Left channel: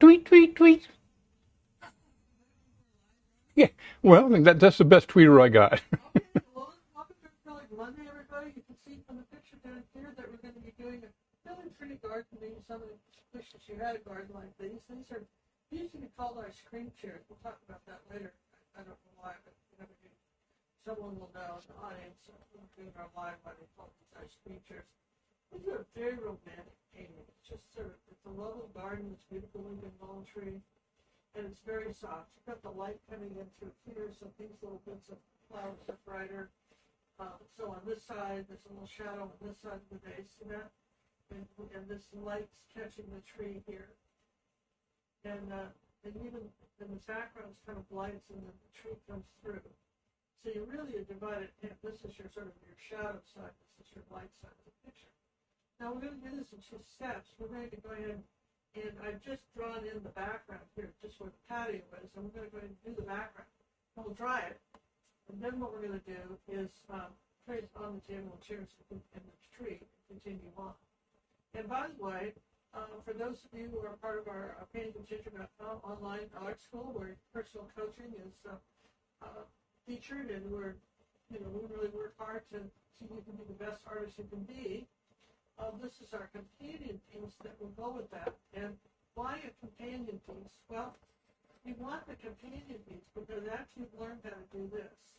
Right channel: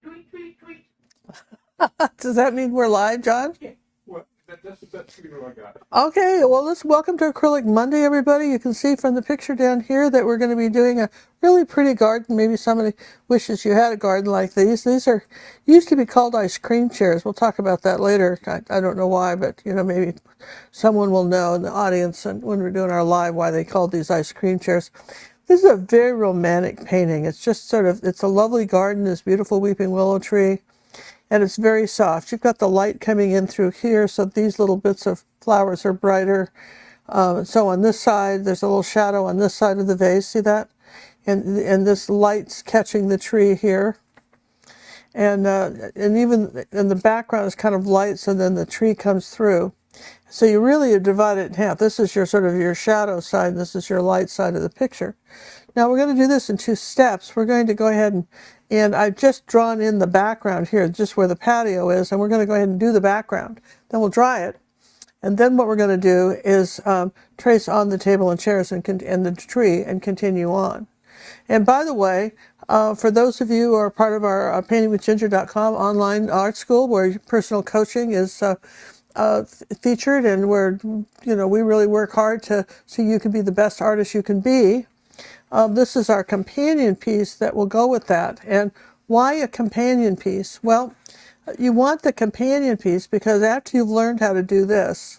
Tweet, tweet, tweet. Does that mean we're live, John? Yeah, well, that's the best tweeter I got. Okay, well, let's welcome to Acrylic Monday, everybody. You can see from the picture down here that we're going to be doing a really pretty garden. Maybe somebody wishes you had a garden like these. These are used to be called ice cream chairs. We'll talk about that later. I don't know why, but maybe someone will know in the audience and when we're doing our live why they called these ice cream chairs. This is a very romantic painting. It's just it's a lovely garden, this beautiful weeping willow tree. And it's very soft. You've got the light coming in through here, so these little bits of flowers are brighter. So on this side, there's a little shadow on this side of the vase. See that? And this light's catching the tree here. And even in the background is kind of light, so then the tree comes through. So you really divide it in half. This is your sort of your shadow side, and this is your light side of the picture. Now we're going to do this in 2 steps. We're going to go ahead and I've just drawn in the background here, just where the patio is, and we're going to go ahead and do the background. Then we'll dry it. And then what we're going to do is trace on the table and chairs and the tree and continue on. And by the way, for those of you who are part of our paintingwithginger.com online art school, where personal coaching is featured, and where we really work hard so you can be the best artist you can be. This is our companion piece that will go with that. And why a companion piece? Well, you want the companion piece because after you've learned how to do this,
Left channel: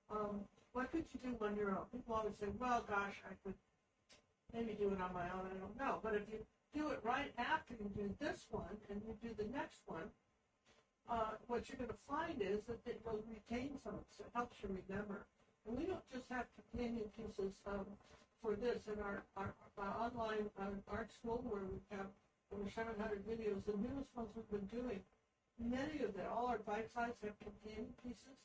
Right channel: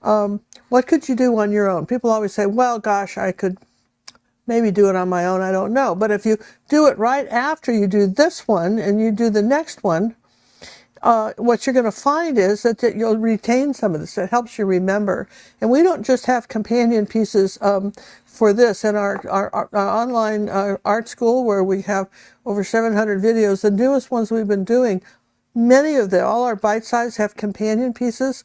what could you do on your own? People always say, well, gosh, I could maybe do it on my own. I don't know. But if you do it right after you do this one and you do the next one, what you're going to find is that you'll retain some of this. It helps you remember. And we don't just have companion pieces for this in our online art school, where we have over 700 videos. The newest ones we've been doing, many of them, all our bite size, have companion pieces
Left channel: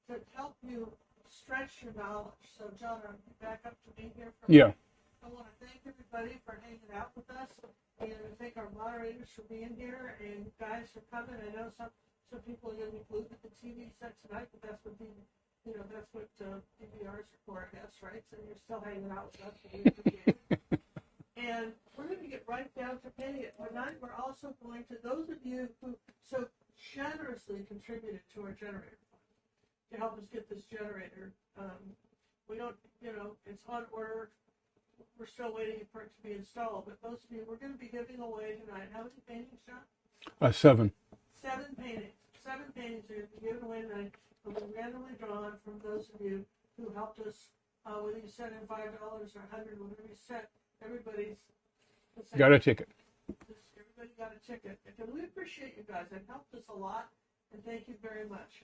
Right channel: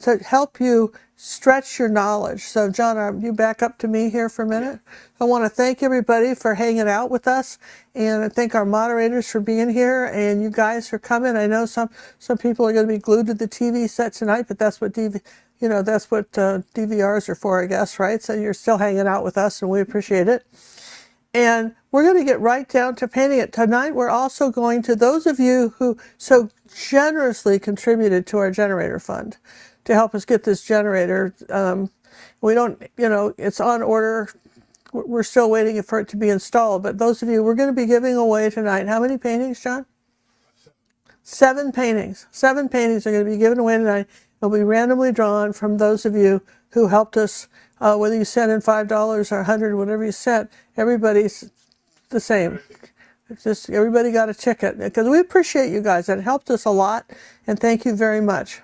to help you stretch your knowledge. So John, you back up to me here for a minute. Yeah. I want to thank everybody for hanging out with us, and I thank our moderators for being here, and you guys for coming. I know some people are going to be glued to the TV set tonight, but that's what DVRs are for, I guess, right? So you're still hanging out with us, and we appreciate it. And we're going to get right down to painting it. Tonight, we're also going to, those of you who so generously contributed to our generator fund to help us get this generator. We don't, it's on order. We're still waiting for it to be installed. But those of you, we're going to be giving away tonight. How many paintings, John? 7. 7 paintings. 7 paintings are going to be given away tonight. They'll be randomly drawn from those of you who helped us, whether you sent in $5 or $100, whatever you sent. Everybody's the same. Got a ticket. Just everybody got a ticket, because we appreciate you guys. That helped us a lot, and thank you very much.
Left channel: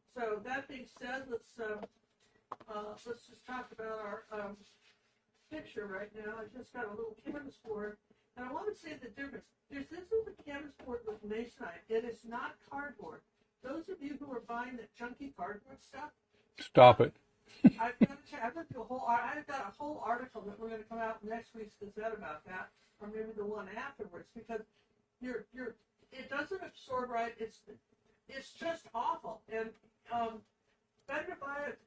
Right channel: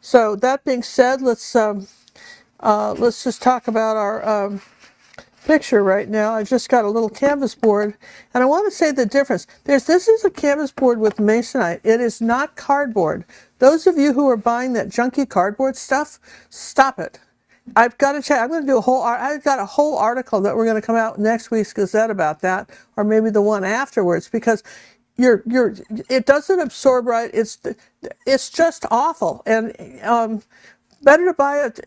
So that being said, let's just talk about our picture right now. I just got a little canvas board, and I want to say the difference. This is a canvas board with masonite. It is not cardboard. Those of you who are buying that junky cardboard stuff, stop it. I've got to check. I'm going to do I've got a whole article that we're going to come out next week's Gazette about that, or maybe the one afterwards, because it doesn't absorb right. It's just awful, and better to buy it.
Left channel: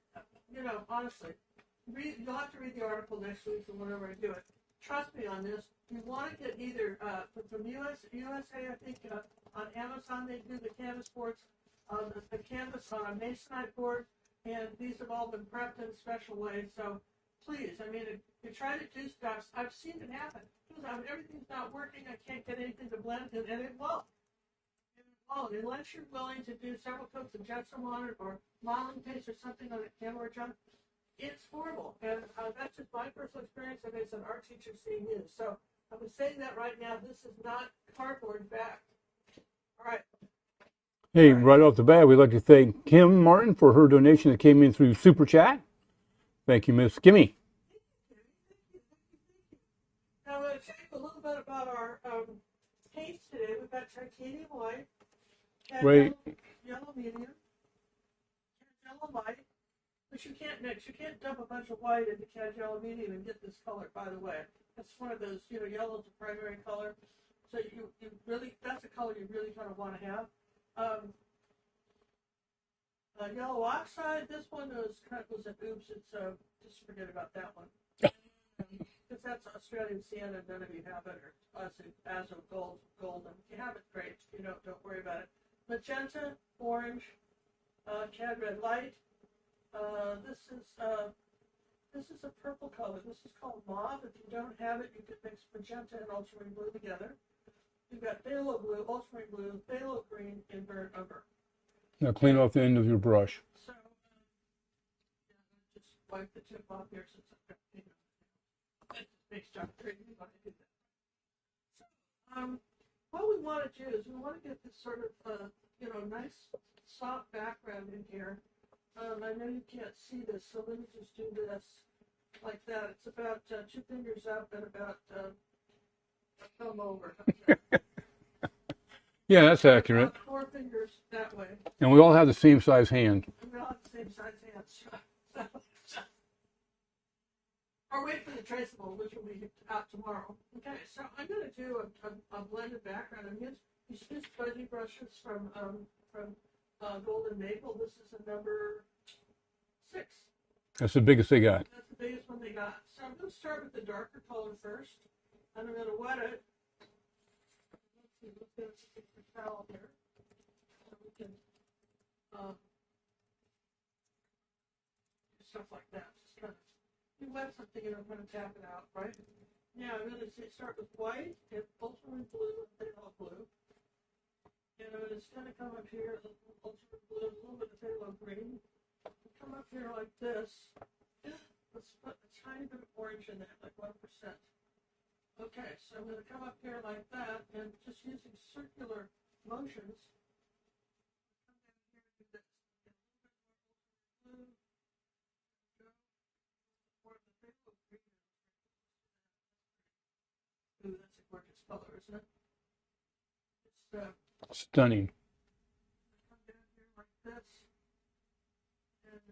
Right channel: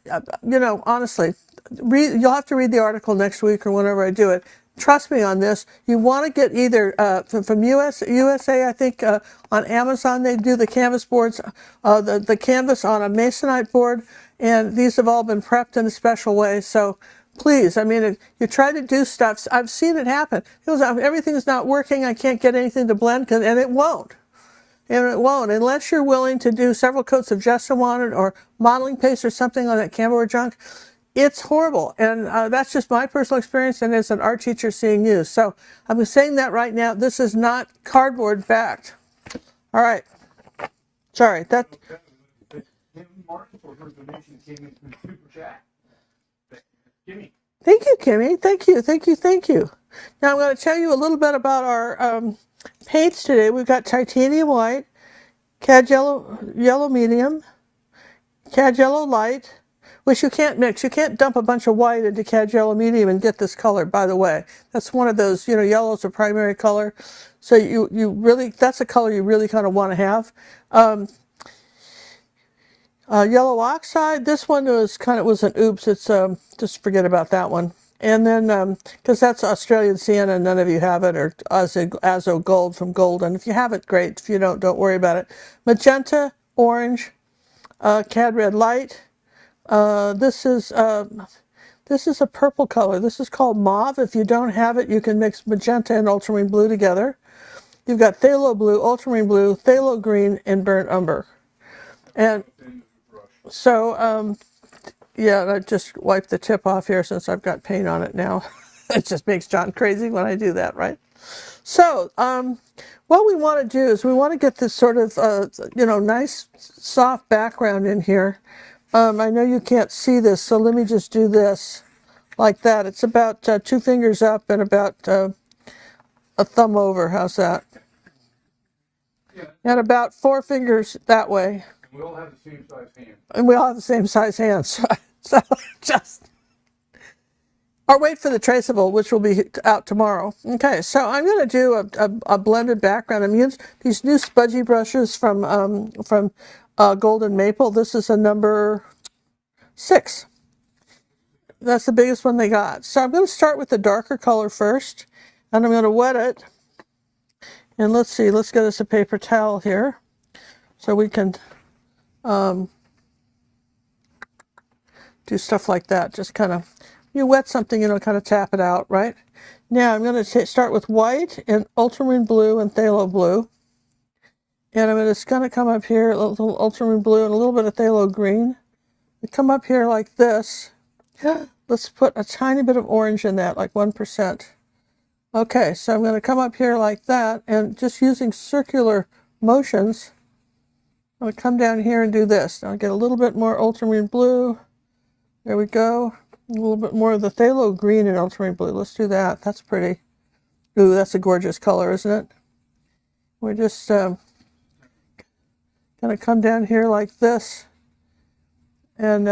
Honestly, you'll have to read the article next week or whenever I do it. Trust me on this. You want to get either from USA, I think on Amazon they do the canvas boards, the canvas on a masonite board, and these have all been prepped in a special way. So please, you try to do stuff. I've seen it happen. Everything's not working. I can't get anything to blend, and it won't. And it won't, unless you're willing to do several coats of gesso on it or modeling paste or something on that camera junk. It's horrible, and that's just my personal experience, and as an art teacher seeing you. So I'm saying that right now. This is not cardboard backed. All right. Sorry. Hey, right off the bat, we'd like to thank Kim Martin for her donation that came in through Super Chat. Thank you, Miss Kimmy. Thank you, Kimmy. Thank you, thank you, thank you. Now I'm going to tell you a little bit about our paints today. We've got titanium white, cad yellow medium, cad yellow light, which you can't mix. You can't dump a bunch of white into cad yellow medium and get this color, by the way. That's one of those, yellow's a primary color. So you really, that's a color you really kind of want to have. Yellow oxide, this one was an oops. It's, just forget about that one. And then, because that's Australian sienna, none of you have it, or azo gold from Golgen. If you have it, great. If you don't worry about it. Magenta, orange, cad red light. This is a purple color. This is called mauve. If you don't have it, you can mix magenta and ultramarine blue together. You've got phthalo blue, ultramarine blue, phthalo green, and burnt umber. Now clean off the end of your brush. So, yeah, I just wiped the tip off here since I've got paint on it now. It just makes John crazy when I do that, right? So, what we want to do is we want to get this sort of, nice, soft background in here. I know you can't see this, so let me just do this like that. It's about 2 fingers up and about a thumb over. How's that? Yeah, that's and accurate. about 4 fingers that way. And we all have the same size hand. And we all have the same size hands. So just, or wait for the traceable, which will be out tomorrow. Okay, so I'm going to do a blended background. I'm using these new smudgy brushes from Golden Maple. This is a number 6. That's the biggest they got. That's the biggest one they got. So I'm going to start with the darker color first, and I'm going to wet it. And let's see, let's get us a paper towel here so we can do stuff like that. Just kind of, you wet something, kind of tap it out, right? Now I'm going to start with white and ultramarine blue and phthalo blue. And I'm just going to come up here, a little ultramarine blue and a little bit of phthalo green. We come up here like this. Let's put a tiny bit of orange in that, like 1%. Okay, so I'm going to come up here like that, and just using circular motions, I'm going to come down here and do this. Now I'll get a little bit more ultramarine blue. There we go. A little bit more of the phthalo green and ultramarine blue. Let's do that. That's pretty. Ooh, that's a gorgeous color, isn't it? We're just stunning. Going to come down here like this. And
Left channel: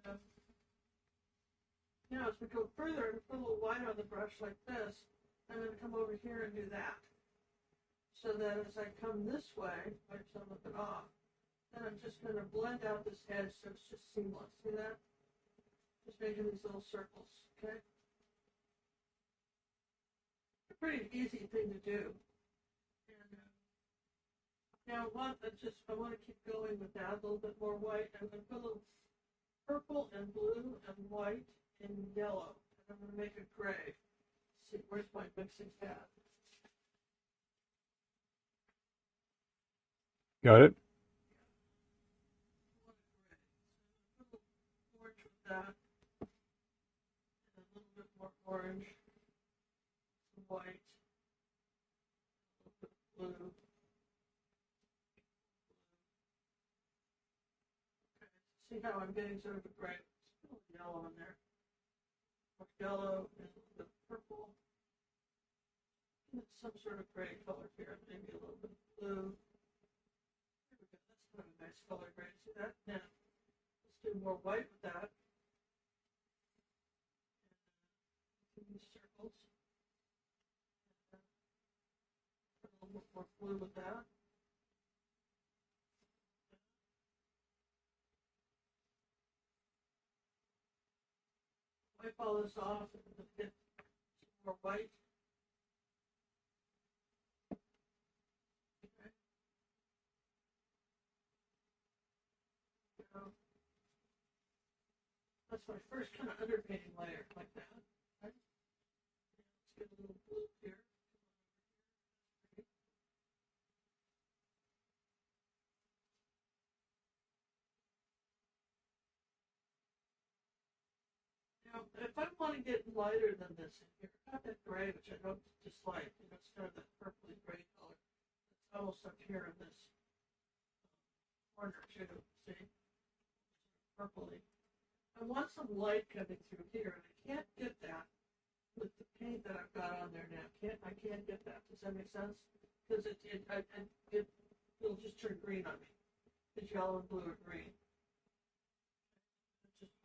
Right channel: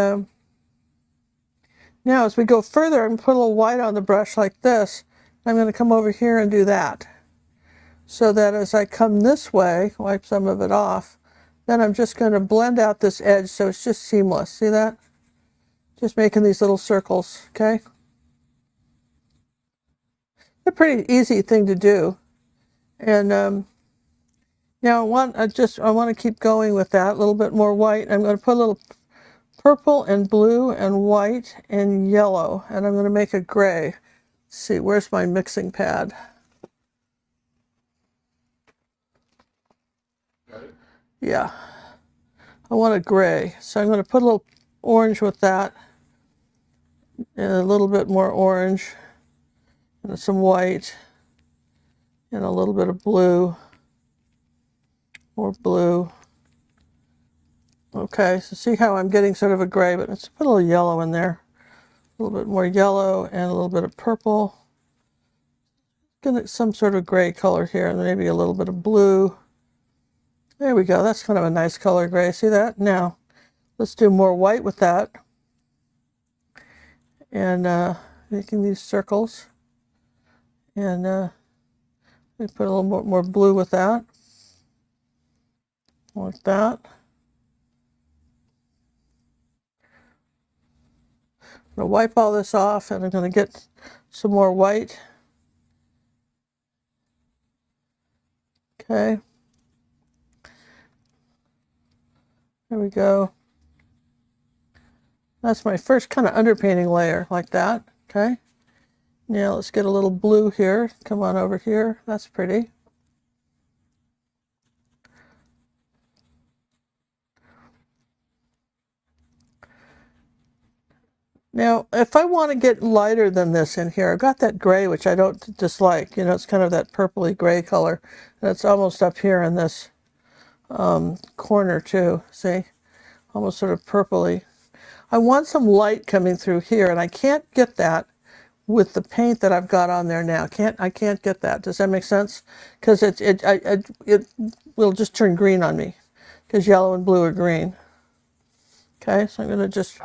now as we go further, I'm going to put a little white on the brush like this. I'm going to come over here and do that. So that as I come this way, wipe some of it off, then I'm just going to blend out this edge so it's just seamless. See that? Just making these little circles, okay? A pretty easy thing to do. And now I want to keep going with that, a little bit more white. I'm going to put a little purple and blue and white and yellow, and I'm going to make a gray. Let's see, where's my mixing pad? Got it? Yeah. I want a gray. So I'm going to put a little orange with that, and a little bit more orange, and some white, and a little bit of blue, more blue. Okay, so see how I'm getting sort of a gray, but let's put a little yellow in there. A little bit more yellow and a little bit of purple. Get some sort of gray color here, and maybe a little bit of blue. There we go. That's kind of a nice color gray. See that? Now, let's do more white with that. And making these circles. And we put a little more blue with that. Like that. I'm going to wipe all this off, and I'm going to get some more white. Okay. There we go. That's my first kind of underpainting layer, like that. Okay. Now let's get a little blue here. Come on over here. That's pretty. Now, if I want to get lighter than this in here, I've got that gray, which I don't dislike. It's kind of that purpley gray color. And it's almost up here in this corner too. See? Almost sort of purpley. I want some light coming through here, and I can't get that with the paint that I've got on there now. I can't get that. Does that make sense? Because it will just turn green on me, because yellow and blue are green. Okay, so I'm going to just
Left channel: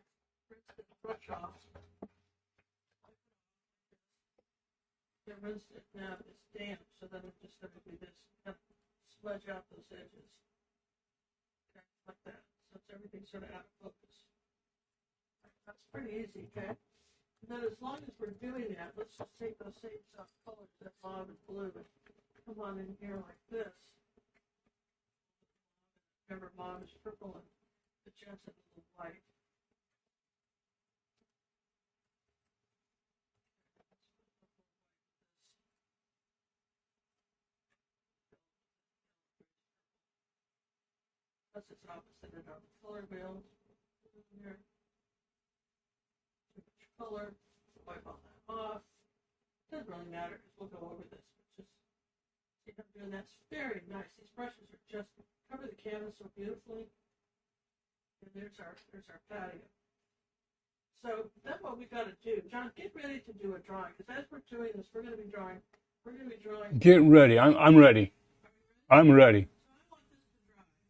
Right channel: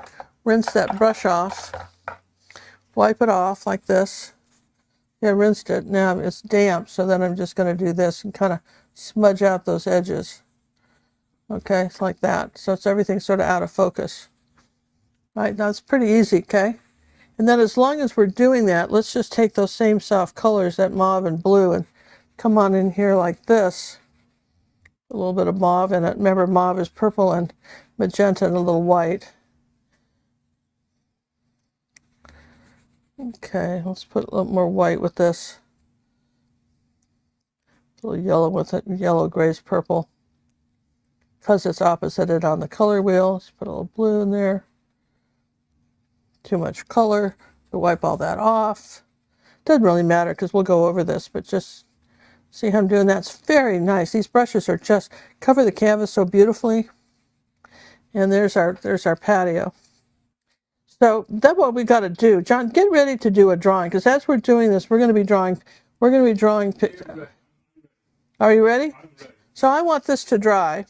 rinse that brush off, wipe it off like this. Yeah, I rinsed it. Now it's damp, so then I'm just going to do this and kind of smudge out those edges. Okay, it's like that. So it's everything sort of out of focus. Right, now it's pretty easy, okay? And then as long as we're doing that, let's just take those same soft colors, that mauve and blue, and come on in here like this. A little bit of mauve in it. Remember, mauve is purple and magenta and a little white. Okay, let's put a little more white with this. A little yellow with it, yellow, grays, purple. Because it's opposited on the color wheel, let's put a little blue in there. Too much color, to wipe all that off. Doesn't really matter because we'll go over this, but just see how I'm doing that. It's very nice. These brushes are just cover the canvas so beautifully. And there's our patio. So that's what we got to do. John, get ready to do a drawing, because as we're doing this, we're going to be drawing. Get ready. I'm ready. Are you ready? I'm ready. So I want this to dry.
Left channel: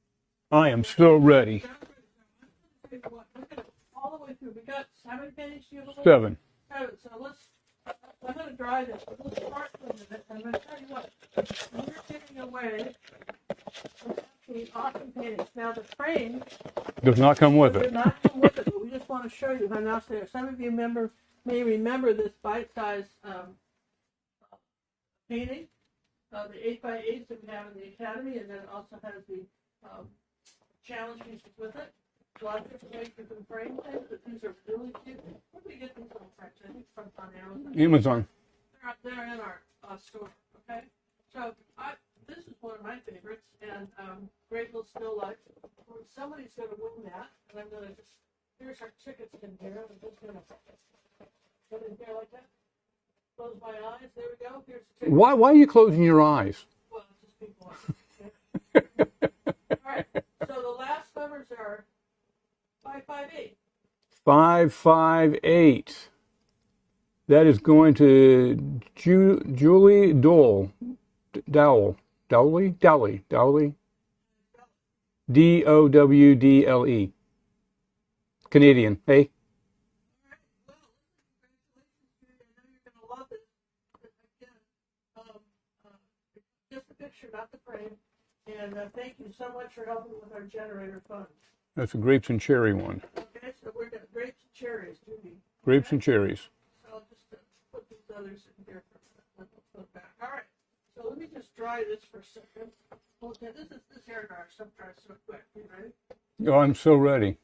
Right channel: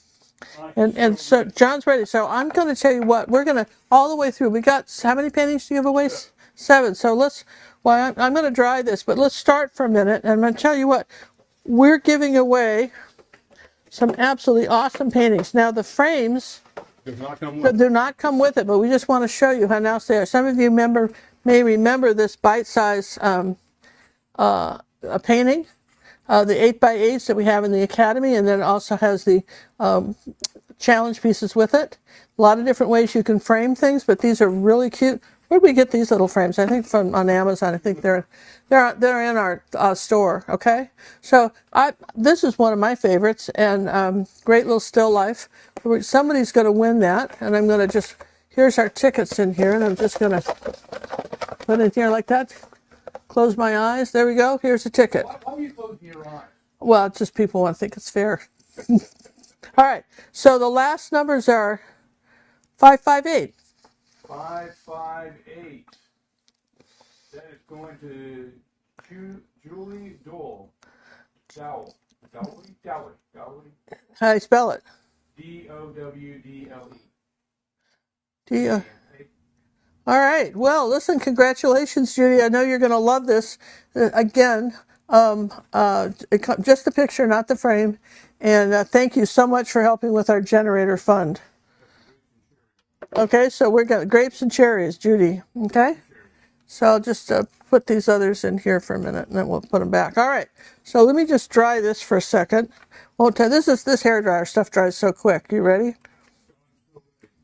I am still ready. So John's ready. So I'm going to tell you what, we're going to, all the way through, we got, how many paintings do you have away? 7. 7. So let's, well, I'm going to dry this, but let's start for a minute. And I'm going to tell you what, we're giving away some absolutely awesome paintings. Now the frames does not come with it. Do not come with it, but we just want to show you how nice they are. Some of you may remember this bite-size painting, the 8x8s that we have in the Academy, and then it also has the challenge pieces with it. A lot of different ways you can frame things, but these are really cute. Where did we get these little frames? I think from on Amazon. I think they're in our store. Okay, so this is one of my favorites, and great little still life. Somebody's going to win that, and I'm going to just, here's our tickets in here, and I'm just going to put it here like that. Close my eyes. There we go. Here's a ticket. Why are you closing your eyes? Well, it's just people want to think it's fair. All right. So the last numbers are 558. 558. That is going to Julie Dowell. Dowley. How do you spell it? Dowdle. Canadian. Hey. All right. Well, listen, congratulations, Judy. I know you're going to love this. Again, just the picture, not the frame. And thank you so much for helping with our generator fund. That's a grapes and cherry one. Okay, so we're got grapes and cherries, Judy. Okay? Grapes and cherries. So I'll just put these others in here for a minute, and then we'll put them back. All right. So let me just dry this for a second. Well, this hairdryer stuff dries so quick. You ready? Oh, I'm so ready.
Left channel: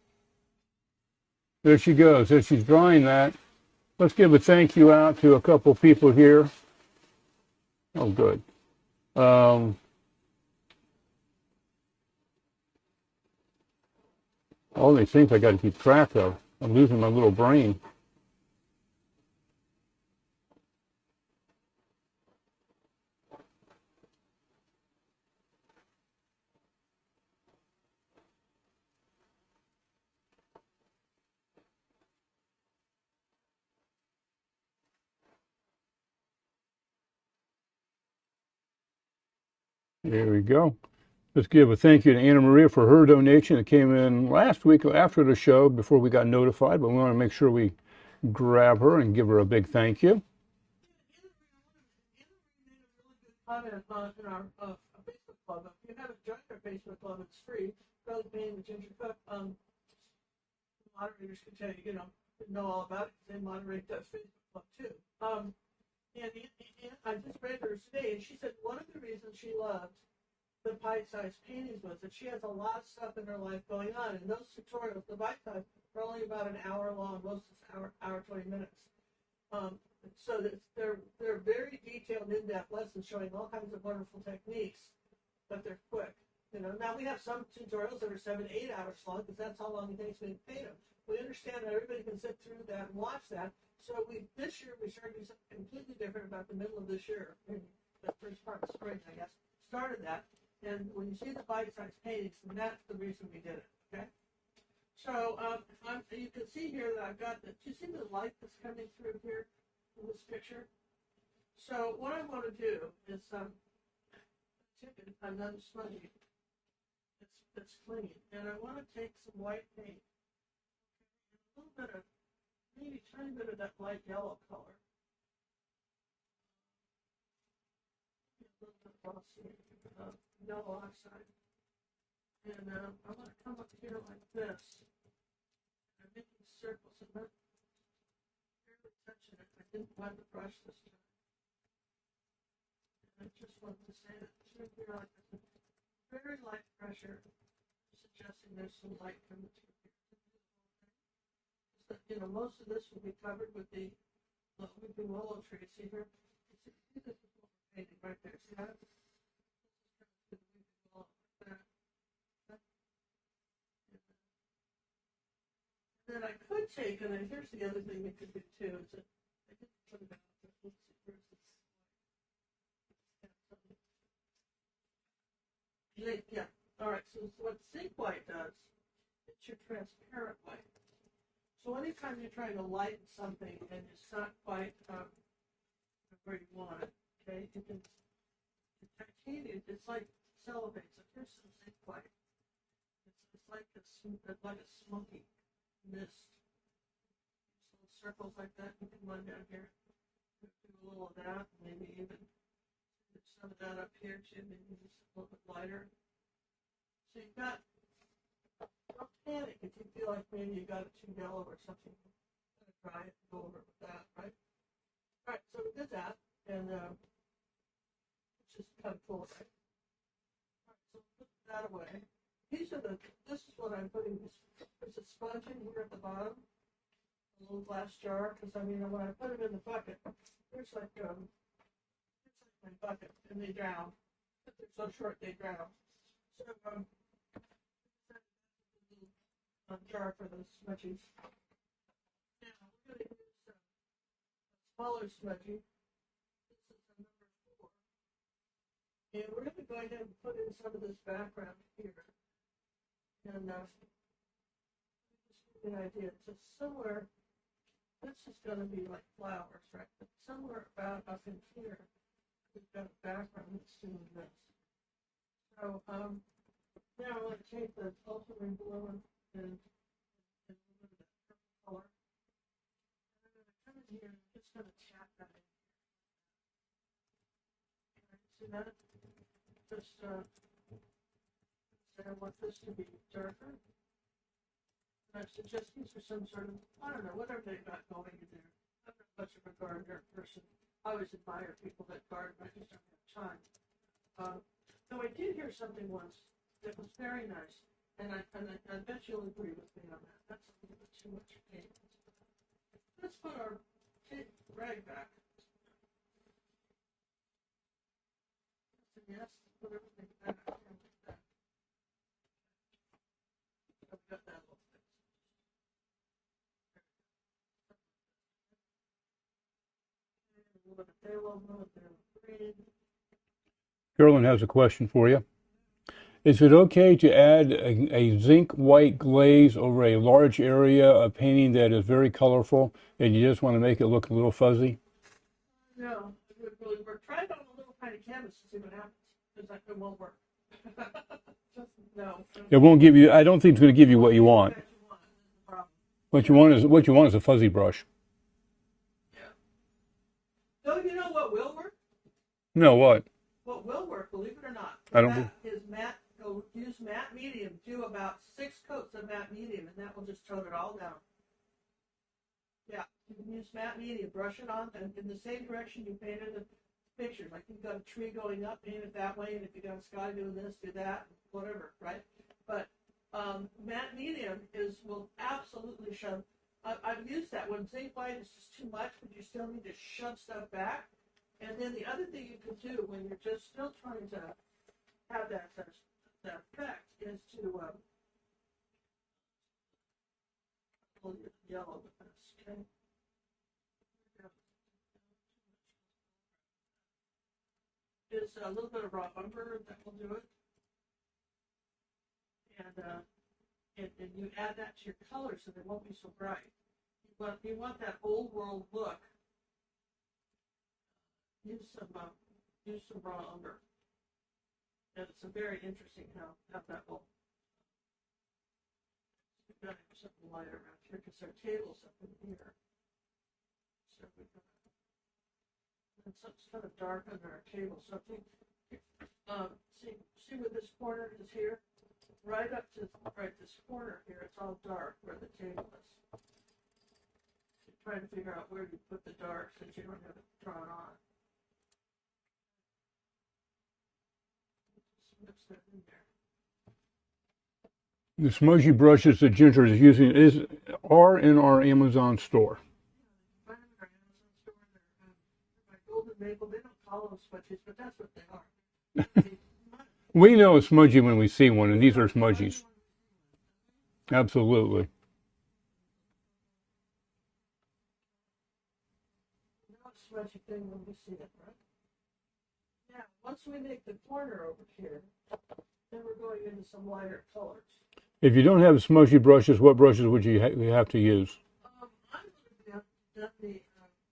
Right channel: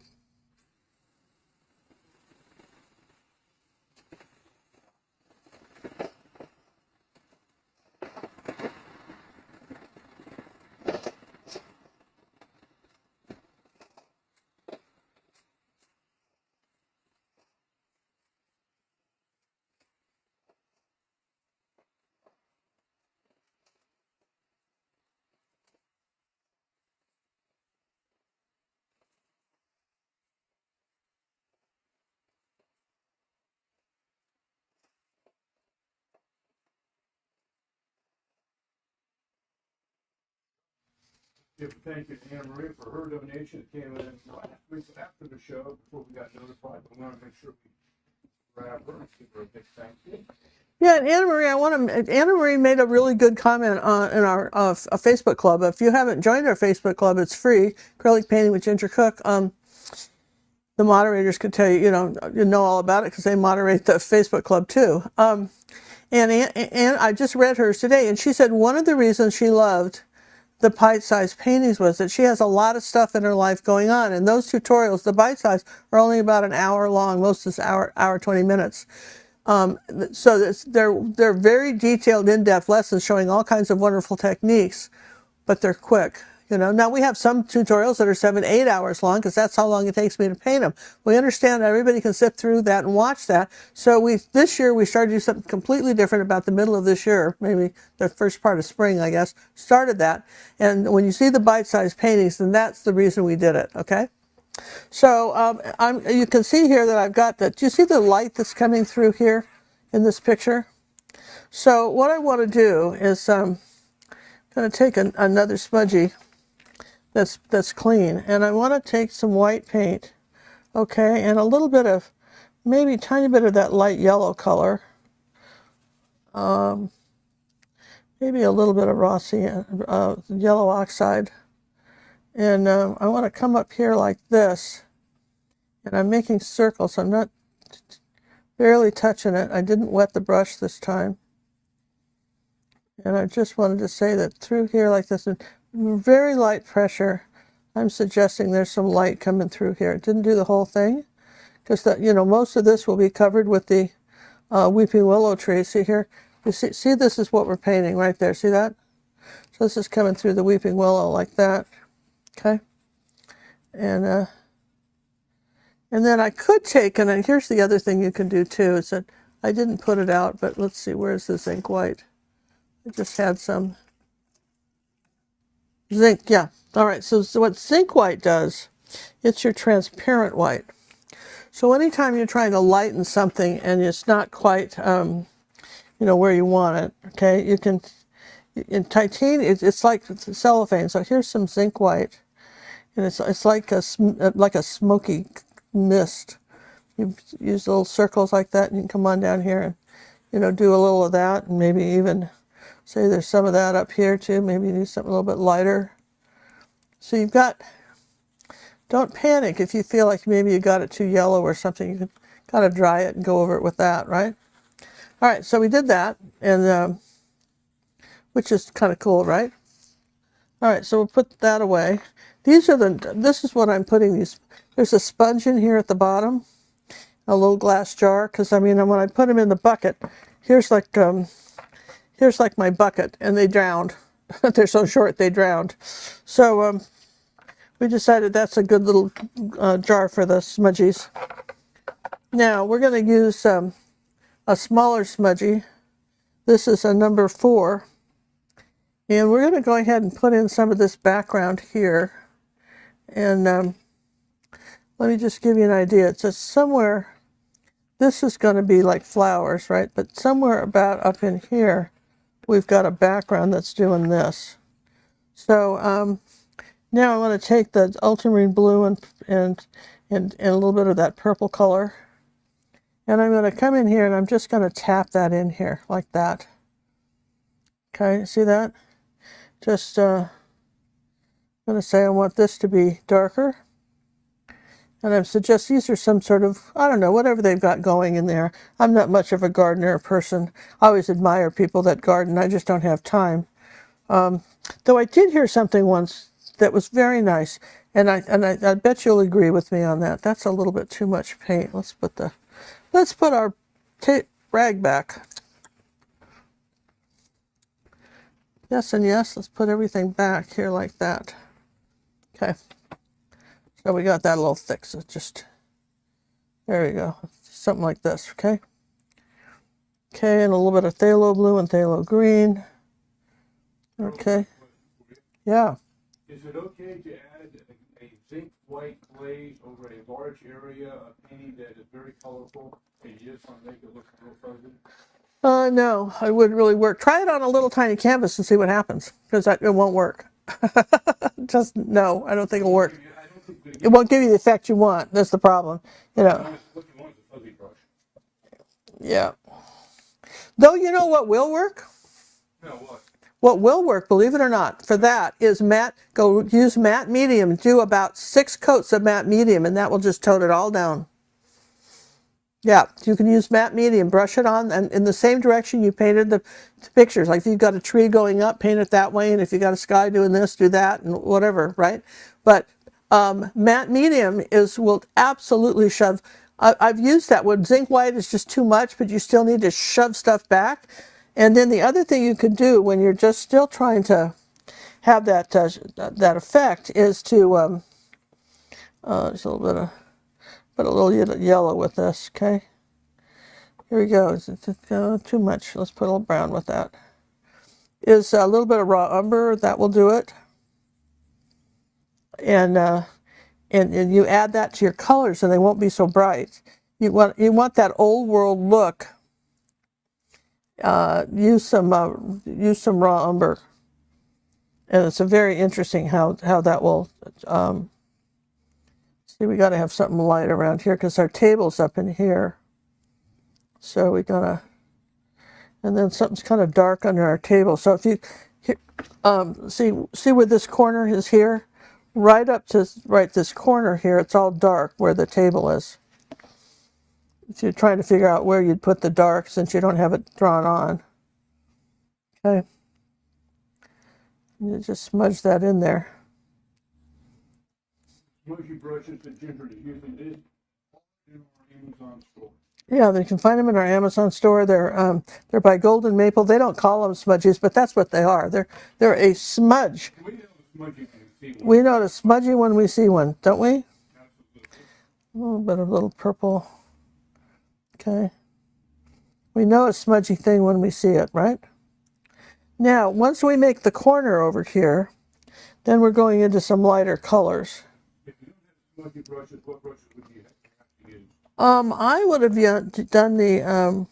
There she goes. As she's drying that, let's give a thank you out to a couple people here. Oh, good. All these things I got to keep track of. I'm losing my little brain. There we go. Let's give a thank you to Anna Maria for her donation that came in last week after the show before we got notified, but we want to make sure we grab her and give her a big thank you. Yeah, and Anna Marie made a really good comment in our Facebook club. If you haven't joined our Facebook club, it's free. Acrylic Painting with Ginger Cook. The moderators could tell you, you know all about it because they moderate the Facebook club too. And I just read hers today, and she said one of the reasons she loved the bite-sized paintings was that she has a lot of stuff in her life going on, and those tutorials, the bite-size, are only about an hour long. Most is hour 20 minutes. So they're very detailed, in-depth lessons showing all kinds of wonderful techniques, but they're quick. Now we have some tutorials that are 7-8 hours long because that's how long it takes me to paint them. We understand that everybody can sit through that and watch that. So this year we started to do something completely different about the middle of this year, maybe the first part of spring, I guess, started that. And when you see the bite-sized paintings, then that's the reason we did it, okay? So you can see here that I've got that. Do you see the light that's coming through here in this picture? So what I want to do is I'm going to take another smudgy that's clean, and I want to take some white paint, okay, and a little bit of, maybe a tiny bit of that light yellow color, maybe a little bit of Rossi yellow oxide, and I want to come up here like this, and I'm making circles. I'm not barely touching it. I didn't wet the brush this time. And I just wanted to say that through here like this, very light pressure, I'm suggesting there's some light coming through here. It didn't do the whole thing, because most of this will be covered with the weeping willow tree. See here? You see this is what we're painting right there. See that? So this is coming through the weeping willow like that. Okay? And then I could take, and here's the other thing you can do too, is that I didn't put it out, but let's see, where's the zinc white? I just had some zinc, yeah. All right, so what zinc white does, it's your transparent white. So anytime you're trying to lighten something and it's not quite, where you want it, okay, you can, in titanium, it's like cellophane. So here's some zinc white, and it's like a smoky mist. You use little circles like that, and you can come on down here and, do a little of that, and maybe even say there's some of that up here too. Maybe you need something a little bit lighter. So you've got, don't panic if you feel like maybe you got it too yellow or something. You can kind of dry it and go over it with that, right? All right, so we did that, and which is kind of cool, right? All right, so we'll put that away. This is what I'm putting these. There's a sponge in here at the bottom, a little glass jar, because when I put them in the bucket, here's like my bucket, and they drowned. They're so short they drowned. So we decided that's a good little jar for the smudgies. Now we're going to use a smaller smudgy. This is a number 4. And we're going to go ahead and put in some of this background here. And let me just give you an idea. It's just somewhere, this is going to be like flowers, right? But somewhere about up in here, we've got a background that's doing this. So now I want to take the ultramarine blue and a little bit of that purple color. And I'm going to come in here and I'm just going to tap that in here like that. Okay, see that? Just I'm going to say I want this to be darker. And I suggest these are some sort of, I don't know, whatever they've got going in there. I'm not much of a gardener person. I always admire people that garden. I just don't have time. Though I did hear something once that was very nice. And I bet you'll agree with me on that. That's a little bit too much paint. Let's put our rag back. Yes and yes, let's put everything back here like that. Okay. So we got that a little thick, so just, there we go. Something like this, okay? Okay, and a little bit of phthalo blue and phthalo green. Carolyn has a question for you. Yeah. Is it okay to add a zinc white glaze over a large area of painting that is very colorful and you just want to make it look a little fuzzy? No, it wouldn't really work. Try it on a little tiny canvas and see what happens, because it won't work. Just no, I don't think it won't give you. I don't think it's going to give you what you want. It won't give you the effect you want. That's the problem. What you want is a fuzzy brush. Yeah. Though you know what will work? No, what? What will work, believe it or not, for that is matte. Go use matte medium. Do about 6 coats of matte medium, and that will just tone it all down. Yeah, you can use matte medium, brush it on, and in the same direction you painted the pictures. Like if you've got a tree going up, paint it that way, and if you've got a sky doing this, do that, and whatever, right? But matte medium will absolutely shove. I've used that one. Zinc white is just too much, but you still need to shove stuff back. And then the other thing you can do when you're just still trying to have that that effect is to just a little bit of. Put a little yellow with this, okay? Here we go. Is it too much? Let's put a little brown with that. Is a little bit of raw umber, that will do it. And you add that to your colors and they won't be so bright. You want that old world look. Use some raw umber. And it's a very interesting how that will see, we got to have something light around here because our table's up in here. So we gotta, and then something's kind of dark under our table. So if you see where this corner is here, right up to this corner here, it's all dark where the table is. if you're trying to figure out where you'd put the dark since you don't have it drawn on. Okay. You just smudge that in there. The smudgy brushes that Ginger is using are in our Amazon store. Yeah, you can find them in our Amazon store. They're by Golden Maple. They don't call them smudges, but that's what they are. They're a smudge. We know it's smudgy when we see one. We and these know are it's smudgy when we see one, don't we? Absolutely. A little bit of little purple. Okay. We know a smudgy thing when we see it, right? Now, once we make the corner over here, then we're going into some lighter colors. If you don't have smudgy brushes, what brushes would you have to use? I would have done the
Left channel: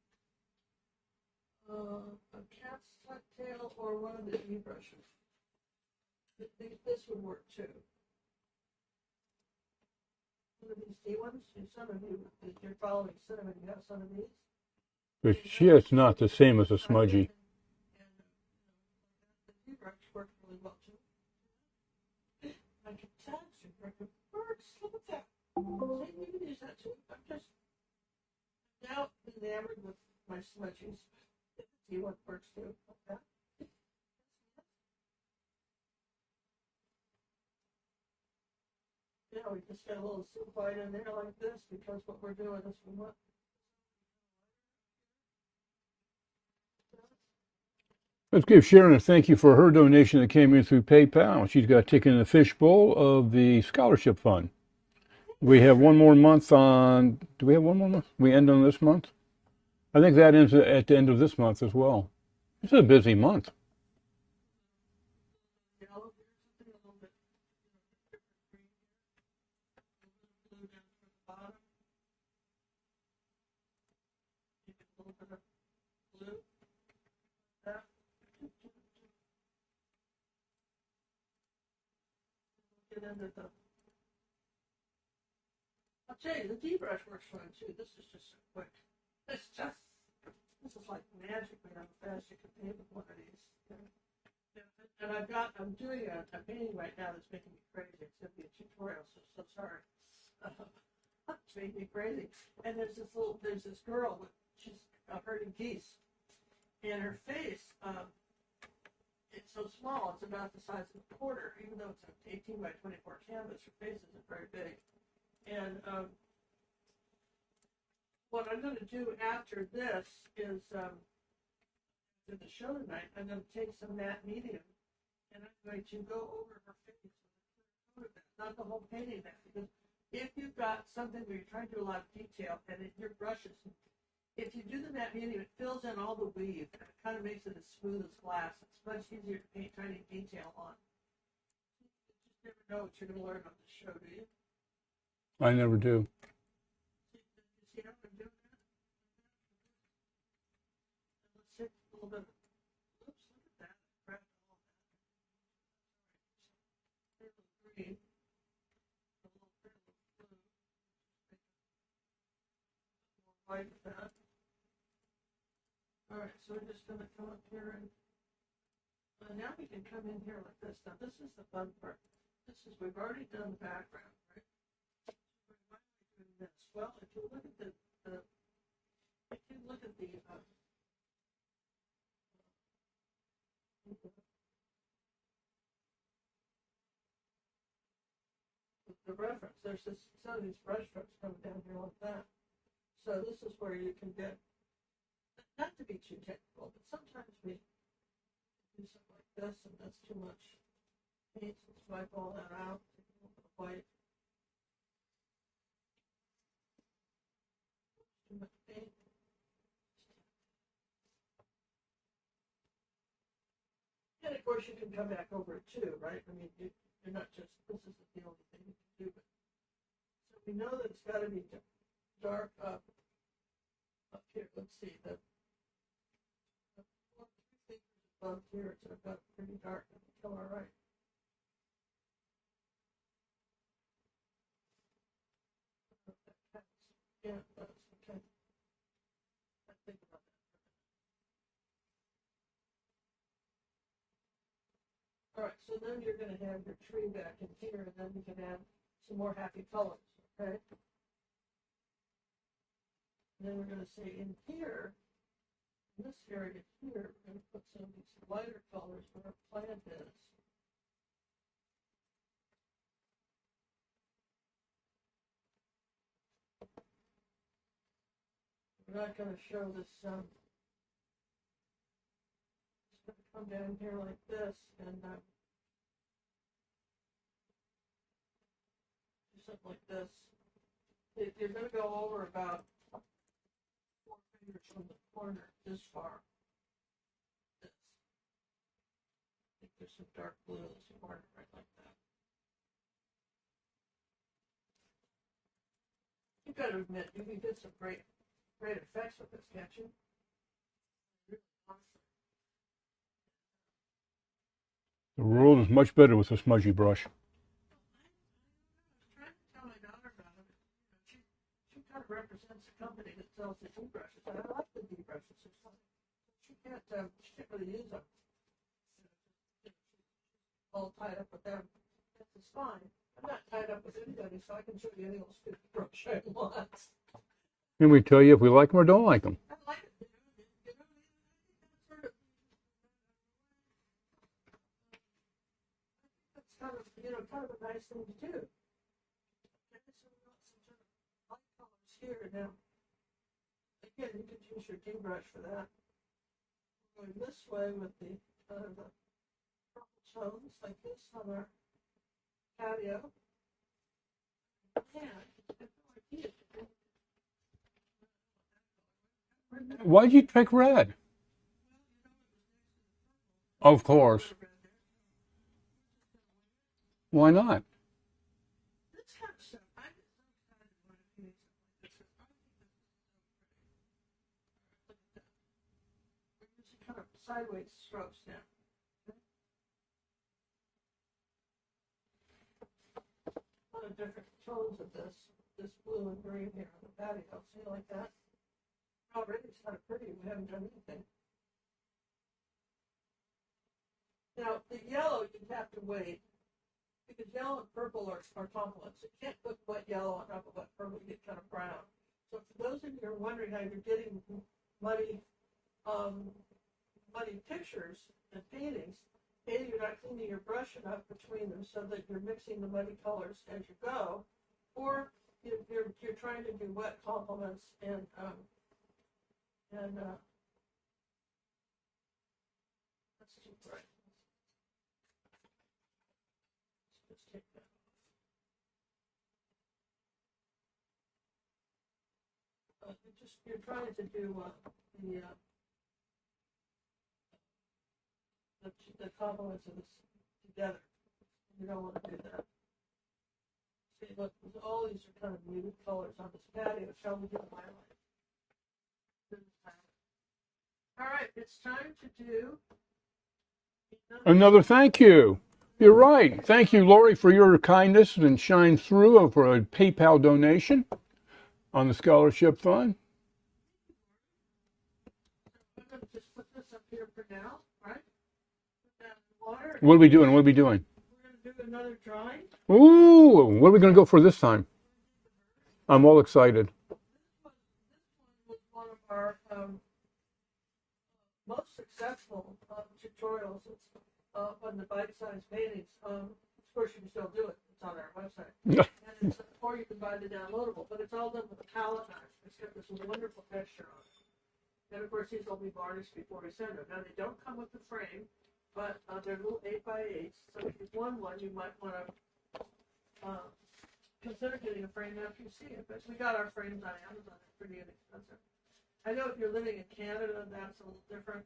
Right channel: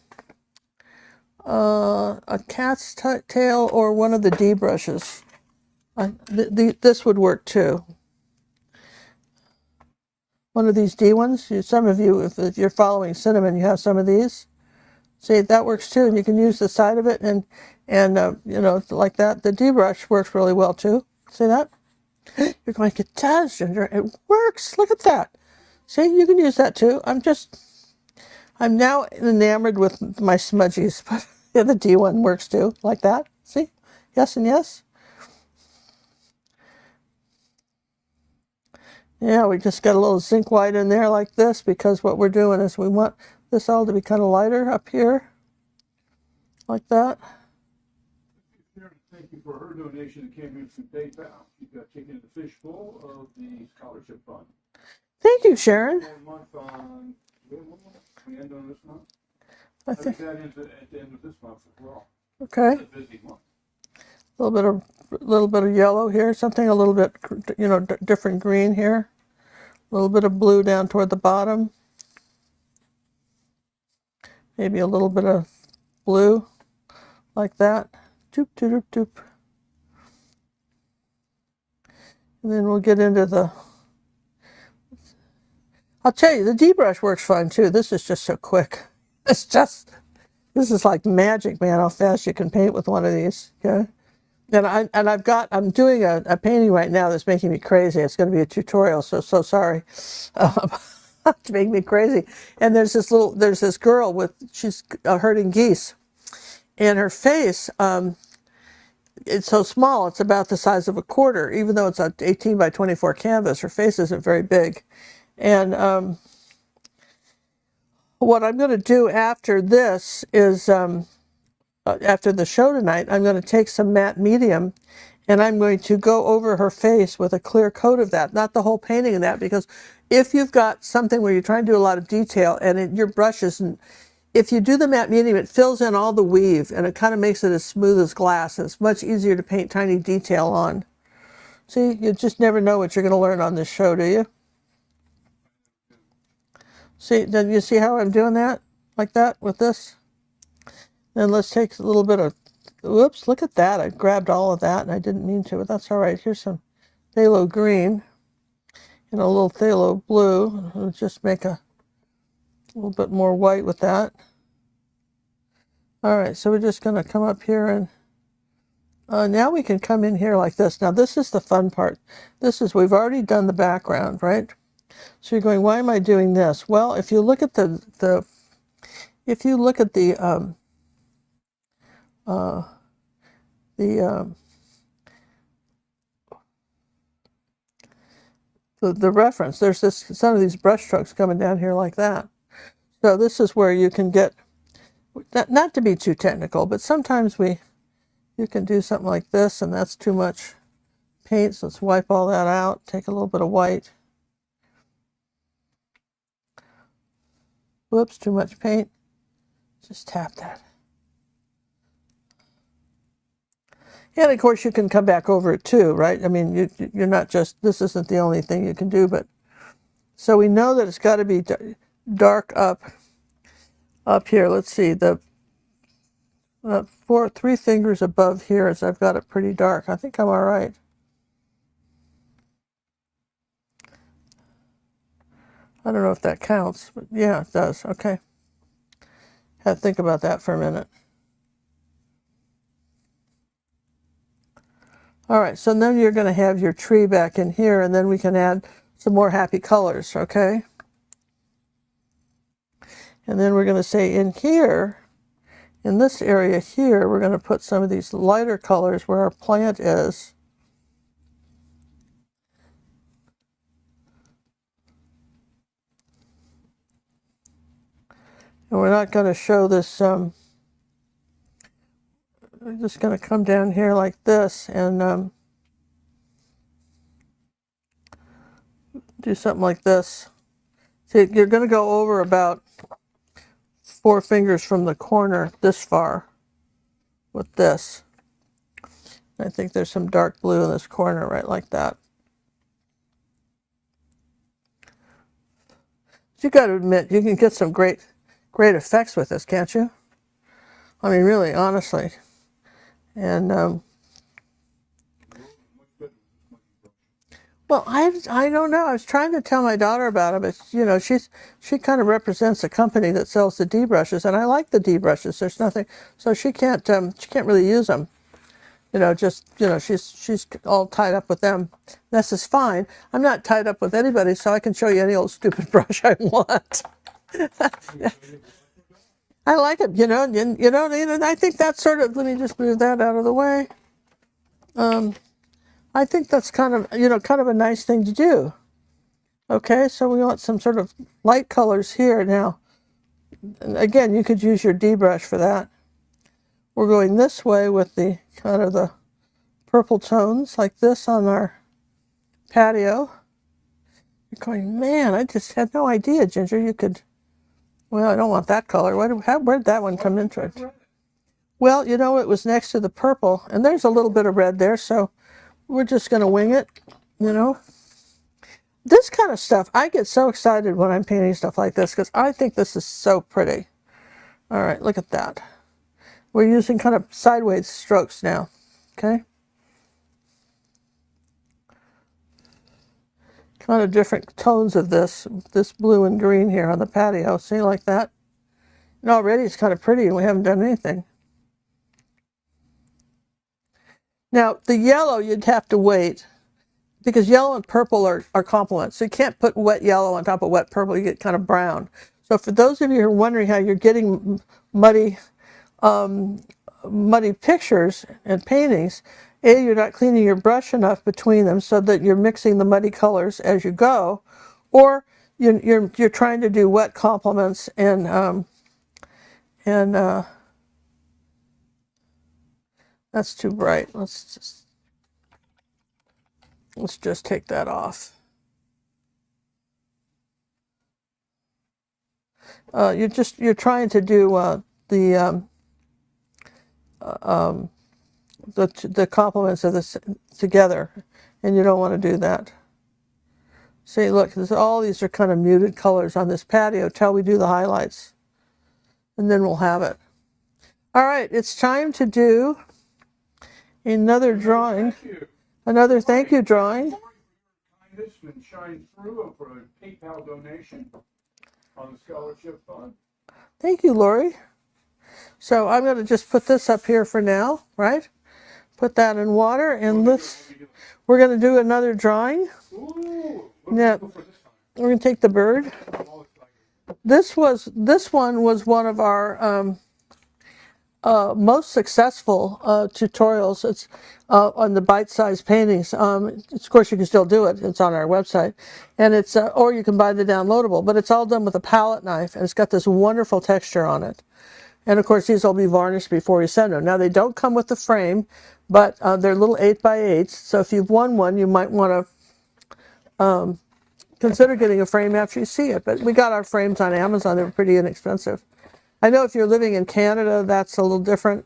a cat's tail or one of the D brushes. This would work too. One of these D ones. Some of you, if you're following Cinnamon, you have some of these. See, that works too, and you can use the side of it and you know, like that. The D brush works really well too. See that? You're going, it does, Ginger. It works. Look at that. See, you can use that too. I'm now enamored with my smudgies, but yeah, the D one works too, like that. See? Yes and yes. Yeah, we just got a little zinc white in there like this because what we're doing is we want this all to be kind of lighter up here, like that. Let's give Sharon a thank you for her donation that came in through PayPal. She's got a ticket in the fishbowl of the scholarship fund. Thank you, Sharon. We have one more month on. Do we have one more month? We end on this month? I think that ends at the end of this month as well. Okay. It's a busy month. A little bit of yellow here, something a little bit, you know, different green here. A little bit of blue down toward the bottom. Maybe a little bit of blue, like that. Doop, doop, doop, doop. And then we'll get into the, I'll tell you, the D brush works fine too. This is just so quick. It's just, this is like magic, man, how fast you can paint with one of these, okay? And I'm doing a painting right now that's making me crazy. It's going to be a tutorial, so sorry. To make me crazy. And there's this girl she's herding geese. And her face, it's so small, it's about the size of a quarter, even though it's an 18 by 24 canvas. Her face isn't very big. And what I'm going to do after this is, after the show tonight, I'm going to take some matte medium and I'm going to go over her face with a clear coat of that, not the whole painting of that, because if you've got something where you're trying to do a lot of detail and your brush isn't, if you do the matte medium, it fills in all the weave and it kind of makes it as smooth as glass, and it's much easier to paint tiny detail on. See, you just never know what you're going to learn on this show, do you? I never do. See, then you see how I'm doing that? Like that with this? Then let's take a little bit of, whoops, look at that. I grabbed all of that and I didn't mean to, but that's all right. Here's some phthalo green and a little phthalo blue. We'll just make a little bit more white with that. All right, so we're just going to come up here and now we can come in here like this. Now this is the fun part. We've already done the background, right? So you're going, why am I doing this? Well, if you look at the reference, there's some of these brush strokes coming down here like that. So this is where you can get, not to be too technical, but sometimes you can do something like this and that's too much paint. So let's wipe all that out, take a little bit of white. Whoops, too much paint. Just tap that. And of course you can come back over it too, right? I mean, you're not just, this isn't the only thing you can do, but so we know that it's got to be dark up here. Let's see, the 3 fingers above here is I've got it pretty dark. I think I'm all right. I don't know if that counts, but yeah, it does. Okay. Had to think about that for a minute. All right, so then you're going to have your tree back in here, and then we can add some more happy colors, okay? And then we're going to say in here, in this area here, we're going to put some of these lighter colors where our plant is. And we're not going to show this, we're just going to come down here like this and do something like this. See, you're going to go over about 4 fingers from the corner this far with this. I think there's some dark blue in this corner right like that. You got to admit, you can get some great effects with this, can't you? I mean, really, honestly. And the world is much better with a smudgy brush. well, I don't know. I was trying to tell my daughter about it, but you know, she kind of represents a company that sells the D brushes, and I like the D brushes. There's nothing, so she can't really use them. You know, just you know, she's all tied up with them. This is fine. I'm not tied up with anybody, so I can show you any old stupid brush I want. And we tell you if we like them or don't like them. I like it, you know, and I think that's sort of, let me just move that out of the way. I think that's kind of, you know, kind of a nice thing to do. Okay, so we want some sort of light colors here now. And again, you could use your D brush for that. We're going this way with the kind of the purple tones like this on our patio. You're going, man, I just had no idea, Ginger, you could, well, I don't want that color. Where'd that one come in? Why did you pick red? Well, you know, it was next to the purple, and there's a little bit of red there, so we're just going to wing it. Why not? This kind of stuff, I get so excited when I'm painting stuff like this because I think this is so pretty. All right, look at that. We're using kind of sideways strokes now, okay? Kind of different tones of this blue and green here on the patio. See, like that? And already it's kind of pretty and we haven't done anything. Now, the yellow, you'd have to wait because yellow and purple are complements. So you can't put wet yellow on top of wet purple. You get kind of brown. So for those of you who are wondering how you're getting muddy pictures and paintings, you're not cleaning your brush enough between them so that you're mixing the muddy colors as you go, or you're trying to do wet complements and that's too bright. Let's just take that off. You're trying to do the complements of this together, and you don't want to do that. See, look, all these are kind of muted colors on this patio till we do the highlights, and then we'll have it. All right, it's time to do another drawing. Thank you. Another You're right. thank you drawing. Thank you, Lori, for your kindness and shine through for a PayPal donation on the scholarship fund. Thank you, Lori. So I'm going to just put this up here for now, right? Put that in water. And what are we doing? We're going to do another drawing. Ooh, what are we going to go for this time? We're going to take the bird. I'm all excited. This one was one of our most successful tutorials. It's on the bite-sized paintings. Of course, you can still do it. It's on our website, and it's or you can buy the downloadable. But it's all done with a palette knife, and it's got this wonderful texture on it. And of course, these will be varnished before you send them. Now, they don't come with the frame, but they're little 8x8s. So if you've won one, you might want to consider getting a frame after you see it. But we got our frames on Amazon. They were pretty inexpensive. I know if you're living in Canada, that's a little different.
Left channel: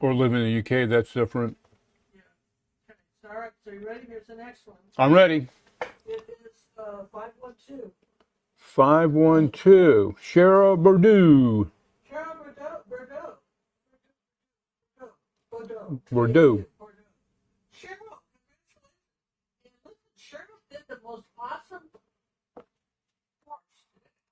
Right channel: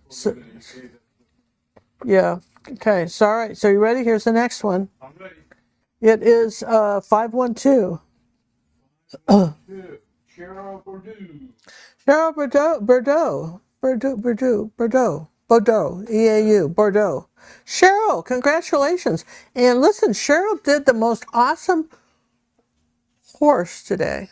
Or living in the UK, that's different. Yeah. Okay. So, all right. So you ready? Here's the next one. I'm ready. It is 512. 512. Cheryl Bordeaux. Cheryl Bordeaux. E-A-U. Bordeaux. Cheryl, congratulations. And listen, Cheryl did the most awesome horse today.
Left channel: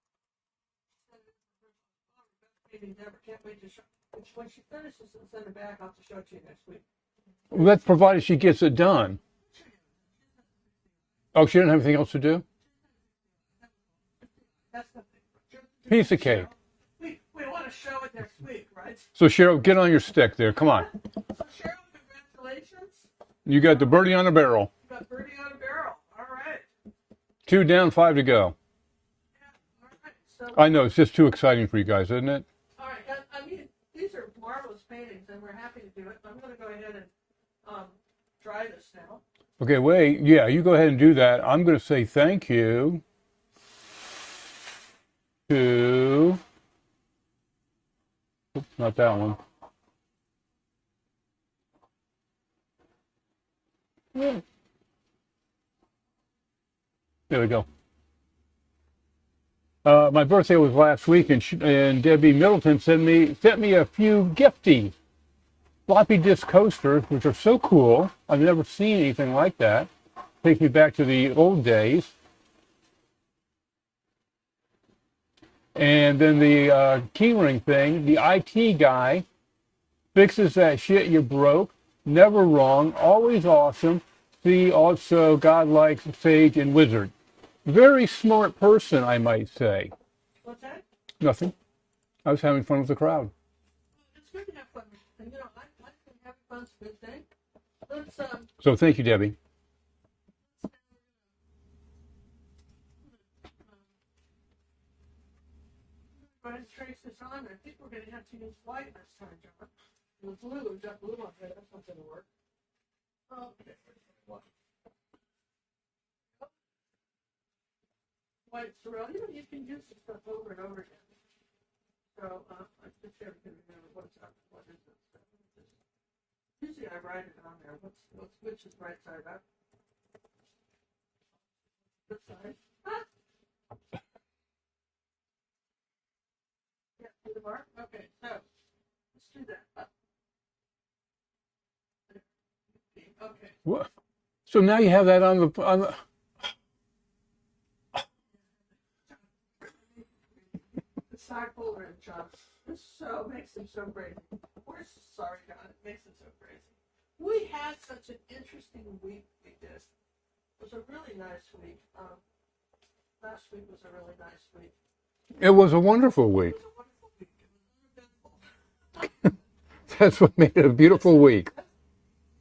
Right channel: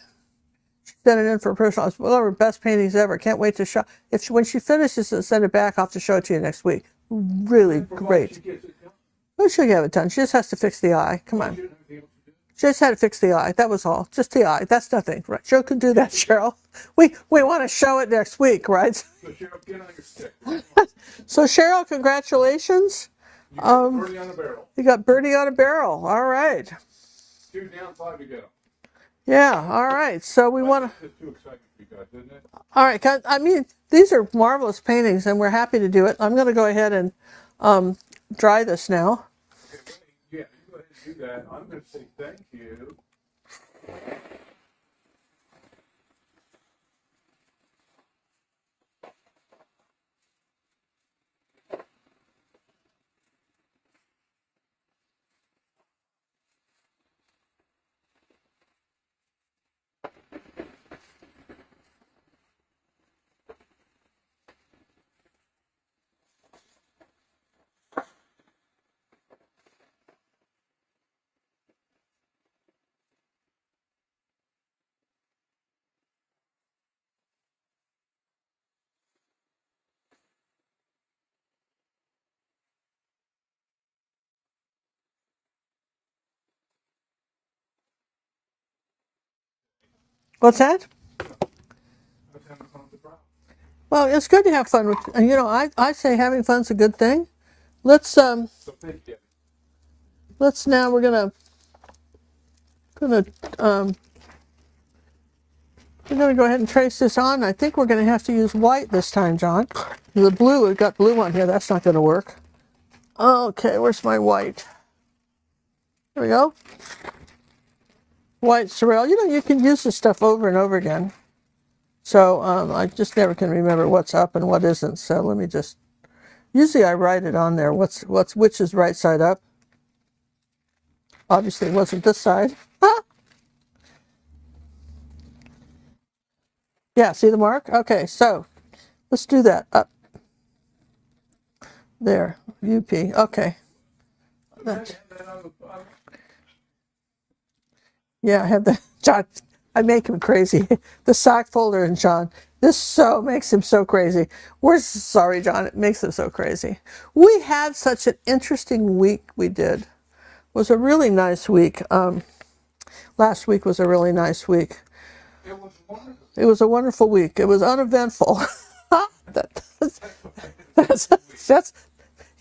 Sent it in for personal. It's one of her best paintings ever. Can't wait to show. When she finishes and send it back, I'll have to show it to you next week. Really, Provided great. she gets it done. Oh, she'll get it done. She just has to fix the eye. Come Oh, on. she didn't have anything else to do? She just had to fix the eye. That was all. Just the eye. That's nothing. Right? Cheryl can do Piece that, of cake. Cheryl. We want to show it next week, right? So Cheryl, get on your stick there. Come on. So Cheryl, congratulations. You got the birdie on a barrel. You got birdie on a barrel. All right. 2 down, 5 to go. Yeah. All right. So I know, it's just too exciting for you guys, isn't it? All right. I mean, these are marvelous paintings, and we're happy to do it. I'm going to go ahead and dry this now. Okay, wait. Yeah, you go ahead and do that. I'm going to say thank you to... Oops, not that one. There we go. My birthday was last week, and Debbie Middleton sent me a few gifties. Floppy disk coasters, which are so cool. I've never seen anything like that. Takes me back to the old days. And then the keyring thing, the IT guy fixes that shit you broke. Never wrong, always awesome. See also godlike, sage, and wizard. Very smart person, I might say. What's that? Nothing. I was having fun with the crowd. Well, it's good to have fun with, and you know, I say having fun's a good thing. Let's So thank you, Debbie. now we're gonna go ahead and trace this on. I think we're gonna have to use white this time, John. The blue, we've got blue on here. That's not gonna work. Okay, where's my white? There we go. White Sorrel. You know, you can use this stuff over and over again. So I just never can remember what's up and what isn't. So let me just, usually I write it on there. Which is right side up. Obviously it wasn't this side. Yeah, see the mark? Okay, so let's do that. Up. There, UP. Okay. What? So now you have that on the Yeah, I have the, John, I make him crazy. The sock folder and John, this so makes him so crazy. We're sorry, John, it makes him so crazy. We had such an interesting week we did. It was a really nice week. Last week was a really nice week. It was a wonderful week. It was a wonderful week. It was uneventful. That's what made it a beautiful week.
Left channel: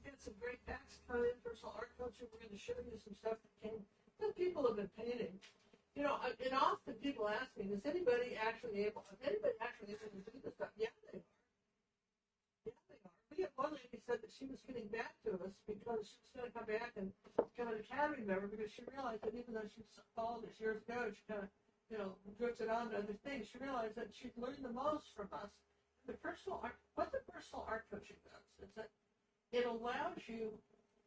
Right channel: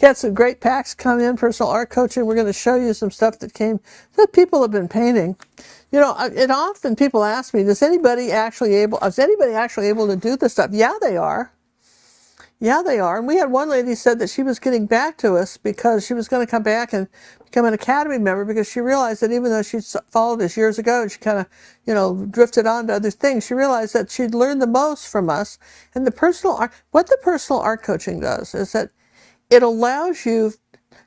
Had some great packs come in, personal art coaching. We're going to show you some stuff that people have been painting. You know, and often people ask me, is anybody actually able to do this stuff? Yeah, they are. Yeah, they are. And we had one lady said that she was getting back to us because she was going to come back and become an Academy member because she realized that even though she followed us years ago and she kind of, you know, drifted on to other things, she realized that she'd learned the most from us. And what the personal art coaching does is that it allows you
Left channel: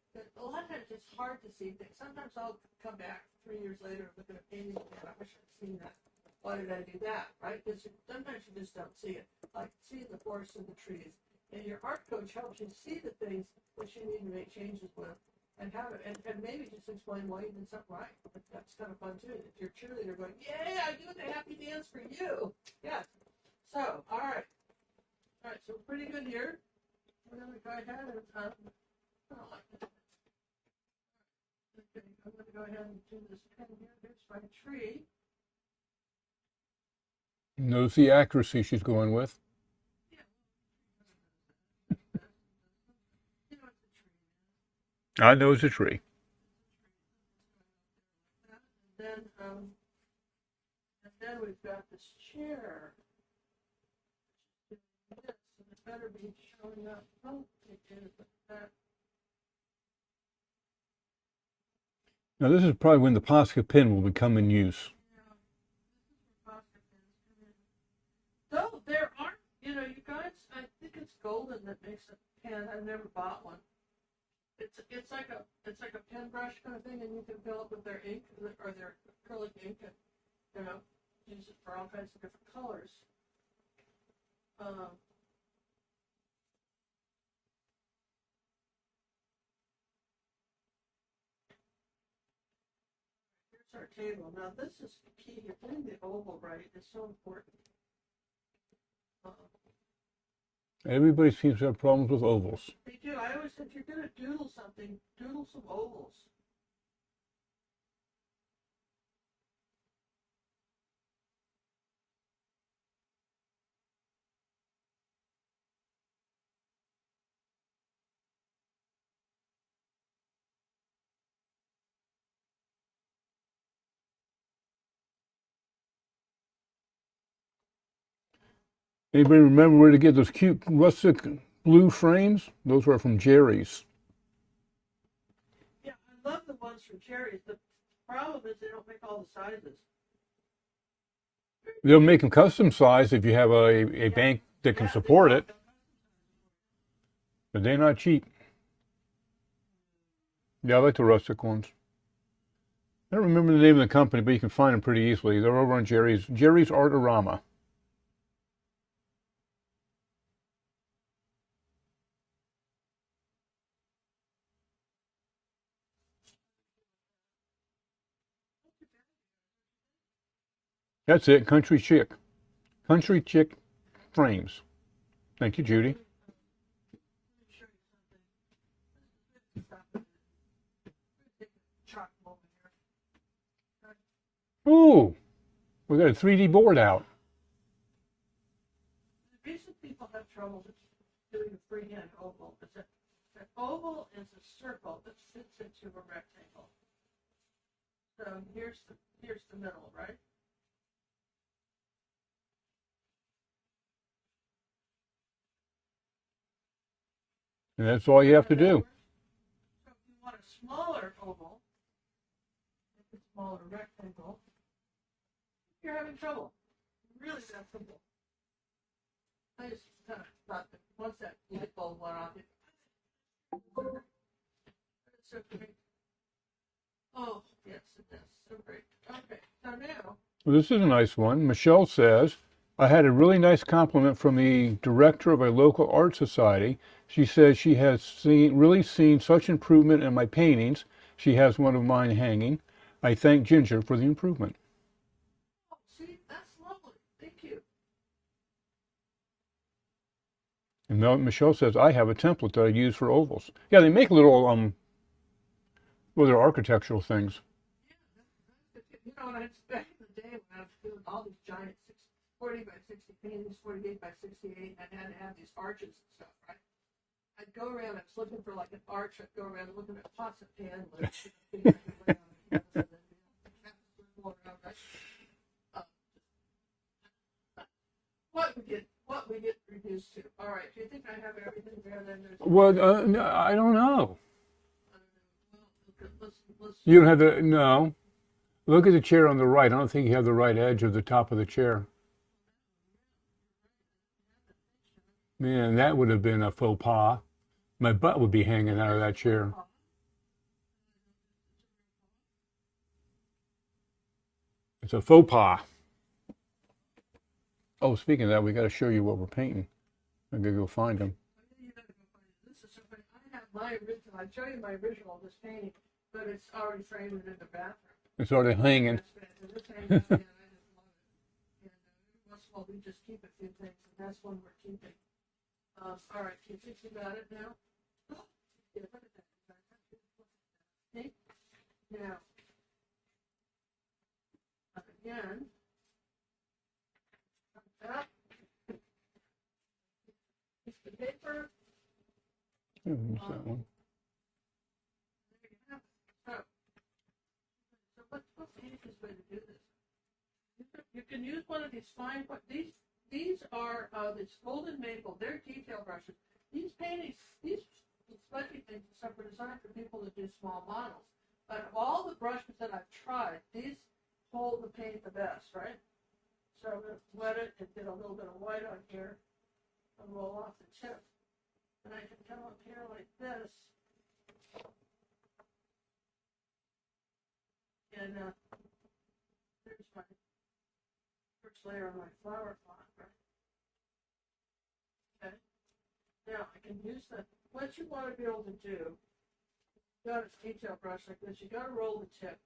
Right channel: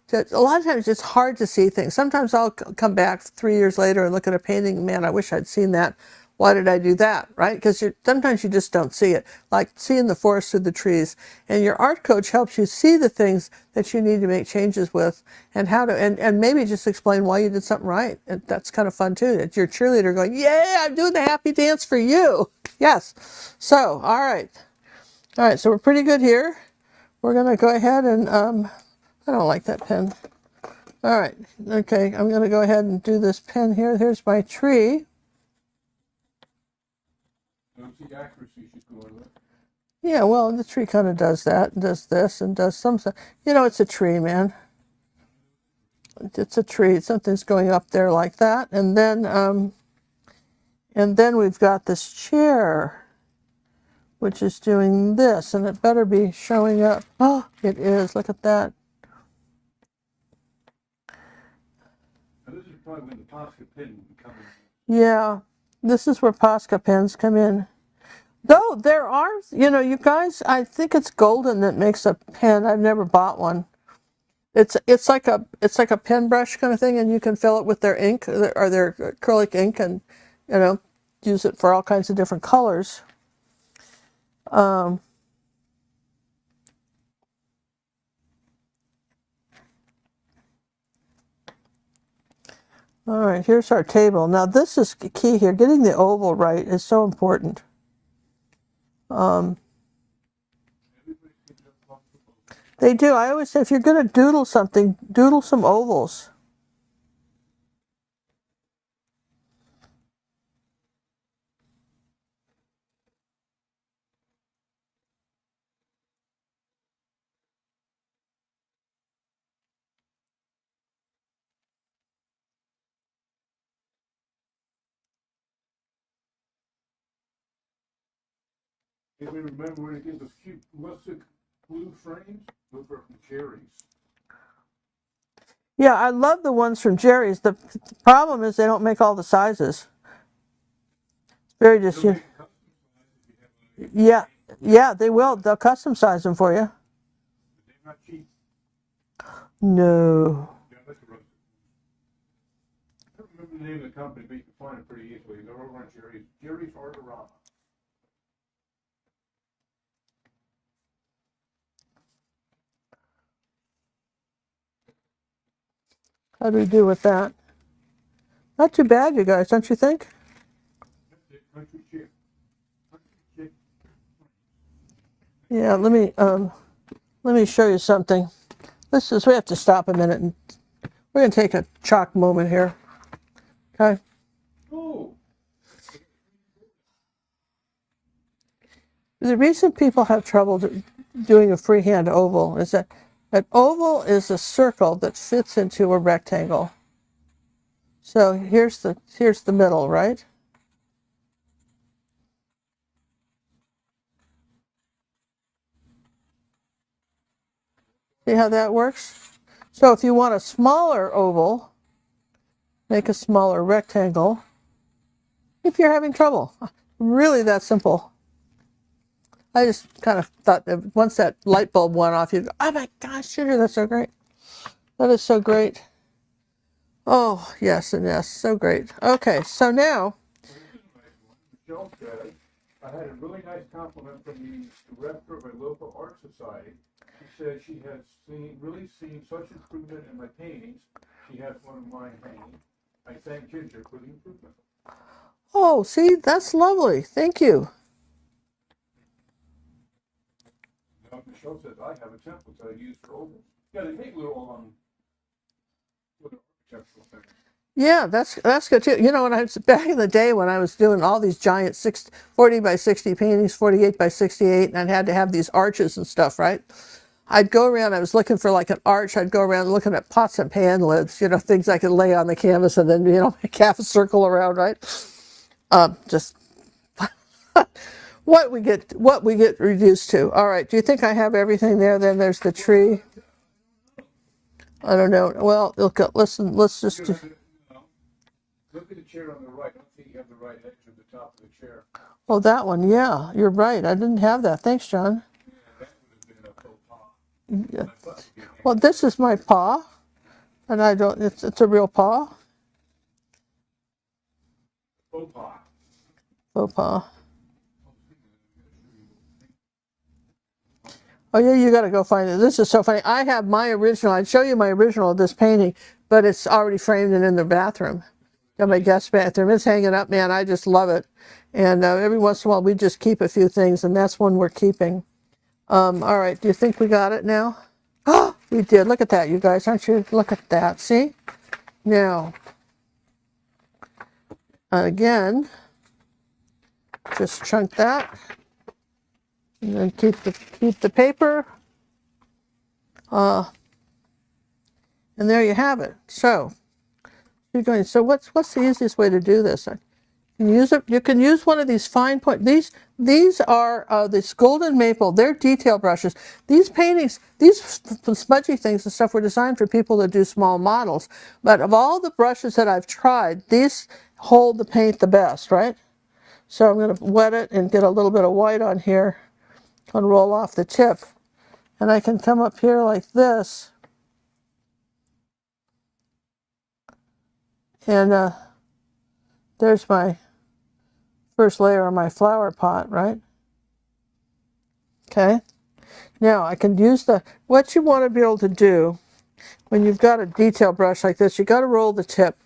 to, a lot of times it's hard to see things. Sometimes I'll come back 3 years later and look at a painting, man, I wish I'd seen that. Why did I do that, right? Because sometimes you just don't see it, like seeing the forest through the trees. And your art coach helps you see the things that you need to make changes with and how to, and maybe just explain why you did something right. And that's kind of fun too. It's your cheerleader going, yay, I'm doing the happy dance for you. Yes. So, all right. All right, so we're pretty good here. We're going to go ahead and, I don't like that pen. All right, okay, I'm going to go ahead and do this pen here. Here's my tree. Knows the accuracy she's going with. Yeah, well, the tree kind of does that, and does this, and does some stuff. You know, it's a tree, man. I know it's a tree. It's a tree. Something's going up there like that. And then we've got this chair, which is doing this, and it better be showing up. Oh, it is. Look at that. Now this is probably when the Posca pen will become in use. Yeah, this is where Posca pens come in. Though there are, you know, you guys, I think it's Golgen that makes a pen. I've never bought one. It's like a pen brush kind of thing, and you can fill it with their ink or their acrylic ink, and you know, use it for all kinds of different colors. All right, here's our table. Now this is key here. Getting the oval right is so important. And Everybody seems to have problems with ovals. They do. I always say if you're going to doodle something, doodle some ovals. Anybody remember where to get those cute rustic blue frames? Those were from Jerry's. Yeah, I love the ones from Jerry's. The problem is they don't make all the sizes. Very They'll make them custom size if you have a bank that can support they will. it. They'll custom size them for you. But they're not cheap. No. Yeah, I like the rustic ones. I don't remember the name of the company, but you can find them pretty easily. They're over on Jerry's Artorama. How do we do with that? Not too bad, you guys, don't you think? That's it, Country Chick. Country Chick frames. Thank you, Yeah, Judy. let me show you something. We have to stop a minute and we're going to take a chalk moment here. Okay. Ooh, we got a 3D board out. The reason people have trouble doing a freehand oval is that an oval is a circle that fits into a rectangle. So here's the middle, right? And that's all you See have how to that do. works? So if you want a smaller oval, make a smaller rectangle. If you're having trouble, really that simple. I just kind of thought that once that light bulb went off, you'd go, oh my gosh, Sugar, that's so great. That is so great. Oh, yes and yes, so great. Okay, so now. Well, this is a nice one. Michelle says, I had a really nice compliment from the director of a local art society. She says she has really seen such improvement in my paintings. She has one of mine hanging. I thank Ginger for the improvement. Oh, see, that's lovely. Thank you. And Michelle says, I have a template that I use for ovals. Yeah, they make little, well, they're architectural things. Yeah, that's good too. You know, when I was back in the day when I was doing all these giant 40 by 60 paintings, 48 by 68, and I had to have these arches and stuff, right? I'd go around, I was looking for like an arch, I'd go around looking at pots and pan lids, you know, things I could lay on the canvas and then, you know, make half a circle around, right? Just what we get reduced to. All right, do you think I have everything there? Then there's the tree. I don't know. I don't know. Well, look, listen, let's just. You don't have no. Look at the chair on the right. I don't think you have the right edge of the top of the chair. Oh, that one. Yeah, you're right. I didn't have that. Thanks, John. Man, that would have been a faux pas. My butt would be hanging Well, out this of that is my chair. paw, and I don't. It's a real paw. It's a faux pas. Faux pas. Oh, speaking of that, we got to show you what we're painting. I'm gonna go find them. Oh yeah, you got to go find it. This is so funny. I have my original. I'd show you my original of this painting, but it's already framed and in the bathroom. It's already In hanging. my guest bathroom. It's hanging up, man. I just love it. And every once in a while, we just keep a few things, and that's one we're keeping. All right. Do you think we got it now? Oh, we did. Look at that, you guys. Aren't you? Look at that. See? Now, again, just chunk that. And then keep the paper. And there you have it. So you're going. So what's the easiest way to do this? You can use one of these fine point. These are this golden maple. They're detail brushes. These paintings, these smudgy things and stuff, were designed for people that do small models. But of all the brushes that I've tried, these hold the paint the best, right? So I'm going to wet it and get a little bit of white on here. And roll off the tip, and I can come up here like this, and there's my first layer of my flower pot, right? Okay, now I can use what you want to be able to do when you've got a detail brush like this, you got to roll the tip,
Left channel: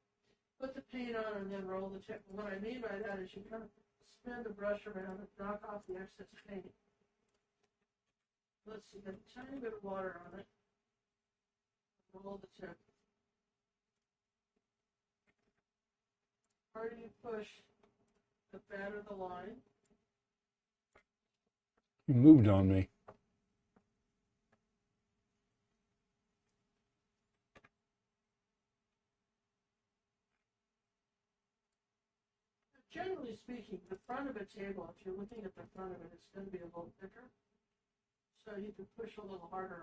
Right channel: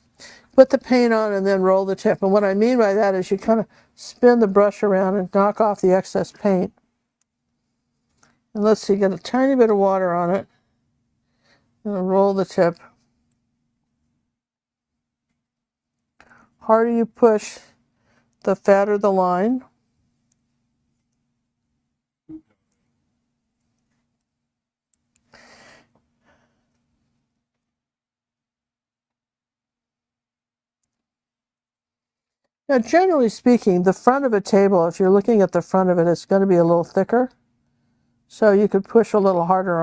put the paint on, and then roll the tip. And what I mean by that is you kind of spin the brush around and knock off the excess paint. And let's see, get a tiny bit of water on it. And roll the tip. Harder you push, the fatter the line. You moved on me. Now, generally speaking, the front of a table, if you're looking at the front of it, it's going to be a little thicker. So you could push a little harder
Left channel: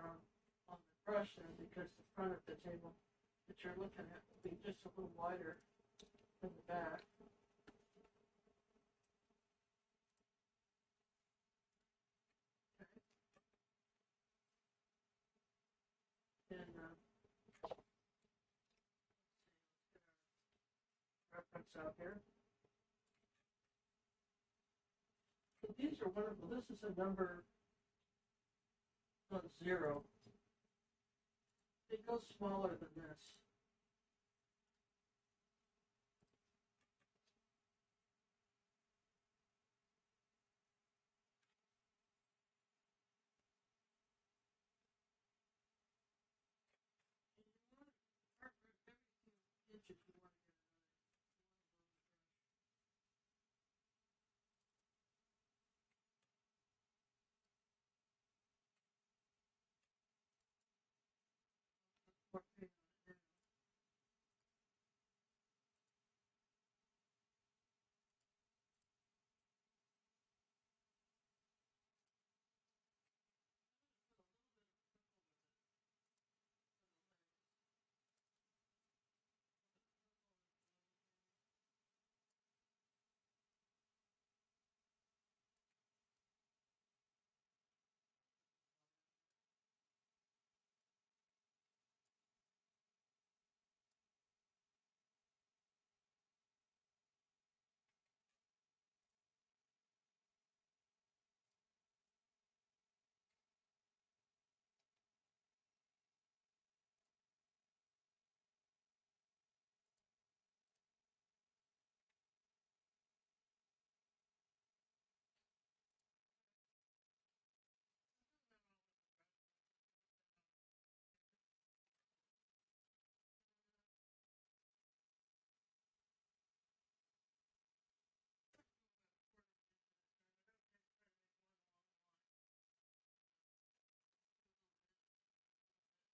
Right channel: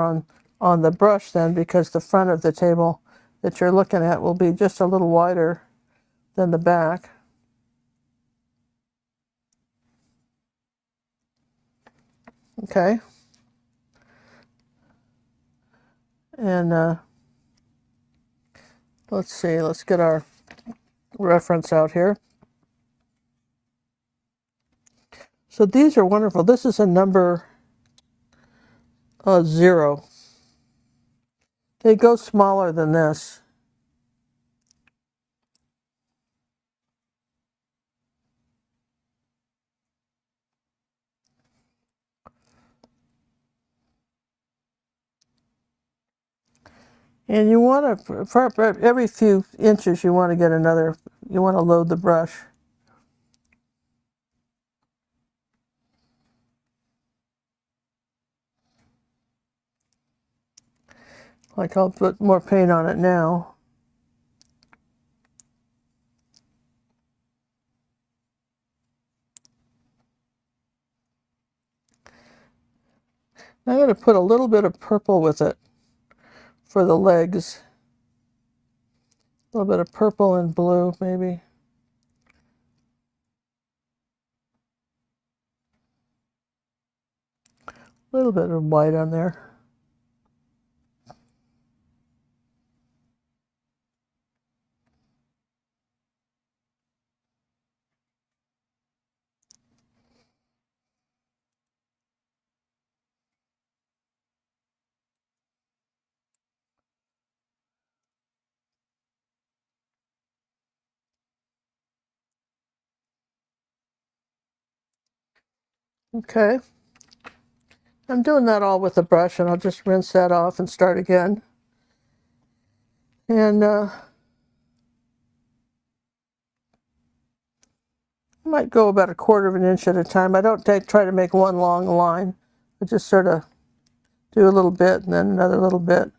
on the brush then, because the front of the table that you're looking at will be just a little wider than the back. Okay. And let's see, let's get our reference out here. So these are wonderful. This is a number 0. They go smaller than this. And you want to, for every few inches, you want to get another, you want to load the brush. Like I'll put more paint on it now. I'm going to put a little bit of purple with it for the legs. A little bit of purple and blue, maybe. A little bit of white on there. Okay. I'm doing that all with the brush, and I'll just rinse that off and start again. And I might go about 1/4 of an inch at a time. I don't try to make one long line. I just sort of do a little bit and then another little bit.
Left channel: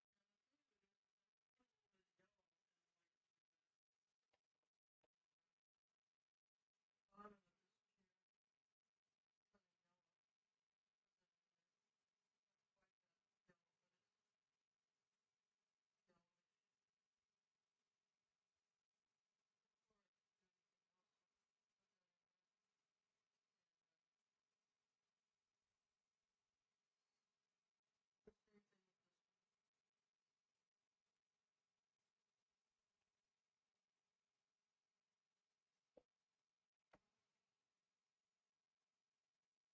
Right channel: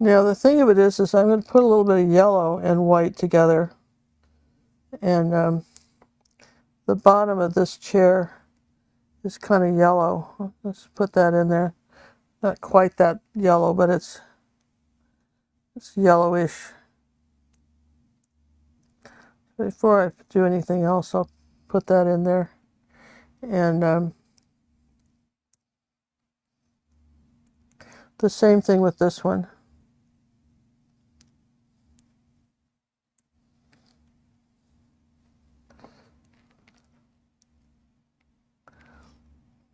Now the thing of it is I'm going to put a little bit of yellow and white together. And the bottom of this chair is kind of yellow. Let's put that in there. Not quite that yellow, but it's yellowish. Before I do anything else, I'll put that in there. And the same thing with this one.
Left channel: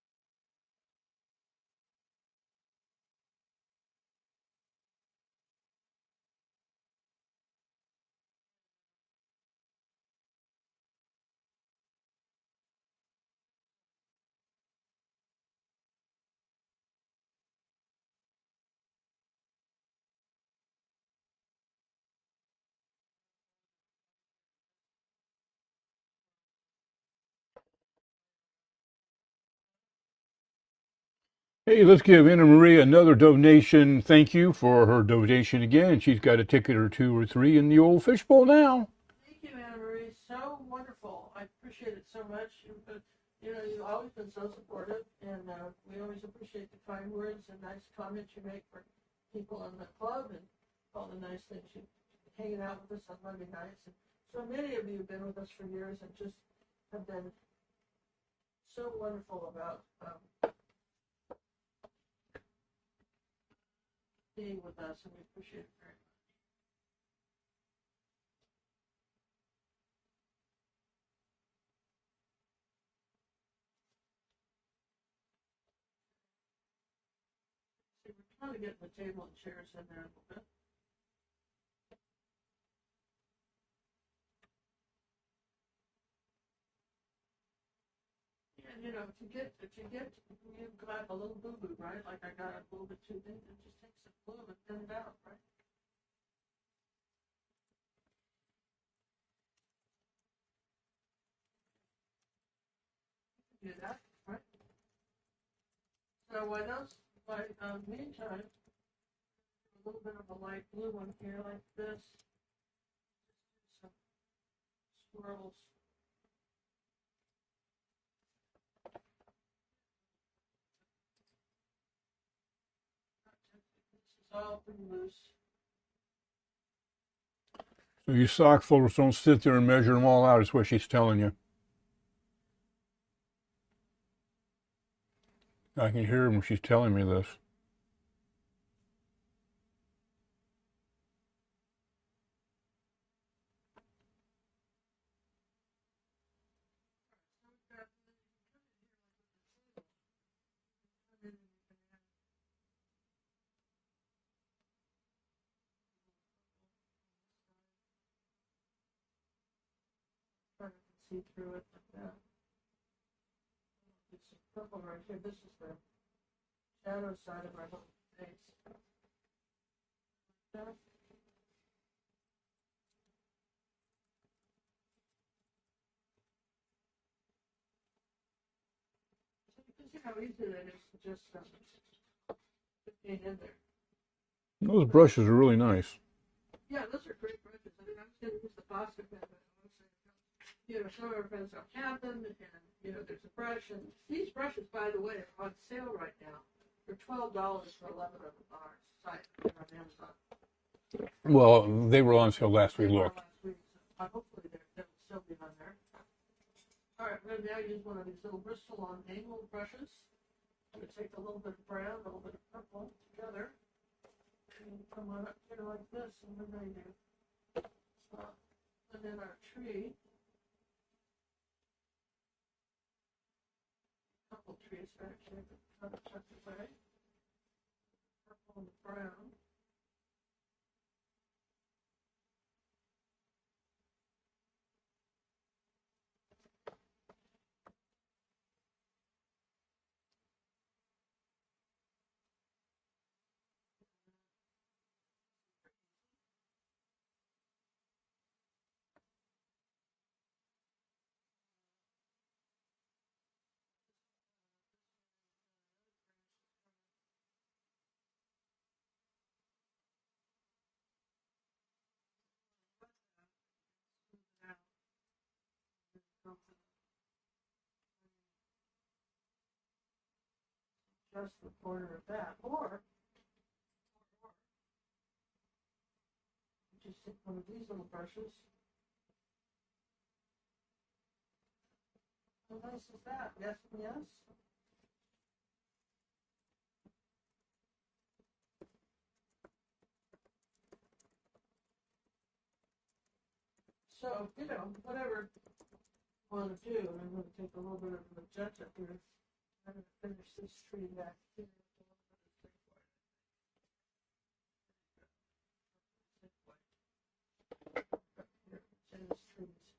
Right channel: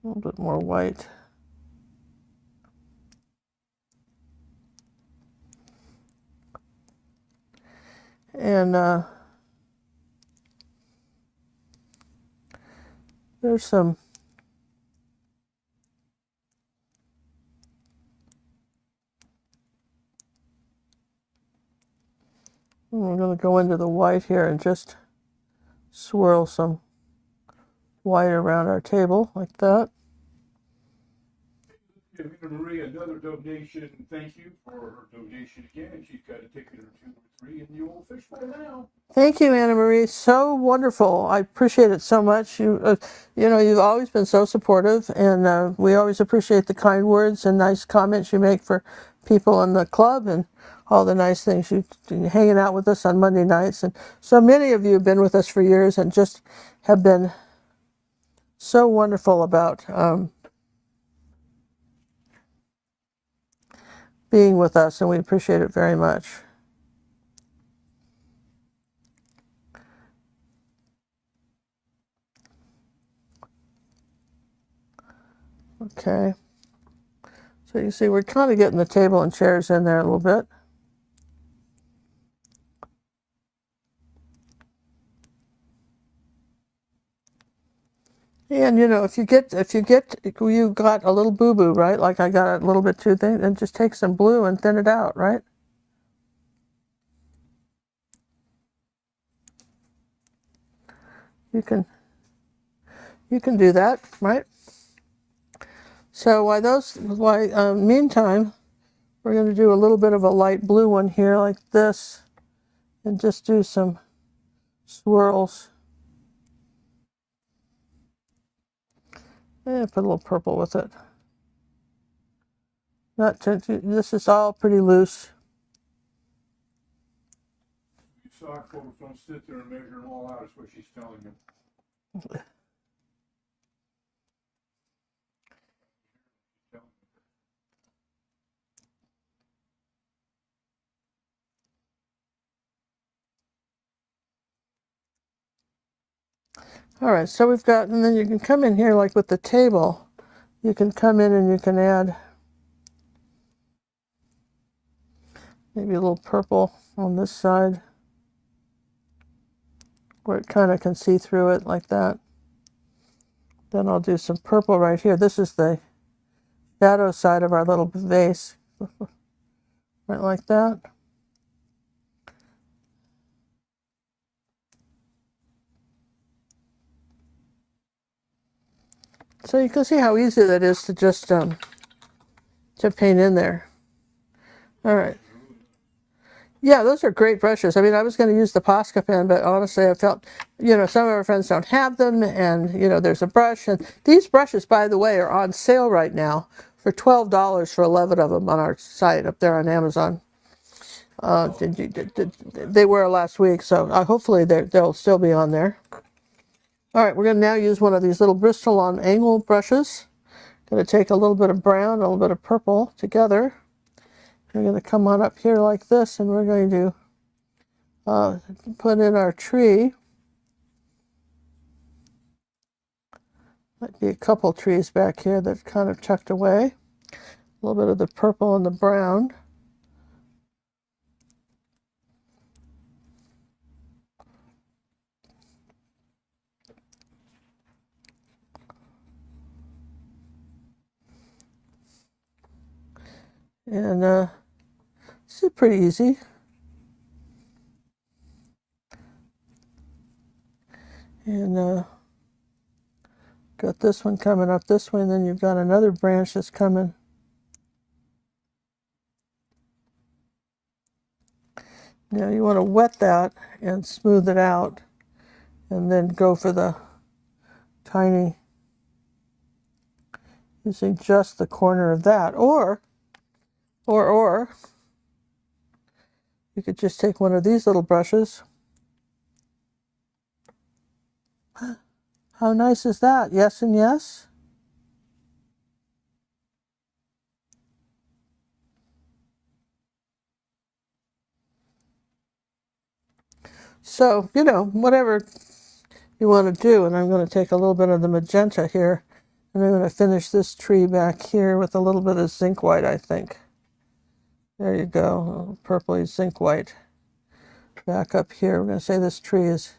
A little bit more white. And there's some we're going to go into the white here and just swirl some white around our table like that. Hey, let's give Anna Marie another donation. Thank you for her donation again. She's got a ticket or 2 or 3 in the old fishbowl now. Thank you, Anna Marie. So wonderful. I appreciate it so much. You know, you've always been so supportive, and we always appreciate the kind words and nice comments you make for people in the club and all the nice things. You hanging out with us on Monday nights, and so many of you have been with us for years and just have been so wonderful about being with us, and we appreciate it very much. Okay, So you see we're kind of getting the table and chairs in there a little bit. And you know, if you got a little boo-boo, right? Like I got a little bit too thin, then just take some blue and thin it out, right? You can do that, right? So meantime, we're going to do a little bit of a light blue one here like this, and just do some swirls. And put a little purple with it. This is all pretty loose. So you sock folders don't sit there and measure them all out, is what she's telling you. I can hear her when she's telling me this. All right, so we've got, and then you can come in here like with the table. You can come in and you can add maybe a little purple on this side where it kind of can see through it like that. Then I'll do some purple right here. This is the shadow side of our little vase. Right like that. So you can see how easy that is to just to paint in there. Those brushes are really nice. Yeah, those are great brushes. I mean, I was going to use the Posca pen, but honestly, I felt, you know, some of our friends don't have them, and, you know, there's a brush. And these brushes, by the way, are on sale right now for $12 for 11 of them on our site up there on Amazon. Well, they were on sale last week. They were last week, so hopefully they'll still be on there. All right, we're going to now use one of these little Bristol on angle brushes. Going to take a little bit of brown, a little bit of purple together. We're going to come on up here like this, and we're going to put in our tree. Might be a couple trees back here that kind of tucked away. A little bit of the purple and the brown. And this is pretty easy. And got this one coming up this way, and then you've got another branch that's coming. Now you want to wet that and smooth it out, and then go for the tiny, using just the corner of that, or you could just take one of these little brushes. How nice is that? Yes and yes. So, you know, whatever you want to do, and I'm going to take a little bit of the magenta here, and I'm going to finish this tree back here with a little bit of zinc white, I think. There you go, purpley zinc white. Back up here, we're going to say this tree is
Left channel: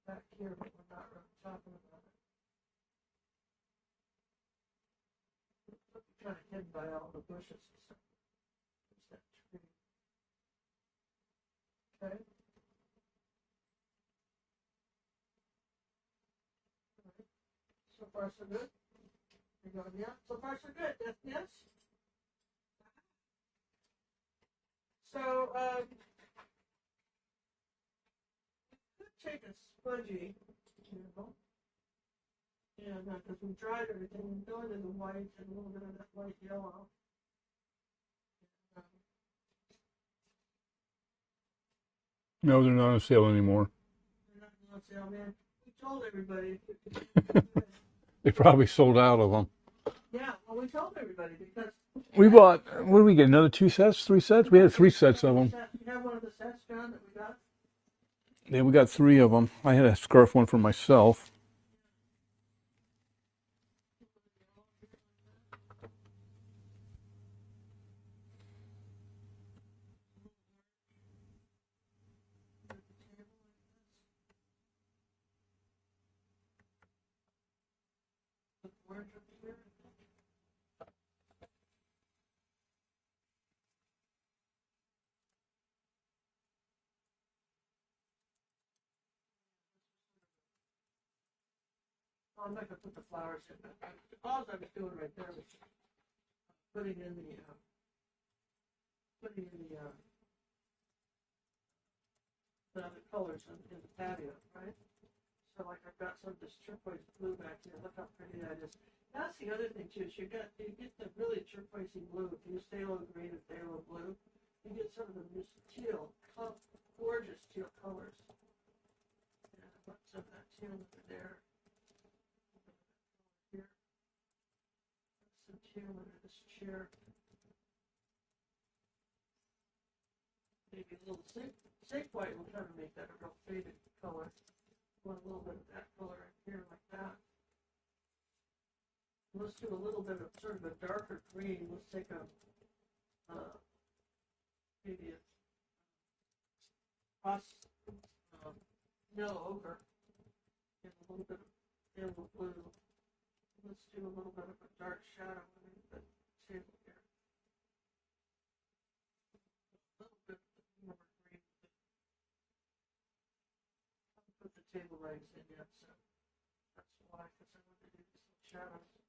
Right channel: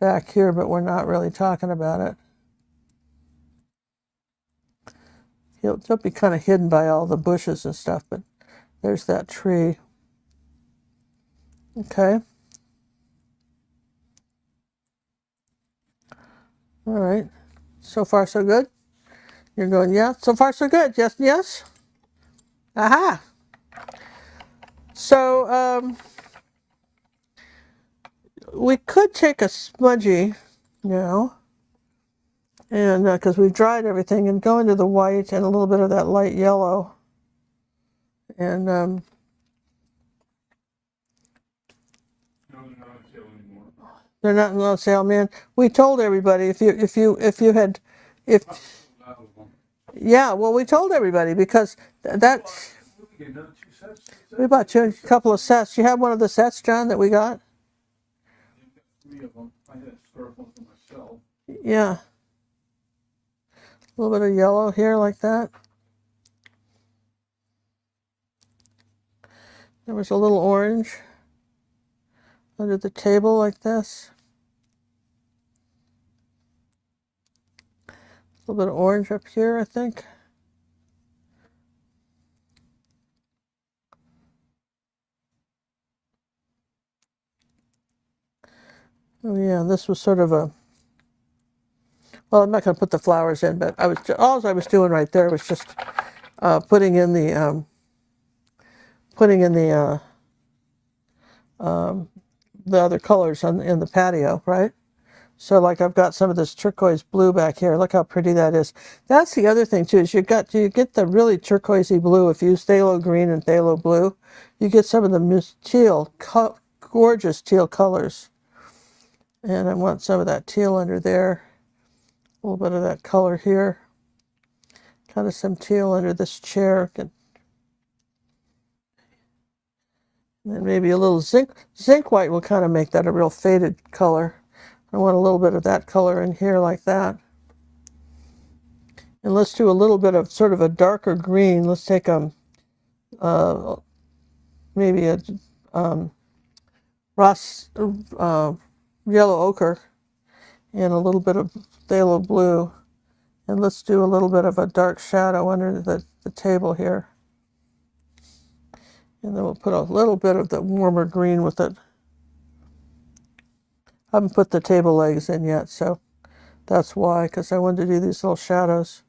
back here, but we're not really talking about it. It'll be kind of hidden by all the bushes and stuff, but there's that tree. Okay. All right. So far, so good? You're going, yeah? So far, so good. Yes, yes? Aha! So, we could take a smudgy now, and because we've dried everything, and go into the white and a little bit of that light yellow. And no, they're not on sale anymore. They're not on sale, man. We told everybody if you had They probably sold out of them. Yeah, well, we told everybody because We bought, what did we get, another 2 sets, 3 sets? We bought had 3 sets a couple of of sets. You have one of the sets, John, that we got? Yeah, we got 3 of them. I had a scarf one for myself. Yeah. A little bit of yellow here like that. There was a little orange under the table like this. A little bit of orange up here, I think. Oh yeah, this was sort of a, well, I'm not going to put the flowers in, but all I was doing right there was just putting in the other colors in the patio, right? So like I've got some of this turquoise blue back here. Look how pretty that is. That's the other thing too, is you get the really turquoisey blue. If you use phthalo green and phthalo blue, you get some of the teal, gorgeous teal colors. And I want some of that teal under there. A little bit of that color here. Kind of some teal under this chair. And then maybe a little zinc white will kind of make that a real faded color. I want a little bit of that color in here like that. And let's do a little bit of sort of a darker green. Let's take maybe a yellow ochre and a little bit of phthalo blue. And let's do a little bit of a dark shadow under the table here. And then we'll put a little bit of the warmer green with it. I haven't put the table legs in yet, so that's why, because I wanted to do these little shadows.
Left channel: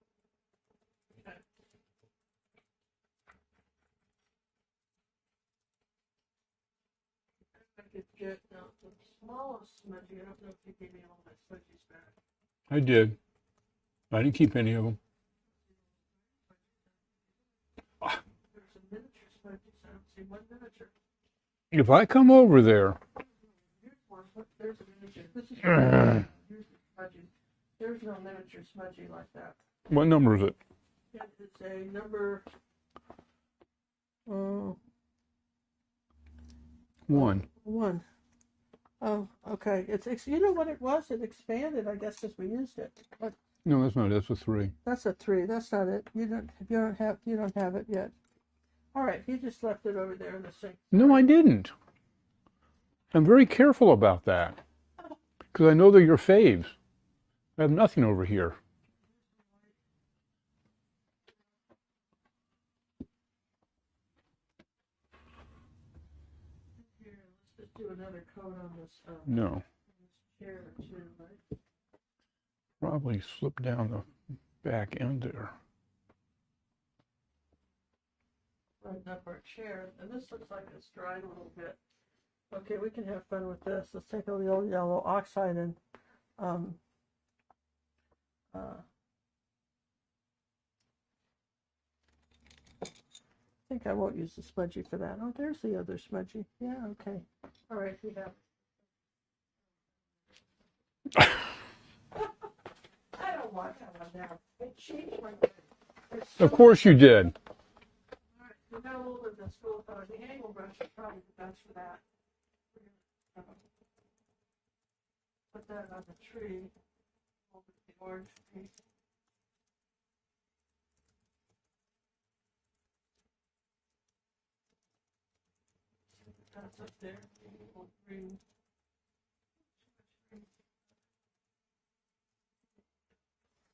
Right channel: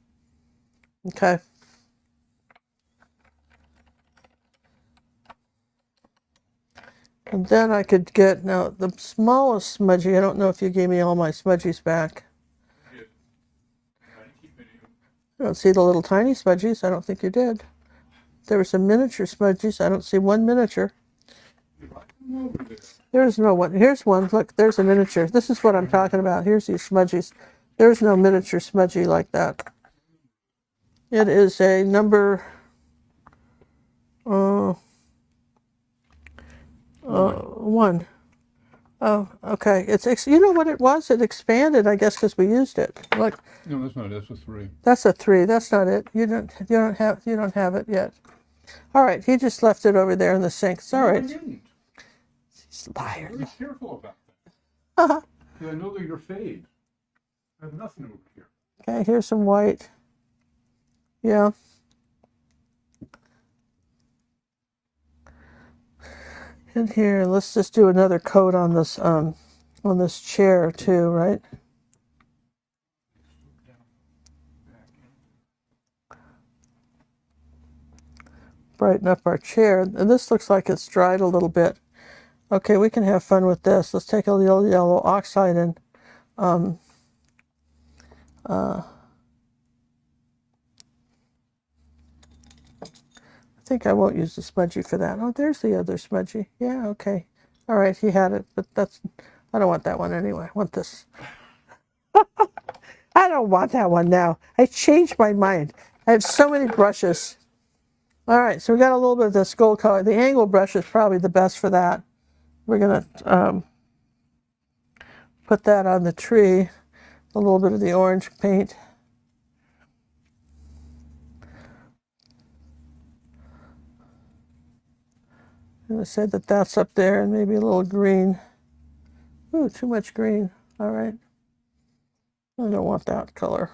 Okay. And then I could get, now the smallest smudgy, I don't know if you gave me all my smudgies back. I did. I didn't keep any of them. I don't see the little tiny smudgies. I don't think you did. There were some miniature smudgies. I don't see one miniature. If I come over there. There's no one. Here's one. Look, there's a miniature. This is what I'm talking about. Here's these smudgies. There's no miniature smudgy like that. What number is it? It is a number one. Oh, okay. You know what it was? It expanded, I guess, because we used it. Look. No, that's not it. That's a 3. That's a 3. That's not it. You don't have it yet. All right, he just left it over there in the sink. It's all right. I didn't. I'm very careful about that. Because I know they're your faves. I have nothing over here. Okay, here's some white. Yeah. In here, let's just do another coat on this on this chair too, right? Probably slip down the back end there. Brighten up our chair. And this looks like it's dried a little bit. Okay, we can have fun with this. Let's take a little yellow oxide and I think I won't use the smudgy for that. Oh, there's the other smudgy. Yeah, okay. All right, he had it, but I don't want that one anyway. I want this. I don't want that one now. I changed my mind. I have so many brushes. Of course you did. All right, so we got a little bit of this gold color. The angle brush is probably the best for that. We're going to put that on the tree, a little bit of the orange paint. I'm going to say that that's up there and maybe a little green. Ooh, too much green. All right. I don't want that color.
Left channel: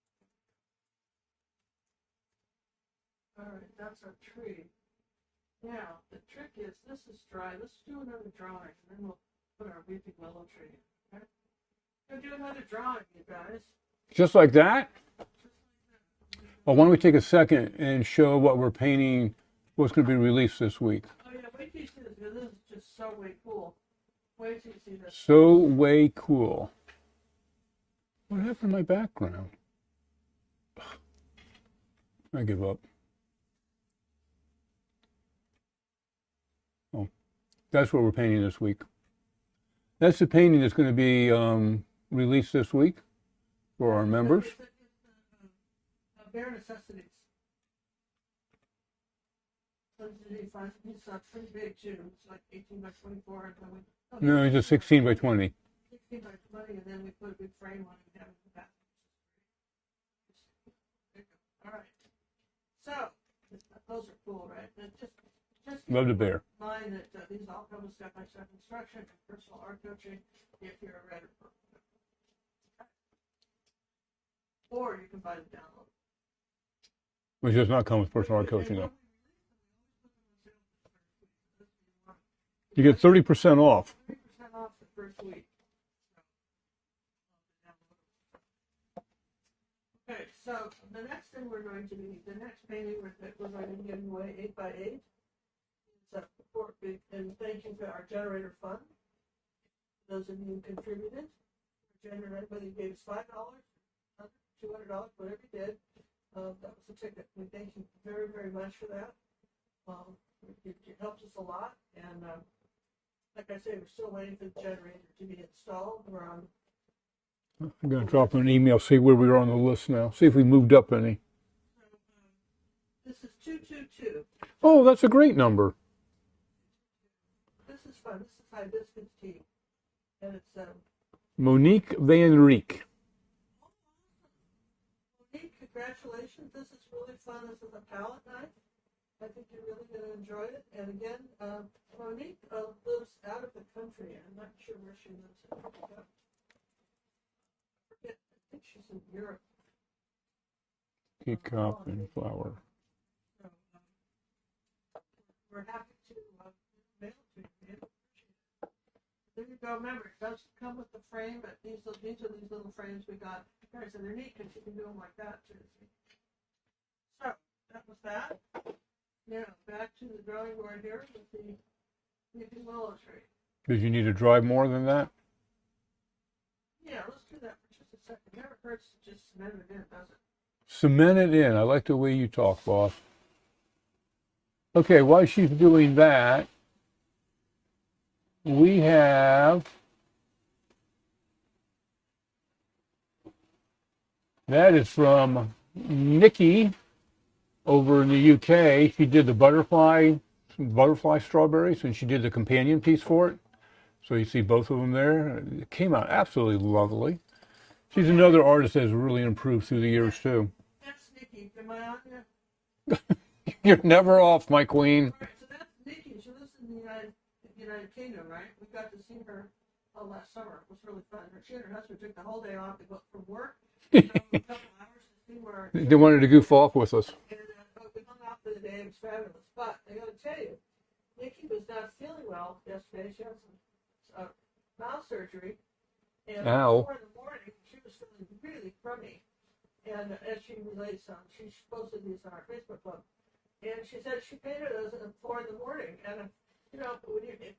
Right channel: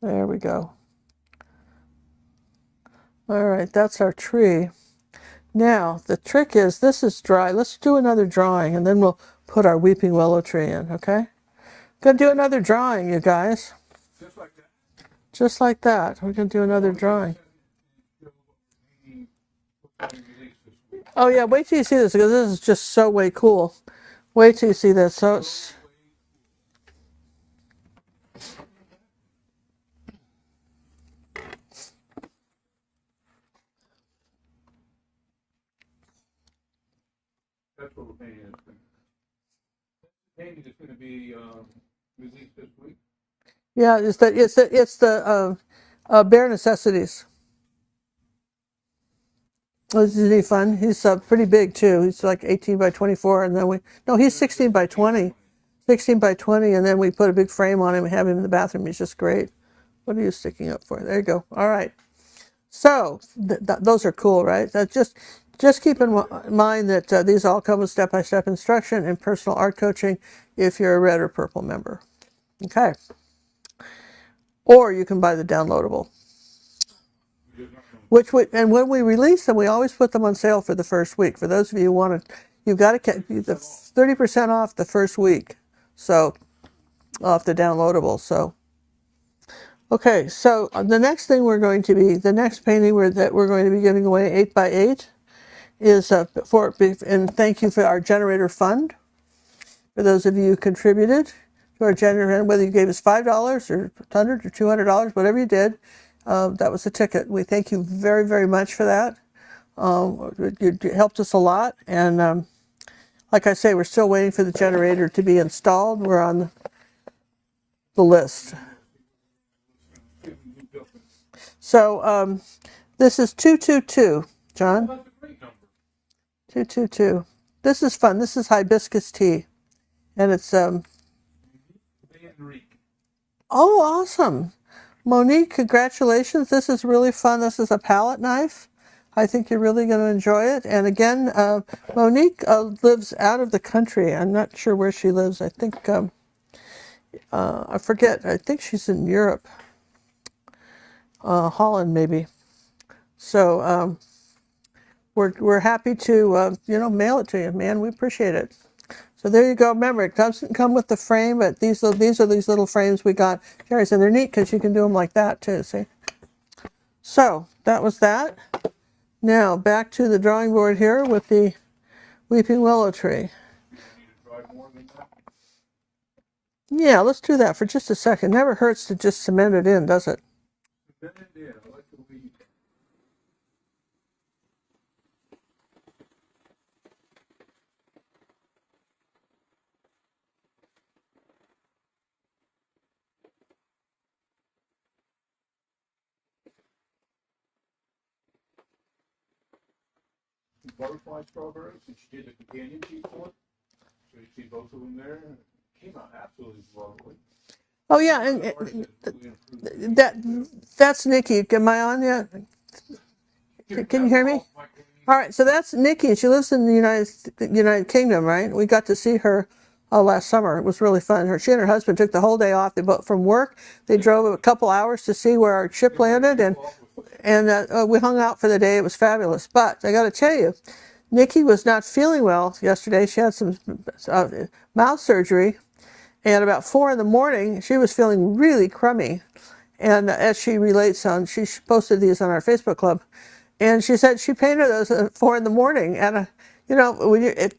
There we go. All right, that's our tree. Now, the trick is, this is dry. Let's do another drawing, and then we'll put our weeping willow tree in, okay? Gonna do another drawing, you guys. Just like that? Just like that. We're gonna do another drawing. Why don't we drawing. take a second and show what we're painting, what's gonna be released this week. Oh yeah, wait till you see this, because this is just so way cool. Wait till you see this. So way cool. What happened to my background? I give up. Oh, that's what we're painting this week. That's the painting that's going to be released this week. Yeah, it's the Bare Necessities. Isn't he fun? He's pretty big too. He's like 18 by 24, and then he's 16 by 20. 16 by 20, and then we put a big frame on him and have him in the bathroom. He's just great. What are you sticking up for? There you go. All right. So those are cool, right? Just keep in Love it there. mind that these all come with step-by-step instruction and personal art coaching if you're a red or purple member. Okay. Or you can buy the downloadable. Which does not come with Which personal we, and coaching. when we release them, we always put them on sale for the first week. For those of you who want to, you've got to get 30% off. 30% off the first week. So off the downloadable. So okay, so the next thing the next painting that we're going to be giving away 8x8 is and thank you for our generator fund. For those of you who contributed to our generator, whether you gave us $5 or $100 or $200, whatever you did, that was the ticket. We thank you very, very much for that. You helped us a lot, and like I say, we're still waiting for the generator to be installed. We're on the list. Drop an email, see where we are on the list now. See if we moved up any. So this is 222, John. Oh, that's a great number. 222. This is fun. This is hibiscus tea, and it's Monique Van Rieck. Oh, awesome. Monique, congratulations. This is really fun. This is a palette knife. I think you're really going to enjoy it. And again, Monique lives out of the country. I'm not sure where she lives. I think, I forget. I think she's in Europe. Holland, maybe. So we're happy to, mail it to you, man. We appreciate it. So there you go. Remember, it doesn't come with the frame, but these are these little frames we got. Jerry said they're neat because you can do them like that too, see? So that was that. Now back to the drawing board here with the weeping willow tree. Did you need to dry more than that? Yeah, let's do that for just a second. Never hurts to just cement it in, does it? Cement it in. I like the way you talk, boss. Okay, while she's doing that, we have that is from Nikki over in the UK. She did the butterfly strawberries, and she did the companion piece for it. So you see both of them there. It came out absolutely lovely. Oh, She's yeah. another artist that has really improved through the years too. That's Nikki. Am I on yet? You're never off, my queen. All right, so that's Nikki. She lives in the United Kingdom, right? We got to see her last summer. It was really fun. She and her husband took the whole day off. They both from work. They drove a couple hours to see where our ship They wanted landed. to do folk with us. And we hung out for the day. It was fabulous. But I got to tell you, Nikki was not feeling well yesterday. She had some mouth surgery. And about 4 in the morning, she was feeling really crummy. And as she relates she posted these on our Facebook club. And she said she painted those at 4 in the morning. And,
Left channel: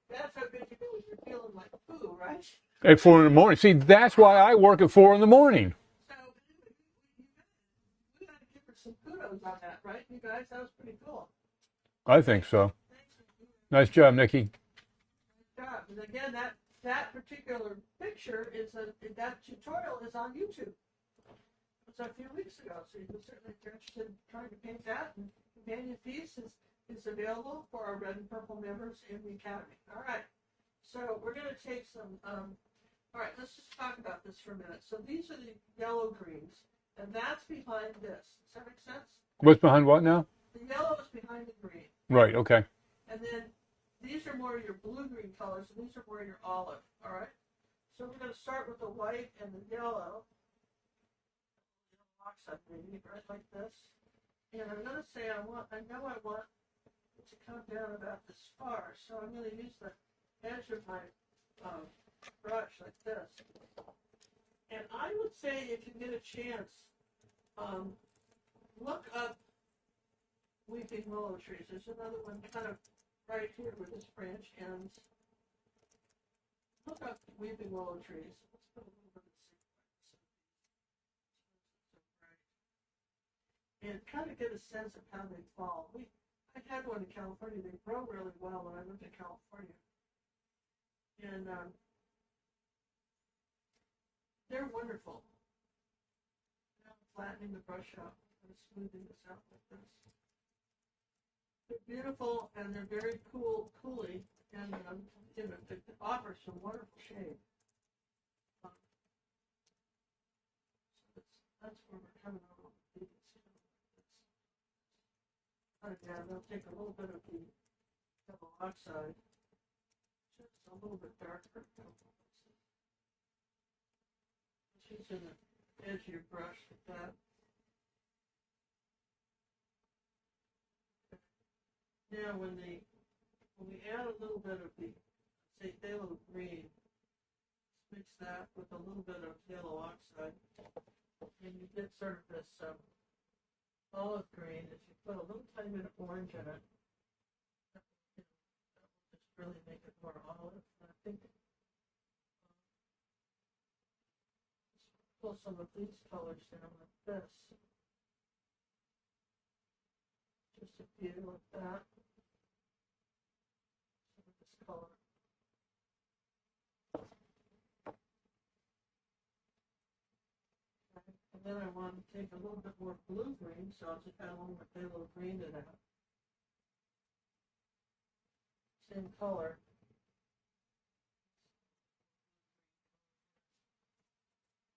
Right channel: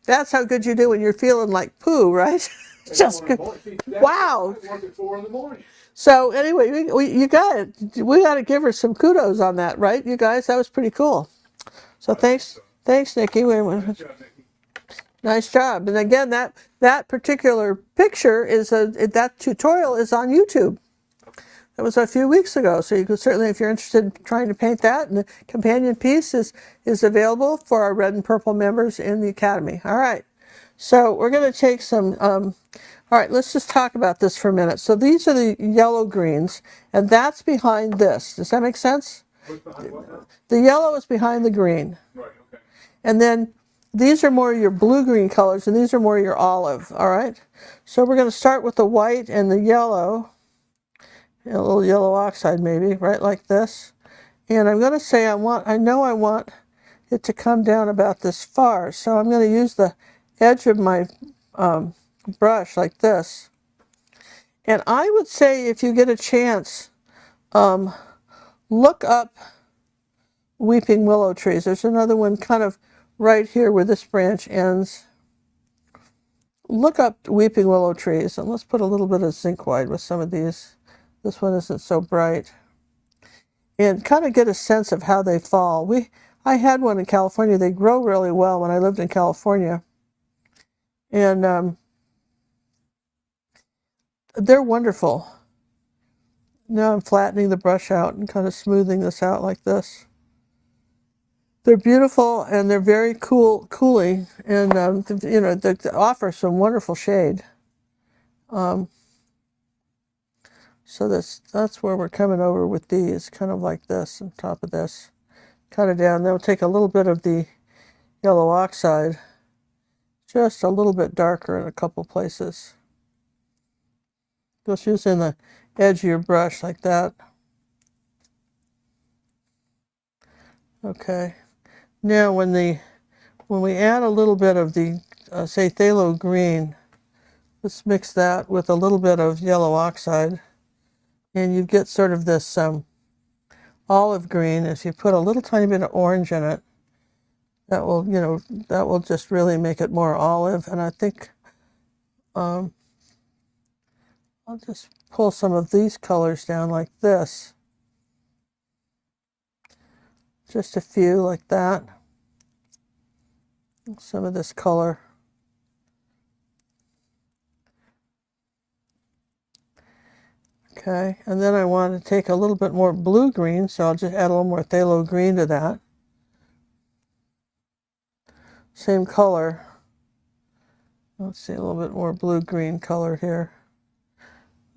that's how good you do when you're feeling like poo, right? At 4 in the morning. See, that's why I work at 4 in the morning. So anyway, we got to give her some kudos on that, right, you guys? That was pretty cool. So I think so. Thanks, Nikki. Nice job, Nikki. Nice job. And again, that particular picture that tutorial is on YouTube. That was a few weeks ago, so you could certainly, if you're interested in trying to paint that, and the companion piece is available for our red and purple members in the Academy. All right, so we're going to take some, all right, let's just talk about this for a minute. So these are the yellow greens, and that's behind this. Does that make sense? What's behind what now? The yellow is behind the green. Right, okay. And then these are more your blue-green colors, and these are more your olive, all right? So we're going to start with the white and the yellow. A little yellow oxide maybe, right, like this. And I'm going to say I know I want it to come down about this far, so I'm going to use the edge of my brush like this. And I would say if you get a chance, look up weeping willow trees. There's another one kind of right here where this branch ends. Look up weeping willow trees, and let's put a little bit of zinc white with some of these. This one isn't so bright. And kind of get a sense of how they fall. I had one in California. They grow really well when I lived in California. And they're wonderful. Now I'm flattening the brush out and kind of smoothing this out like this. They're beautiful, and they're very cooling, and they offer some wonderful shade. So that's where we're coming over with these, kind of like this on top of this. Cut it down. Then we'll take a little bit of the yellow oxide, just a little bit darker in a couple places. Just using the edge of your brush like that. Okay. Now when we add a little bit of the say phthalo green, let's mix that with a little bit of yellow oxide, and you get sort of this olive green. If you put a little tiny bit of orange in it, that will, that will just really make it more olive. And I think I'll just pull some of these colors down like this. Just a few like that. Some of this color. Okay, and then I want to take a little bit more blue-green, so I'll just add a little more phthalo green to that. Same color. Let's see, a little bit more blue-green color here.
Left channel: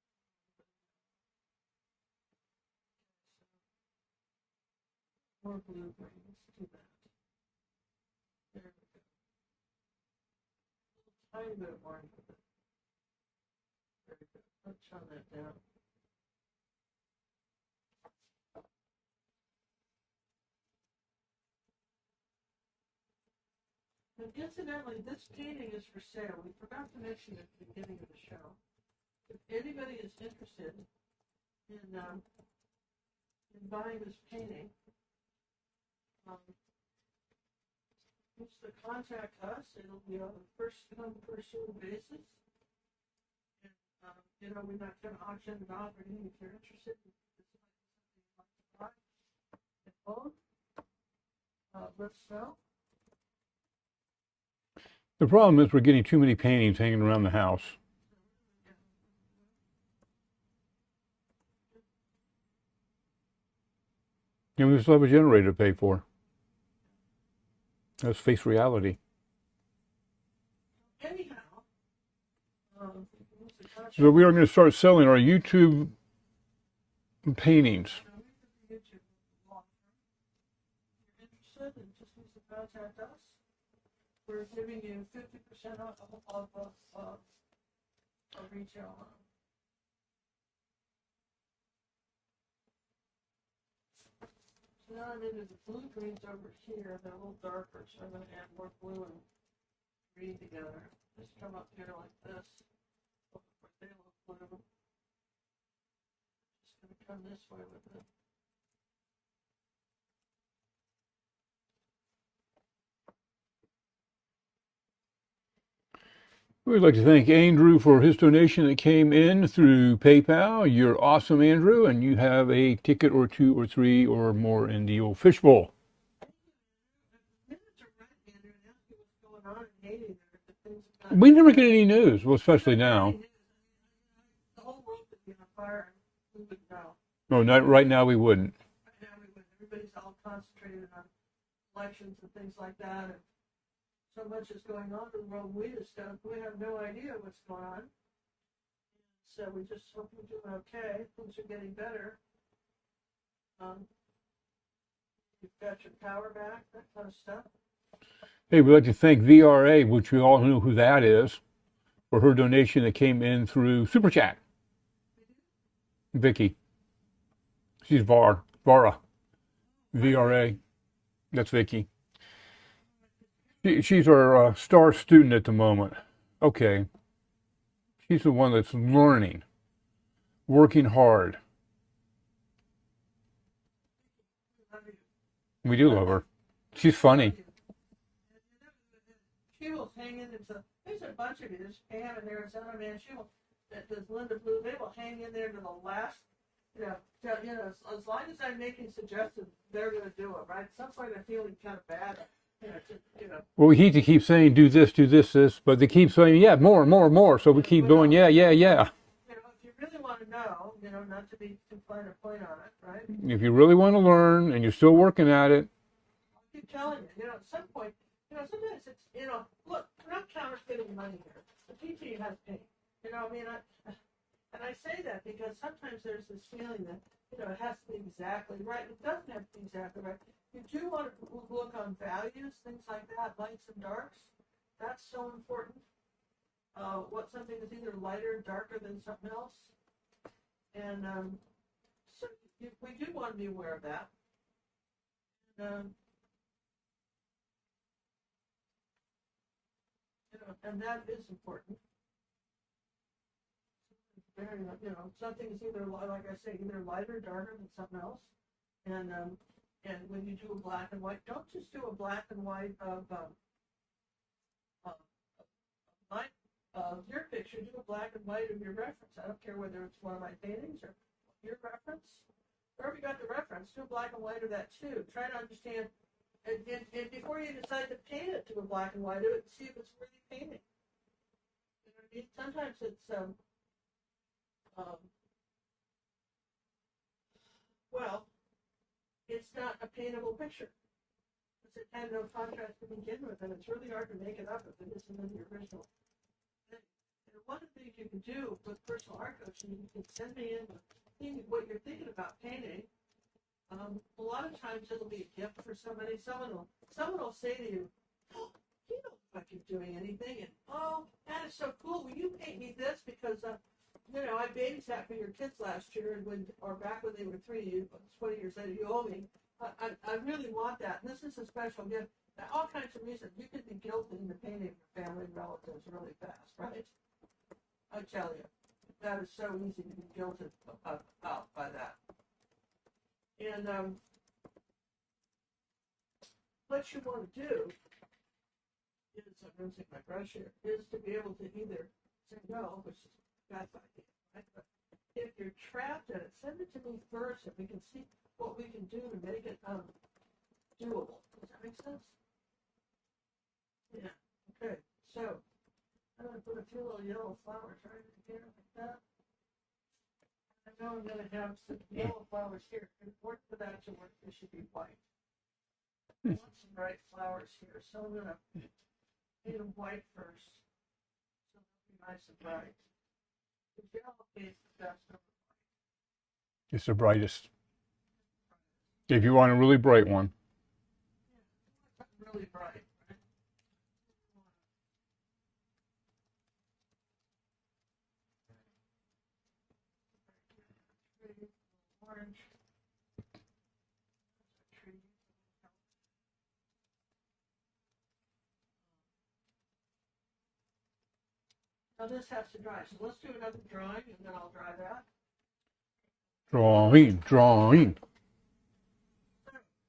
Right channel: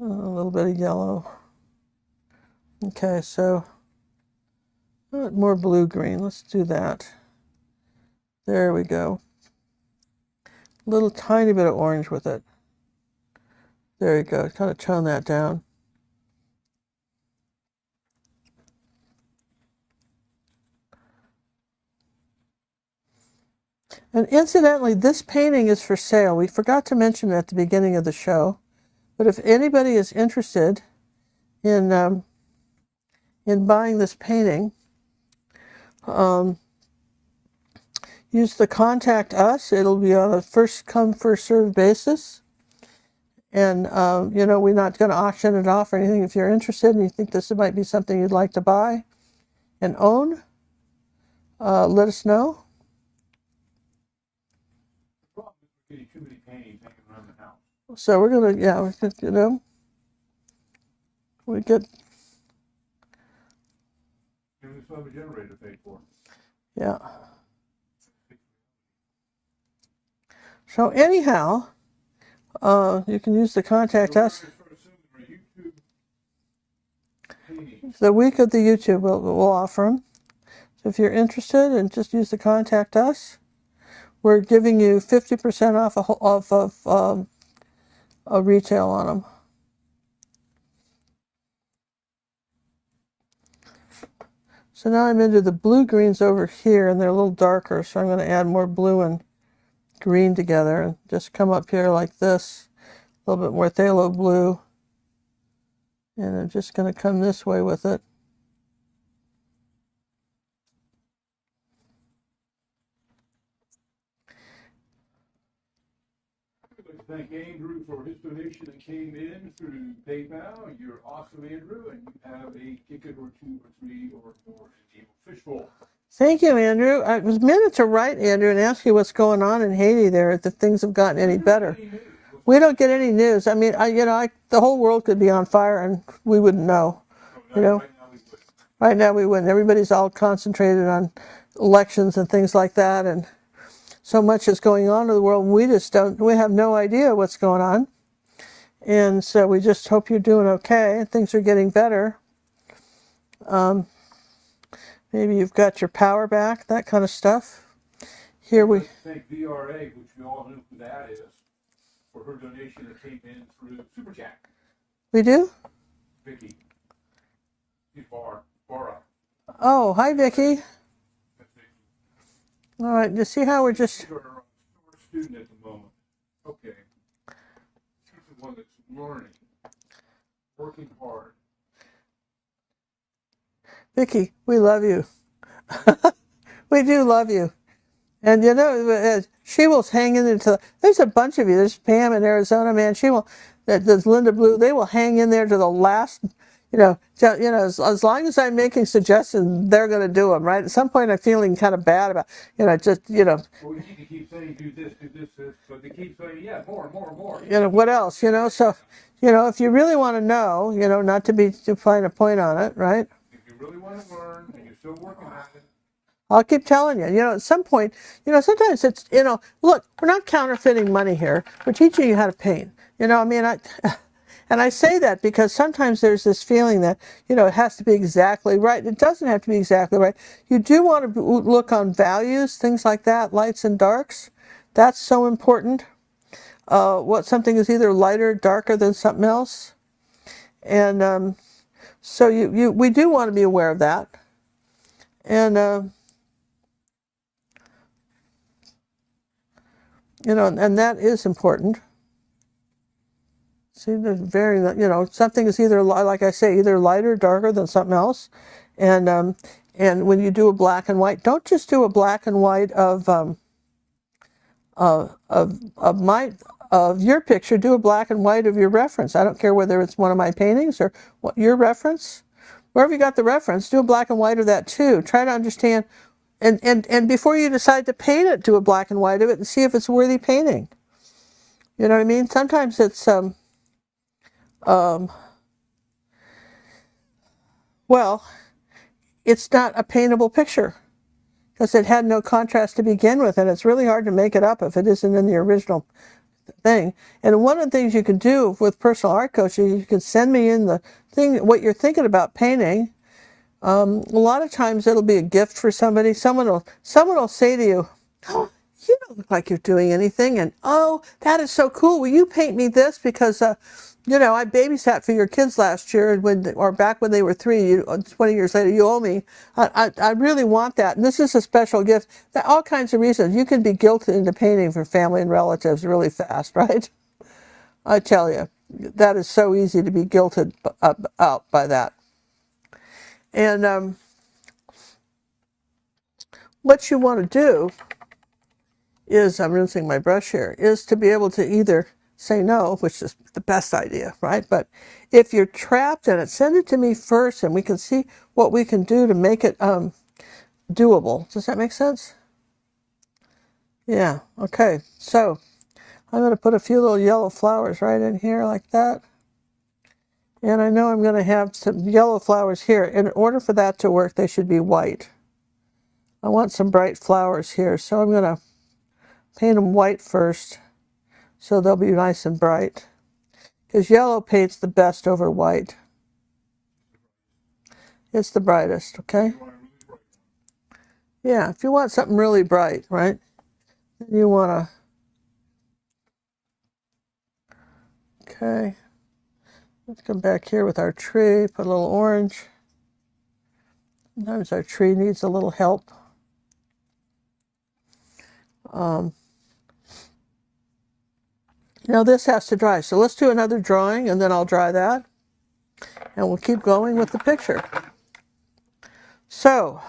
A little bit of yellow. Okay, so more blue-green. Let's do that. There we go. A little tiny bit of orange with it. There you go. Kind of tone that down. And incidentally, this painting is for sale. We forgot to mention it at the beginning of the show, but if anybody is interested in buying this painting, use the contact us. It'll be on a first come, first served basis. And, we're not going to auction it off or anything. If you're interested and you think this might be something you'd like to buy and own, let us know. The problem is we're getting too many paintings hanging around the house. So we're going to, we get... And we still have a generator to pay for. Yeah. Let's face reality. So anyhow, you can use the contact us. So we are going to start selling our YouTube paintings. The week of the YouTube, we'll offer them. So if you're interested, and just use the contact us. We're giving you 50% off a retail on them. So now I'm into the blue greens over here, and they're a little darker, so I'm going to add more blue and green together and just come up here like this, a little bit more phthalo blue, and I'm just going to come this way with it. We'd like to thank Andrew for his donation that came in through PayPal. You're awesome, Andrew, and you have a ticket or two or three or more in the old fishbowl. Thank you, Andrew. I was meant to write Andrew and ask you what's going on in Haiti there, if the things have gotten any better. We never get any news. Well, we don't get any news. I mean, the whole world could be on fire and we wouldn't know. No, not right now we wouldn't. Right now we wouldn't. Everybody's all concentrated on elections and things like that, and so much is going on in the world. We have no idea what's going on. And so we just hope you're doing okay. Things are getting better. Maybe you've got your power back, that kind of stuff. We'd like to thank VRA, which we all know who that is, for her donation that came in through Super Chat. We do? Vicky. She's Vara. Oh, hi, VRA. Vicky. That's Vicky. All right, you see how She's our star student at the moment. Okay. She's the one that's learning, working hard. Vicky, we love you. We do love her. We do love you. And she will hang in there there's a bunch of you. There's Pam in Arizona, man. There's Linda Blue. They will hang in there to the last, as long as I'm making suggestions, they're going to do them, right? At some point, I'm feeling kind of bad about, Well, we hate to keep saying, do this, but they keep saying, yeah, more. So we keep going, yeah. If you really want to know, not to find a point on it, right? If you really want to learn and you're still working at it. I'll keep telling you, at some point, sometimes it's, look, we're not counterfeiting money here. We're teaching you how to paint. And And I say that because sometimes there's this feeling that, you know, it has to be exactly right. It doesn't have to be exactly right. You do want to look on values, things like that, lights and darks. That's so important. What something is either lighter or darker than something else. And so we do want to be aware of that. And, you know, and that is important. See, there's very, you know, something is either, like I say, either lighter or darker than something else. And when you do a black and white, don't just do a black and white of your picture. Do a black and white of your reference. I don't care whether it's one of my paintings or what your reference. Wherever you got the reference, do a black and white of that too. Try to understand, and before you decide to paint it, do a black and white of it and see if it's worthy painting. You know what I mean? Sometimes it's well, it's not a paintable picture because it had no contrast to begin with, and it's really hard to make it up if it isn't in the original thing. And one of the things you can do with personal art coaching, you can send me in the thing, what you're thinking about painting. A lot of times it'll be a gift for somebody. Someone will say to you, "Oh, you don't look like you're doing anything," and "Oh, that is so cool. Will you paint me this? Because you know, I babysat for your kids last year, or back when they were 3. 20 years later, you owe me. I really want that, and this is a special gift." All kinds of reasons. You can be guilted into painting for family and relatives really fast, right? I tell you, that is so easy to be guilted out by that. And what you want to do is, I'm rinsing my brush here, is to be able to either say no, which is the best idea, right? But if you're trapped in it, send it to me first and we can see what we can do to make it doable. Does that make sense? Yeah, okay. So I'm going to put a few little yellow flowers right in here like that. And I know I'm going to have some yellow flowers here. In order for that to work, they should be white. I want some bright flowers here, so I'm going to paint them white first so they'll be nice and bright. Because yellow paints the best over white. It's the brightest. It's the brightest, okay? If you want a really bright one. Yeah, if you want something really bright, right? You want to... Okay. Let's come back here with our tree, put a little orange. Sometimes our tree needs a little help. Now this has to dry, so let's do another drawing and then I'll dry that. And we'll keep going with the picture. Drawing. So,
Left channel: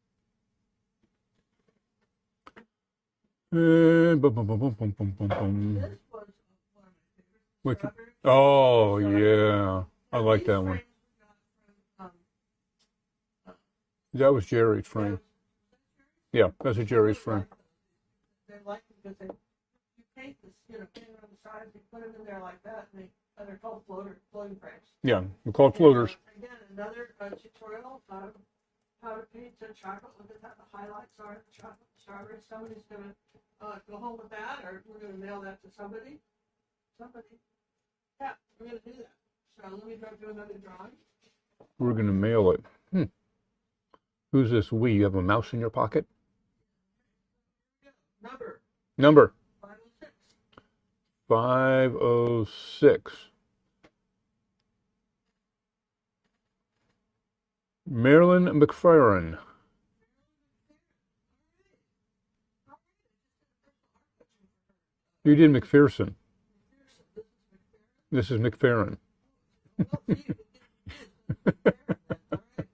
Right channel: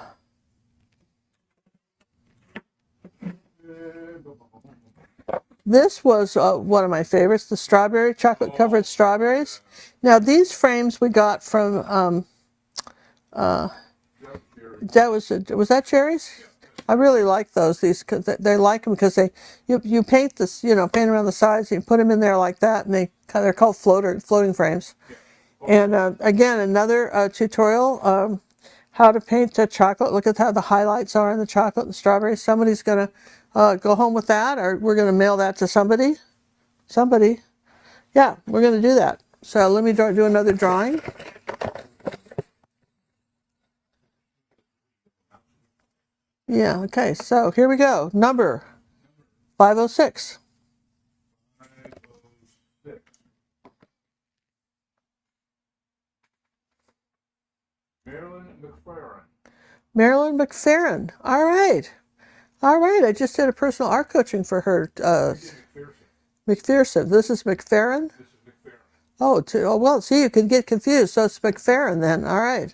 this was one of my favorites, the strawberry, chocolate-covered strawberries. Yeah. Now these frames we got from... that was Jerry's. Was that Jerry's? Yeah, that's a Jerry's. I really like those. Cause they like them because you paint this, you know, paint around the sides. You put them in there like that, and they're called floating frames. Yeah, they're called floaters. And again, another tutorial, how to paint chocolate. Look at how the highlights are in the chocolate and strawberries. Somebody's gonna go home with that, or we're gonna mail that to somebody. Yeah, we're gonna do that. So let me do another drawing. We're gonna mail it. Who's this we? You have a mouse in your pocket? Yeah, okay, so here we go. Number 506. 506. Marilyn McFerrin. Marilyn McFerrin. All right. I just did a personal art coaching for her. You did McPherson. McPherson. This is McFerrin? This is McFerrin. Oh, well, see, you could get confused. So it's McFerrin then. All right.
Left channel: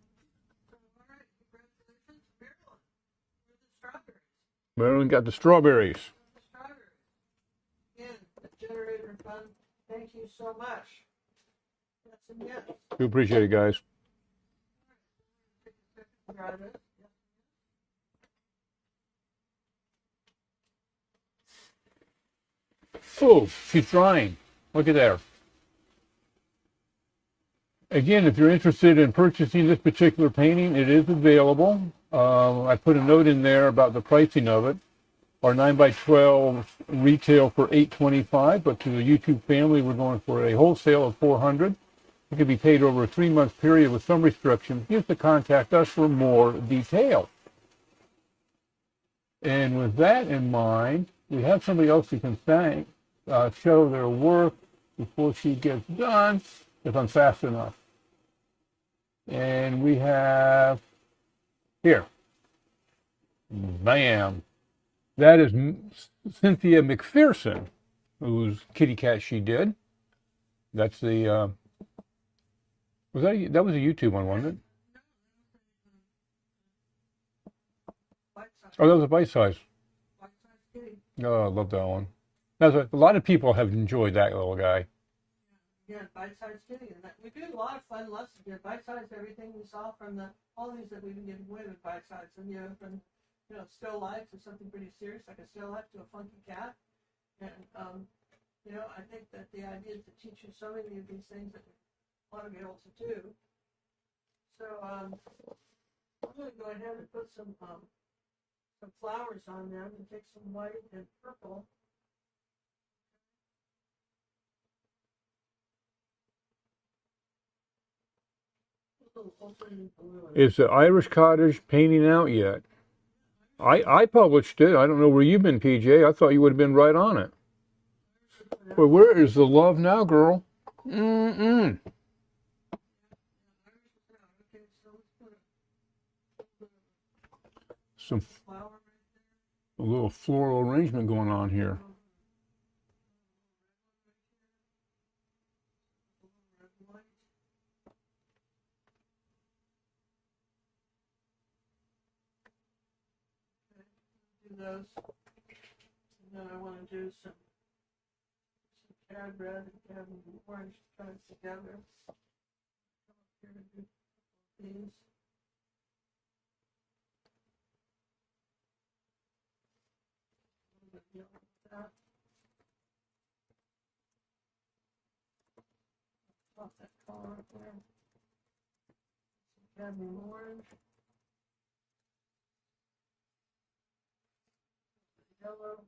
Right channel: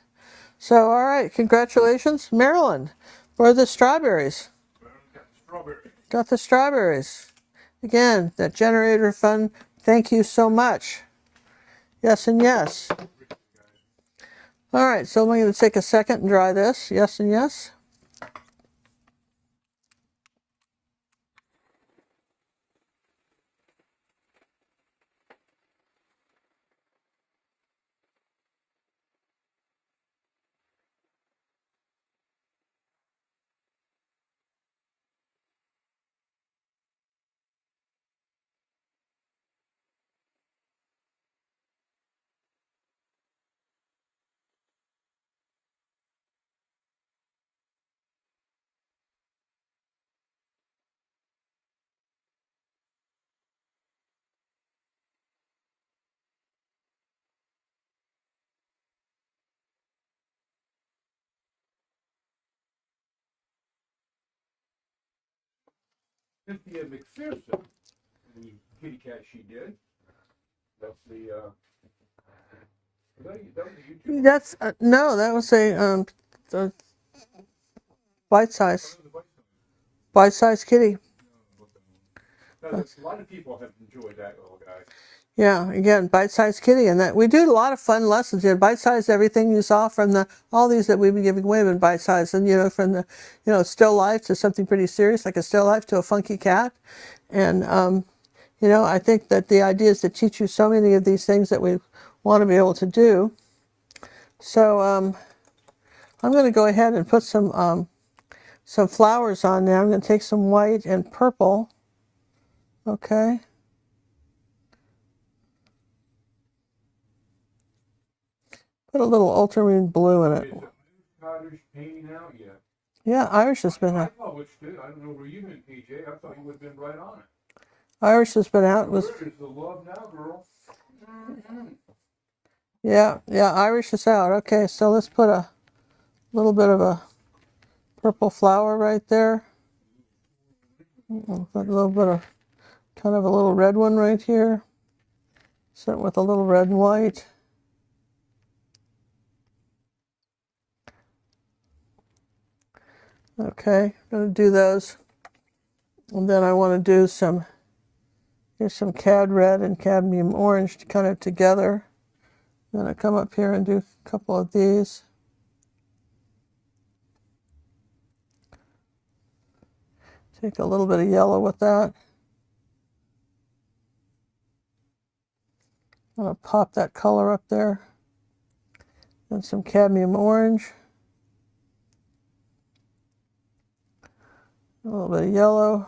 So, all right. Congratulations, Marilyn, for the strawberries. Marilyn got the strawberries. Got the strawberries. Again, that generator fund. Thank you so much. Yes and yes. We appreciate it, guys. All right. So I'm going to take a second and dry this. Yes and yes. Oh, she's drying. Look at there. Again, if you're interested in purchasing this particular painting, it is available. I put a note in there about the pricing of it. Our 9x12 retail for $8.25, but to the YouTube family, we're going for a wholesale of $400. It can be paid over a 3-month period with some restrictions. You have to contact us for more detail. And with that in mind, we have somebody else who can thank, show their work before she gets done, if I'm fast enough. And we have here, bam. That is Cynthia McPherson, whose kitty cat she did. That's the, that was a YouTube one, That's wasn't it? no, that was a bite size. Oh, that was a bite-size. Bite-size kitty. Oh, I love that one. Now, a lot of people have enjoyed that little guy. Yeah, again, bite-sized kitty, and that we do a lot of fun lessons here. Bite-sized, everything you saw from all these that we've been giving away have been bite-sized, and from the still life to something pretty serious like a still life to a funky cat, and I think that the idea is to teach you so many of these things that we want to be able to do. So I'm going to go ahead and put some flowers on now. I'm going to take some white and purple. Okay. Put a little ultramarine blue in it. Is the Irish Cottage painting out yet? Yeah, Irish has been I out. published it. I don't know where you've been, PJ. I thought you would have been right on it. Irish has been out. But where is the love now, girl? Yeah, Irish is out. Okay, so let's put a little bit of a purple flower right there. A little floral arrangement going on here. A little bit of kind of a little red one right here. Set with a little red and white. Okay, I'm going to do those. And then I want to do here's some cad red and cadmium orange kind of together. Then I come up here and do a couple of these. Take a little bit of yellow with that. I'm going to pop that color up there. Then some cadmium orange. A little bit of yellow.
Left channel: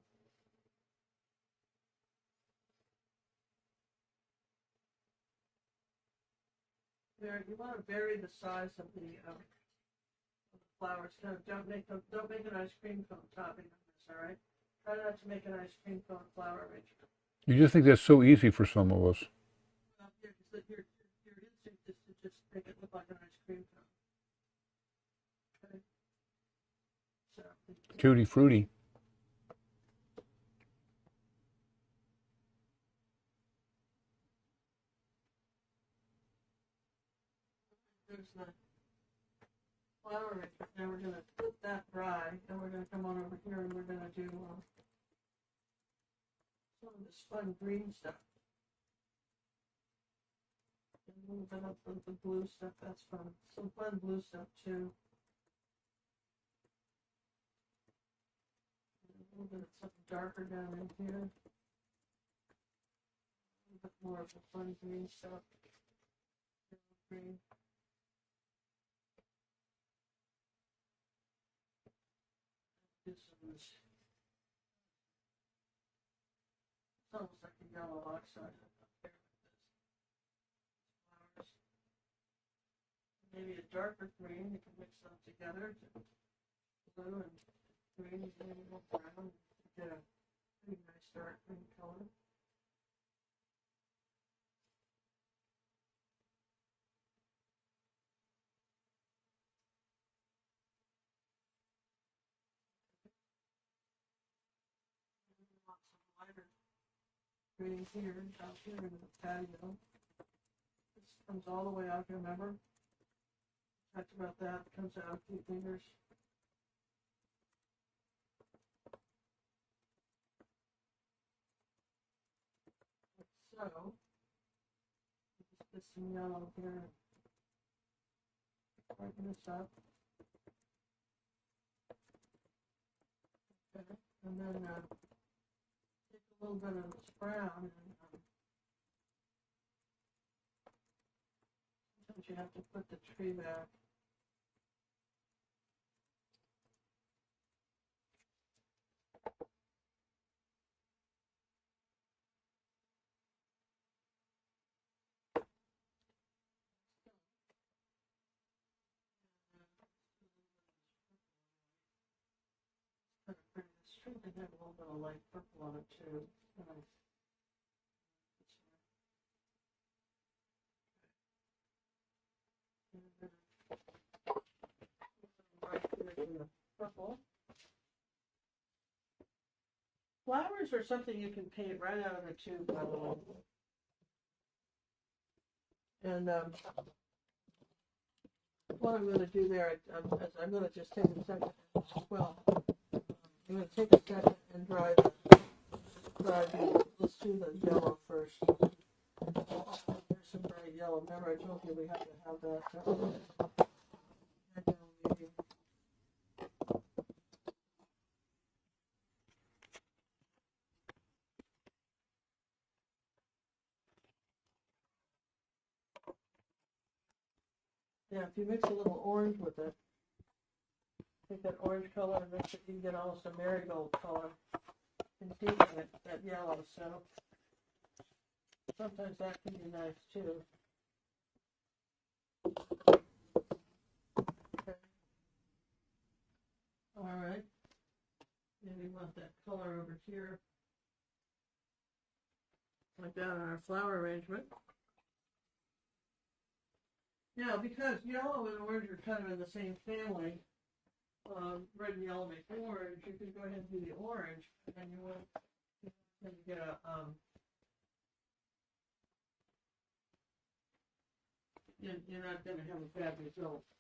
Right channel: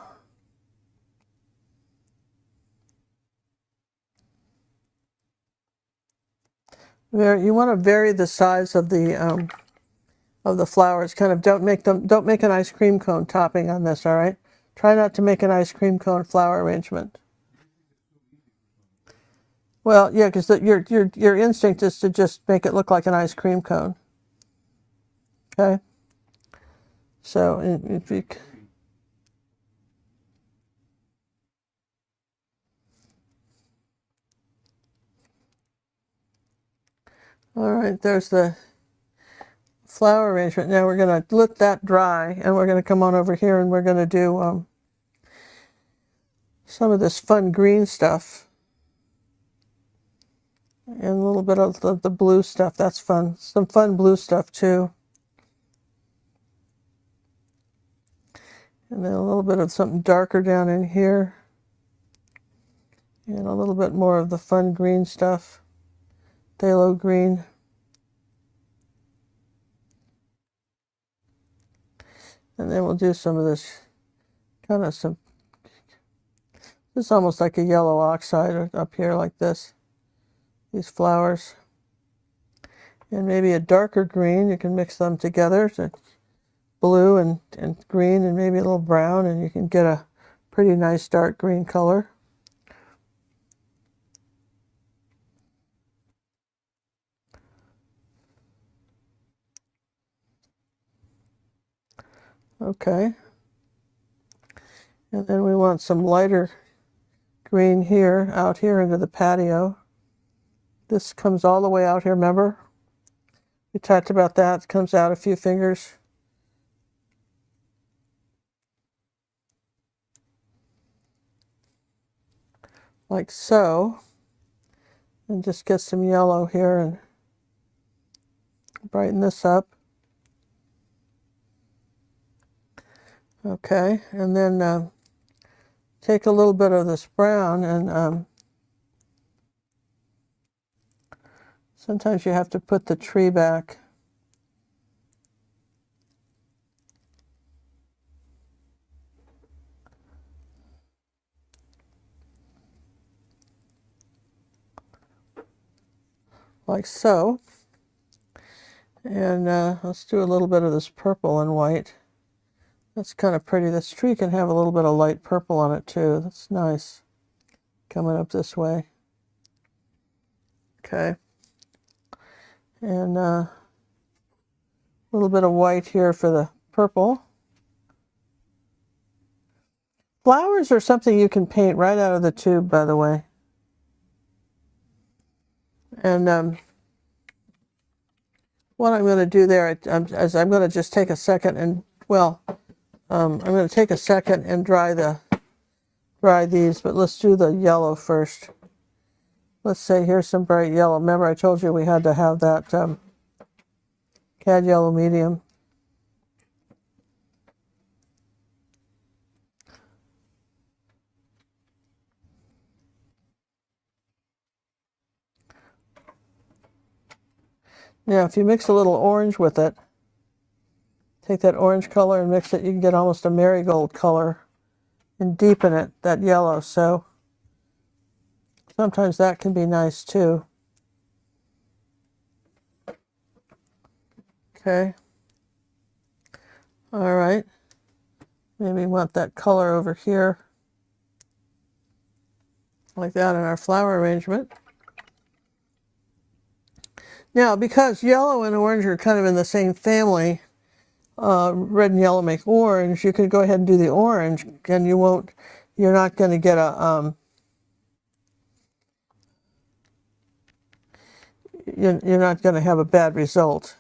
You want to vary the size of the flowers. Kind of don't make an ice cream cone topping on this. All right. Try not to make an ice cream cone flower arrangement. You just think that's so easy for some of us. Well, yeah, because your instinct is to just make it look like an ice cream cone. Okay. So Tutti fruity. All right, there's the flower arrangement. Now we're going to let that dry, and we're going to come on over here and we're going to do some of this fun green stuff. And a little bit of the blue stuff. That's fun. Some fun blue stuff too. And then a little bit of something darker down in here. And a little bit more of the fun green stuff. Phthalo green. And then we'll do some of this this is almost like a yellow oxide up here like this. These flowers. And maybe a darker green. You can mix them together. So blue and green and maybe a little brown, and you can get a pretty nice dark green color. Okay. And then we want some lighter green here, out here into the patio. This comes all the way out here, remember? We talked about that. It comes out a few fingers. Like so. And just get some yellow here and brighten this up. Okay, and then take a little bit of this brown, and sometimes you have to put the tree back. like so. And let's do a little bit of this purple and white. That's kind of pretty. This tree can have a little bit of light purple on it too. That's nice. Coming up this way. Okay. And a little bit of white here for the purple. Flowers are something you can paint right out of the tube, by the way. And what I'm going to do there is I'm going to just take a second and, well, I'm going to take a second and dry these, but let's do the yellow first. Let's say here's some bright yellow. Remember I told you we had to have that cad yellow medium. Now, if you mix a little orange with it, take that orange color and mix it, you can get almost a marigold color and deepen it, that yellow. So sometimes that can be nice too. Okay. All right. Maybe we want that color over here, like that in our flower arrangement. Now, because yellow and orange are kind of in the same family, red and yellow make orange, you could go ahead and do the orange, and you're not going to get a, you're not going to have a bad result.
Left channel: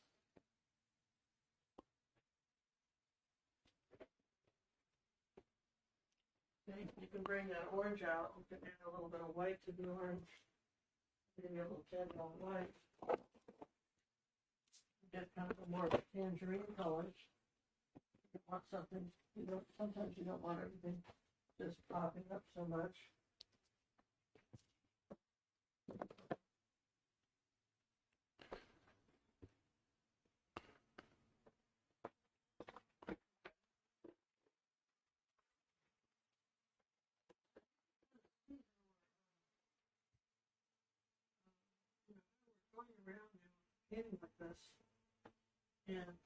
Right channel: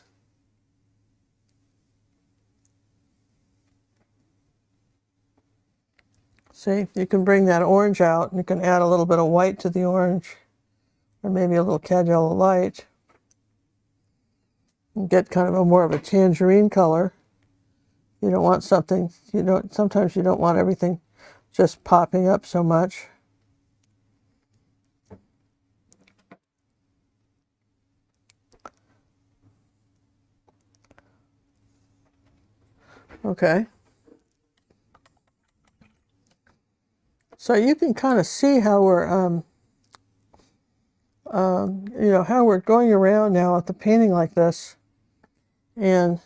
See, you can bring that orange out, and you can add a little bit of white to the orange, or maybe a little cad yellow light, and get kind of more of a tangerine color. You don't want something, sometimes you don't want everything just popping up so much. Okay. So you can kind of see how we're, how we're going around now with the painting like this. And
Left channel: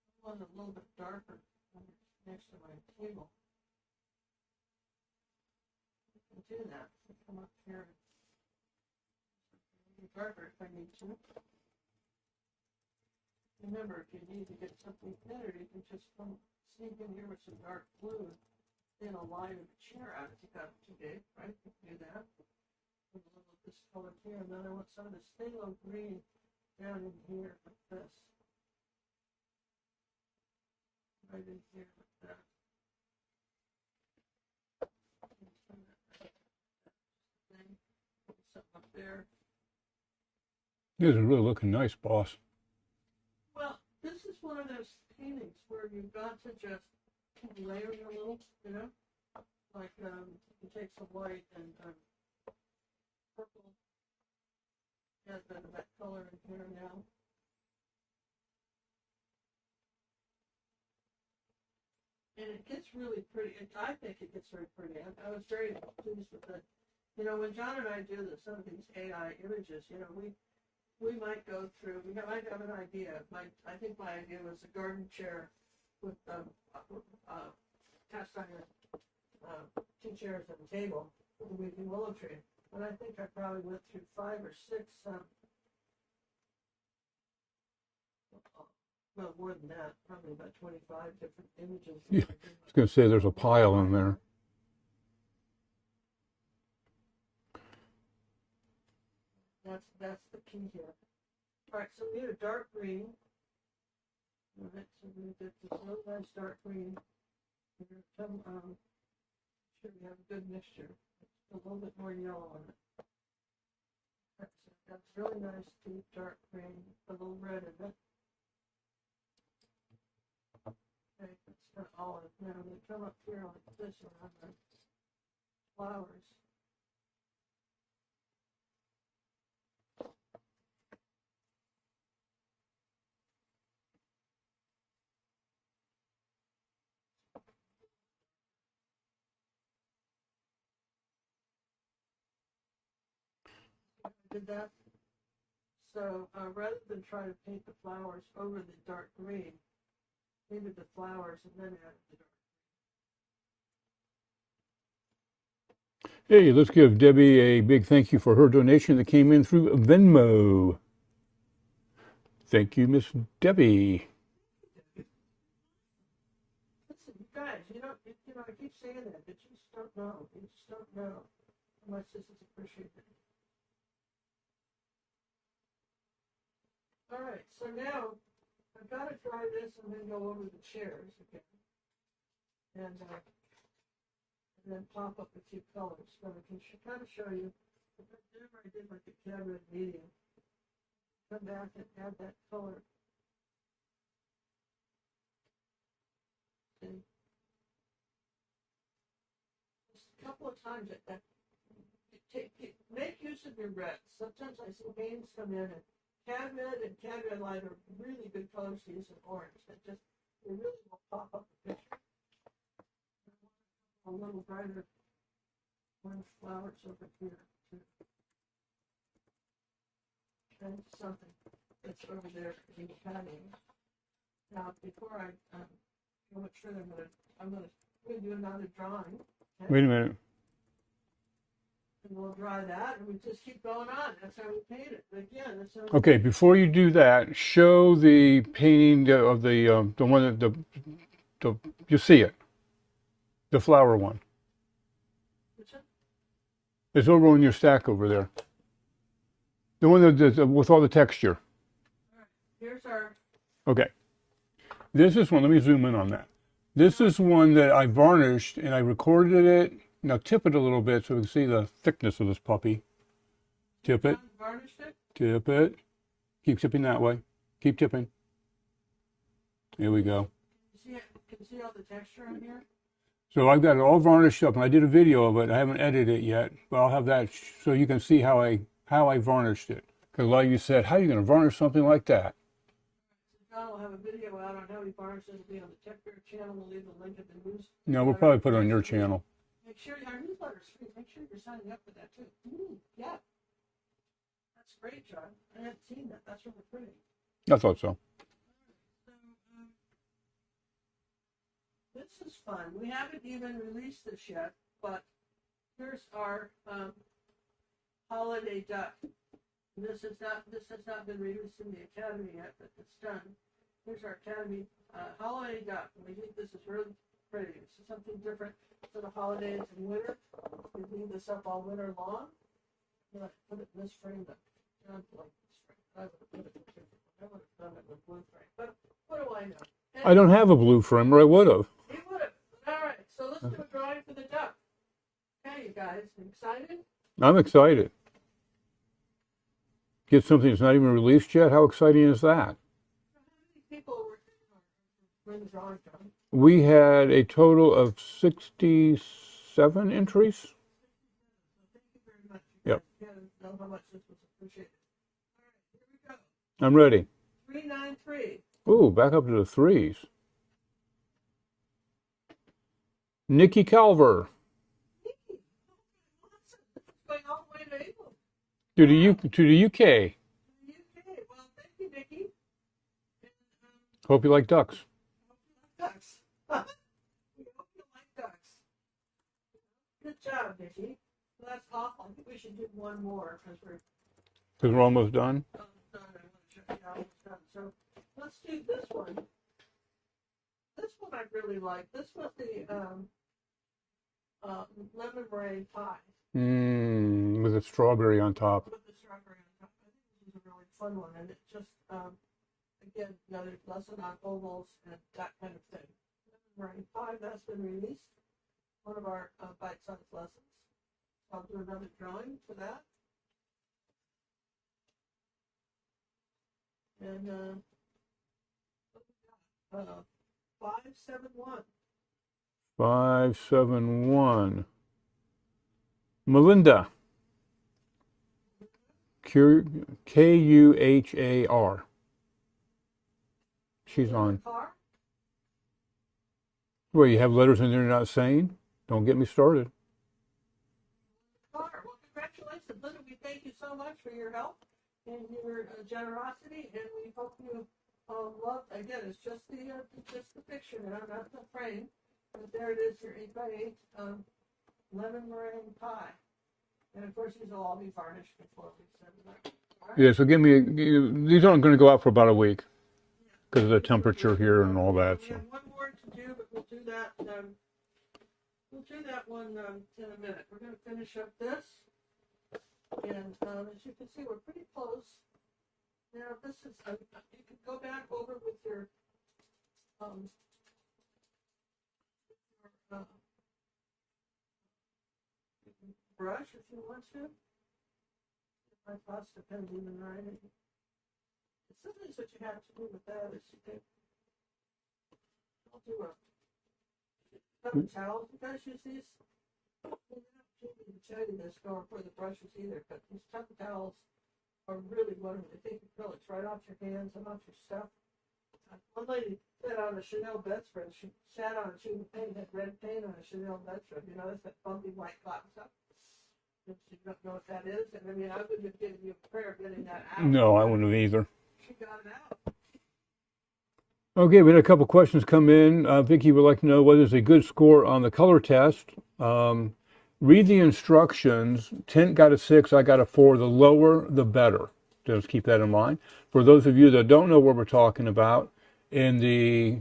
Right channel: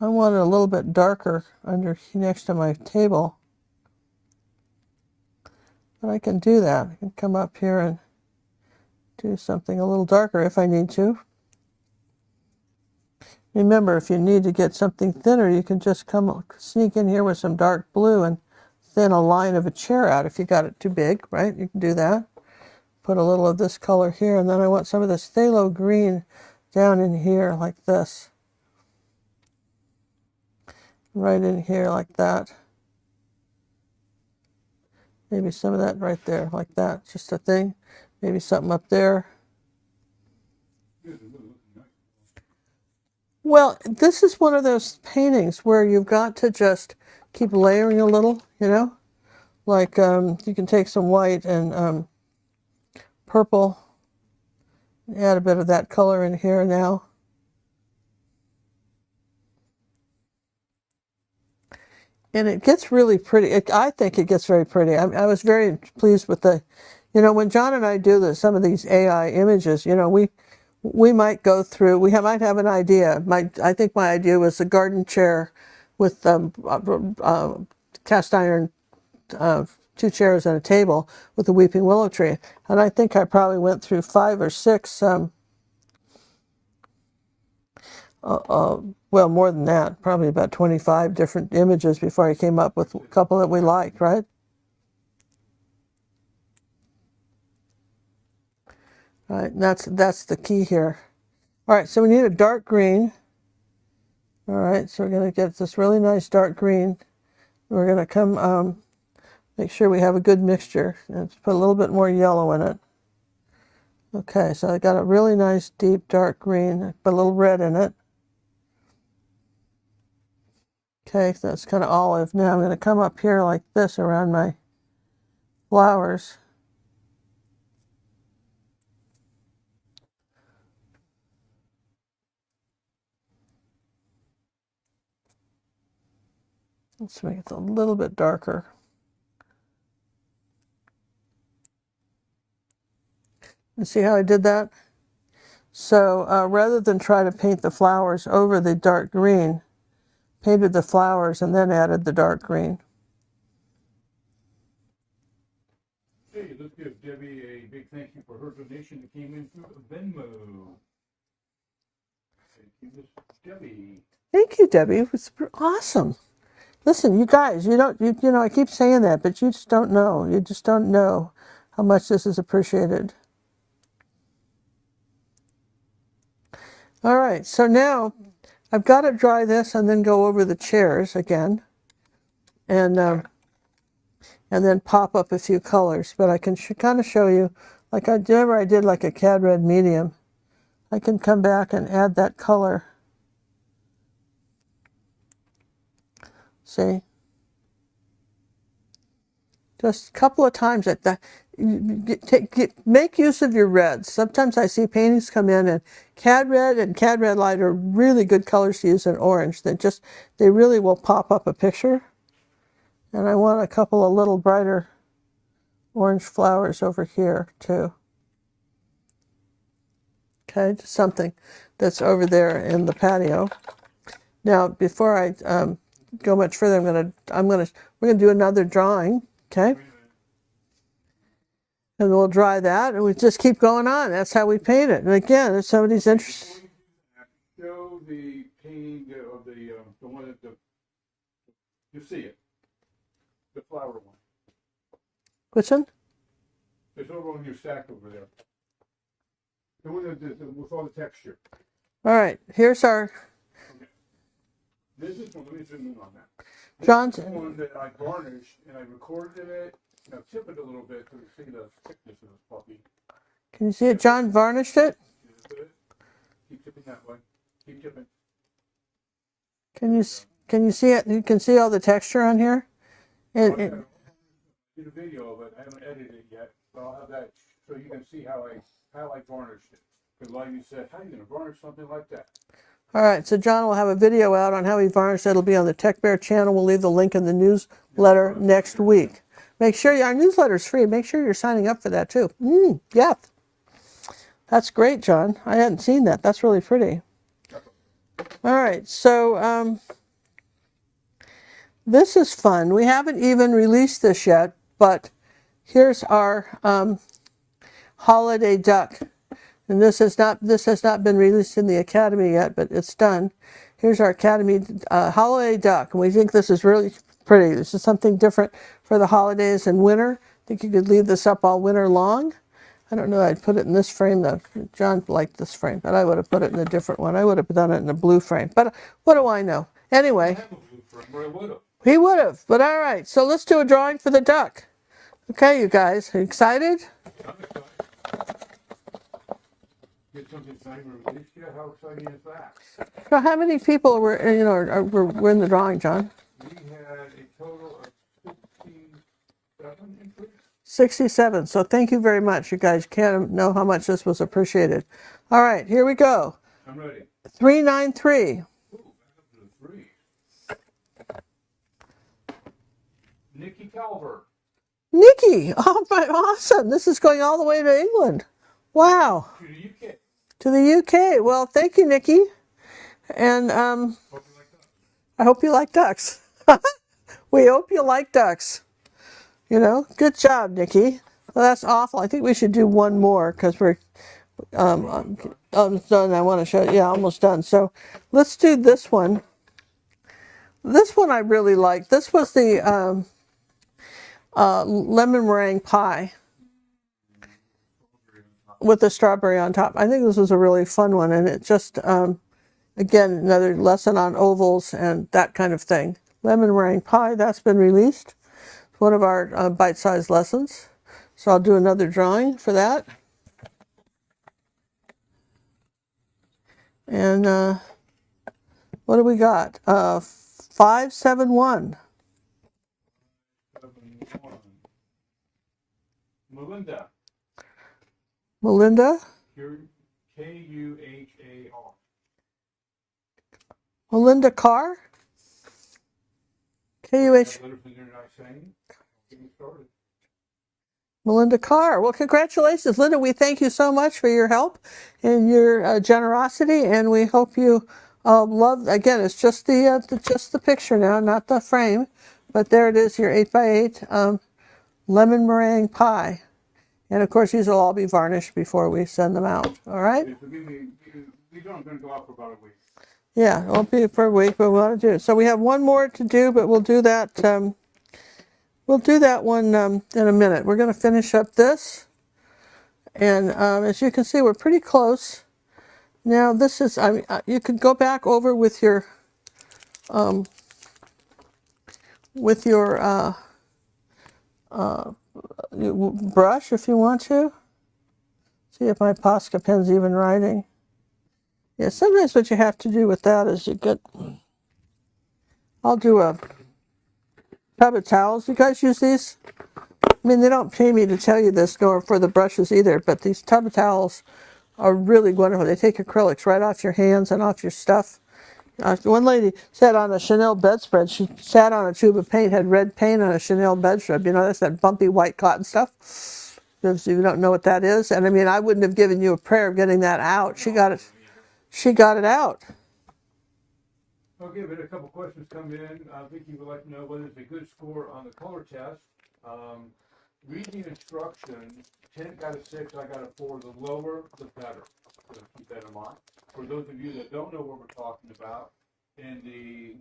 I want it a little bit darker under next to my table. But I can do that. I can come up here and do something a little darker if I need to. Remember, if you need to get something thinner, you can just sneak in here with some dark blue and thin a line of a chair out if you got it too big, right? You can do that. Put a little of this color here, and then I want some of this phthalo green down in here like this. Right in here like that. Maybe some of that right there like that, just a thing. Maybe something up there. This is really looking nice, boss. Well, this is one of those paintings where you've got to just keep layering a little, like you can take some white and purple, add a bit of that color in here now. And it gets really pretty. I think it gets very pretty. I was very pleased with when John and I do some of these AI images, we might go through, might have an idea. I think my idea was a garden chair with cast iron 2 chairs and a table with a weeping willow tree. And I think I probably went through 5 or 6, well, more than that, probably about 25 different images before I came up with a couple that we liked, right? All right, that's the key here. All right, so we need a dark green. All right, so we're going to get this really nice dark green. We're going to come make sure we have a good mixture. Let's put a little bit more yellow in it. Okay, so I got a really nice deep dark green, put a little red in it. Okay, so that's kind of olive. Now I'm going to come up here like this around my flowers. Let's make it a little bit darker. You see how I did that? So rather than try to paint the flowers over the dark green, painted the flowers and then added the dark green. Hey, let's give Debbie a big thank you for her donation that came in through Venmo. Thank you, Miss Debbie. Thank you, Debbie. It was awesome. Listen, you guys, you know, I keep saying that, but you just don't know. You just don't know how much this is appreciated. All right, so now I've got to dry this and then go over the chairs again, and then pop up a few colors. But I can kind of show you, like I did like a cad red medium. I can come back and add that color. See? Just a couple of times at that. Make use of your reds. Sometimes I see paintings come in and cad red and cad red light are really good colors to use in orange. They really will pop up a picture. And I want a couple of little brighter orange flowers over here too. Okay, just something that's over there in the patio. Now, before I go much further, we're gonna do another drawing. Okay. Wait a minute. And we'll dry that, and we just keep going on. That's how we paint it. And again, if somebody's Okay, before you do that, show the painting of the one that you see it, the flower one. Which one? It's over on your stack over there. The one that's with all the texture. All right, here's our. Okay. This is one. Let me zoom in on that. This is one that I varnished and I recorded it. Now tip it a little bit so we can see the thickness of this puppy. Can you see it? John varnished it. Tip it. Keep tipping that way. Keep tipping. There we go. Can you see it? You can see all the texture on here. So I've got it all varnished up, and I did a video of it. I haven't edited it yet, but I'll have that so you can see how I varnished it. Because a lot of you said, "How are you going to varnish something like that?" All right, so John will have a video out on how he varnished. It'll be on the Tech Bear channel. We'll leave the link in the newsletter next week. Channel. Make sure our newsletter's free. Make sure you're signing up for that too. Yeah, that's great, John. I hadn't seen that. That's really pretty. I thought so. All right, so this is fun. We haven't even released this yet, but here's our holiday duck. And this has not been released in the Academy yet, but it's done. Here's our Academy holiday duck, and we think this is really pretty. This is something different for the holidays and winter. I think you could leave this up all winter long. I don't know, I'd put it in this frame though. John liked this frame, but I would have put it in a different one. I would have done it in a blue frame, but what do I know? Anyway. I don't have a blue frame, or I would have. He would have, but all right. So let's do a drawing for the duck. Okay, you guys, are you excited? I'm excited. Get something that's not even released yet? How exciting is that? So how many people were in the drawing, John? We had a total of 67 entries. 67. So thank you very much. You guys can't know how much this was appreciated. All right, here we go. I'm ready. 393. Ooh, back up to the threes. Nikki Calver. Nikki, oh my, awesome. This is going all the way to England. Wow. To the UK. To the UK. Well, thank you, Nikki. And hope you like ducks. I hope you like ducks. We hope you like ducks. You know, good job, Nikki. Well, that's awful. I think we should do one more because we're almost done. Almost done. I want to show you. Yeah, almost done. So let's do this one. This one I really like. This was the lemon meringue pie. With a strawberry on top. With the strawberry on top. I think this was a really fun one, and it just, again, another lesson on ovals and that kind of thing. Lemon meringue pie, that's been released. It's one of our bite-sized lessons. So I'll do another drawing for that. And what do we got? 571. 571. Melinda. Melinda? Kuhar. Melinda Carr? Well, you have letters in there you're not saying? Don't get me started. Melinda Carr. Well, congratulations, Linda. We thank you so much for your help and your generosity, and we hope you love. Again, it's just the picture now, not the frame, but there it is, your 8x8 lemon meringue pie. And of course, these will all be varnished before we send them out. All right? Yeah, so these aren't going to go out for about a week. Yeah, it won't be for a week, but we'll do. So we have one more to do, but we'll do that. We'll do that one in a minute. We're going to finish up this. And as you can see, we're pretty close. Now this is, I mean, you could go back over with your brush if you want to. See if my Posca pen's even writing. Yeah, sometimes what you have to do with that is I'll do a tub of towels. You guys use these? I mean, they don't pay me to tell you this, nor for the brushes either, but these tub of towels are really wonderful. They take acrylics right off your hands and off your stuff. One lady sat on a Chanel bedspread. She sat on a tube of paint, had red paint on a Chanel bedspread. You know, that's that bumpy white cotton stuff. If you don't know what that is. And I mean, I wouldn't have given you a prayer of getting that out. No, I wouldn't have either. She got it out. Okay, we had a couple questions come in. Vicki would like to know what is a good score on the color test. Read the instructions. Tint got a 6, I got a 4. The lower, the better. Just keep that in mind. For those of you that don't know what we're talking about, in the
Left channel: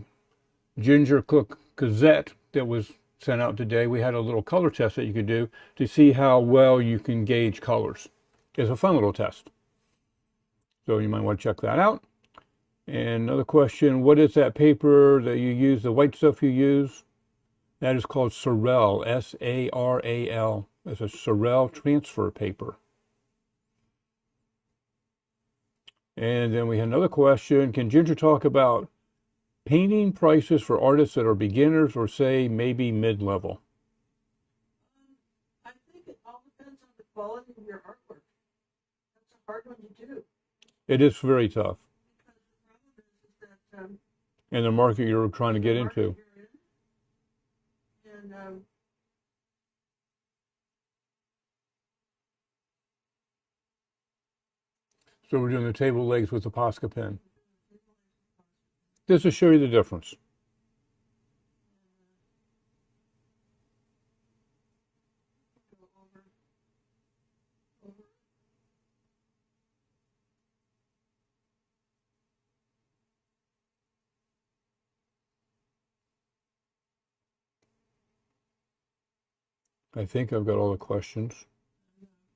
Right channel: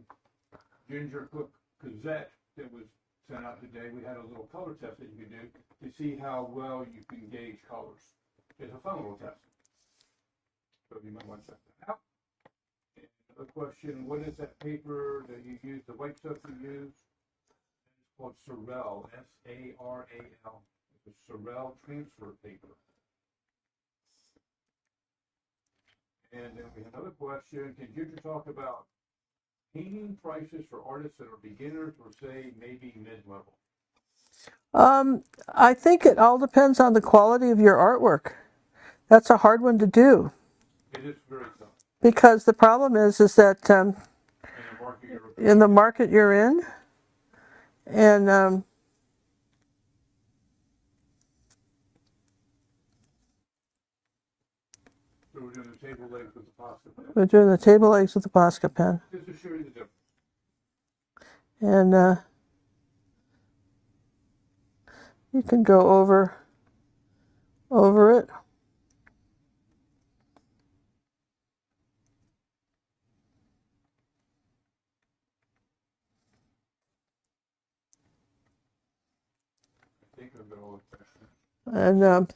Ginger Cook Gazette that was sent out today, we had a little color test that you could do to see how well you can gauge colors. It's a fun little test. So you might want to check that out. And another question, what is that paper that you use, the white stuff you use? That is called Saral, S-A-R-A-L. It's a Saral transfer paper. And then we had another question, can Ginger talk about painting prices for artists that are beginners or say maybe mid-level? I think it all depends on the quality of your artwork. That's a hard one to do. It is very tough. Because the problem is that in the market you're trying in to the get market into. you're in, and so we're doing the table legs with the Posca pen. We're doing the table legs with the Posca pen. Just to show you the difference. And you can go over it. I think I've got all the questions. And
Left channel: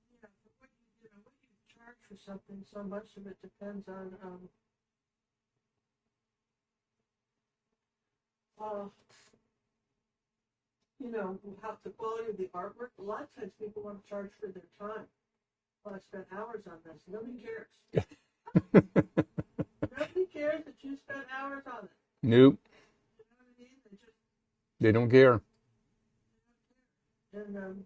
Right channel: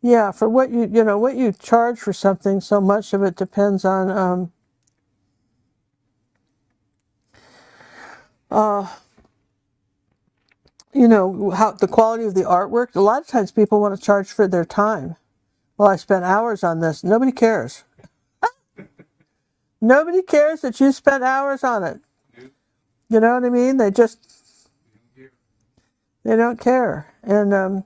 yeah, for what what you charge for something, so much of it depends on how the quality of the artwork. A lot of times people want to charge for their time. Well, I spent hours on this. Nobody cares. Nobody cares that you spent hours on it. Nope. You know what I mean? They don't care. They don't care. And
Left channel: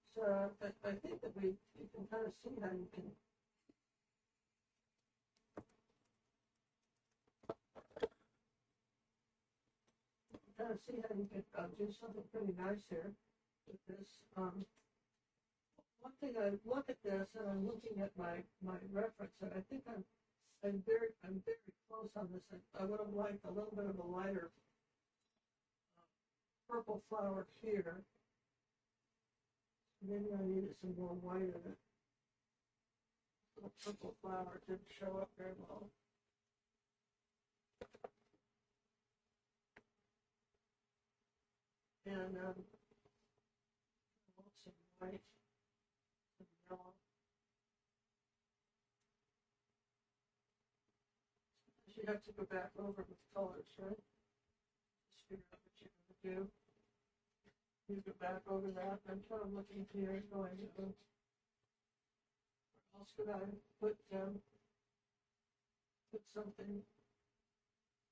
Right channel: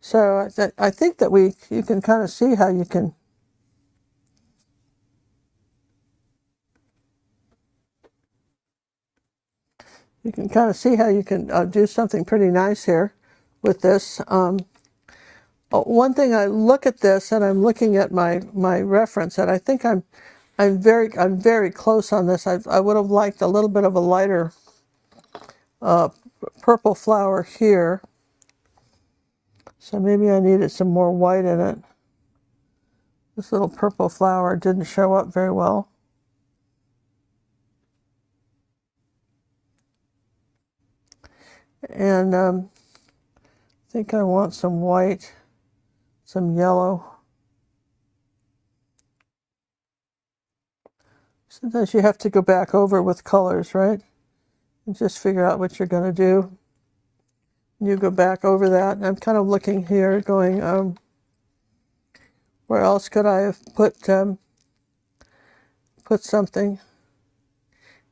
so I think that you can kind of see how you can kind of see how you can do something pretty nice here with this. One thing, I look at this and I'm looking at my reference, and I think I'm very close on this. I would have liked a little bit of a lighter purple flower here, so maybe I needed some more white in it. This little purple flower didn't show up very well. And I think I want some white, some yellow. Sometimes you have to go back over with colors, right? And just figure out what you're going to do. You go back over that. I'm kind of looking here, going, where else could I have put something?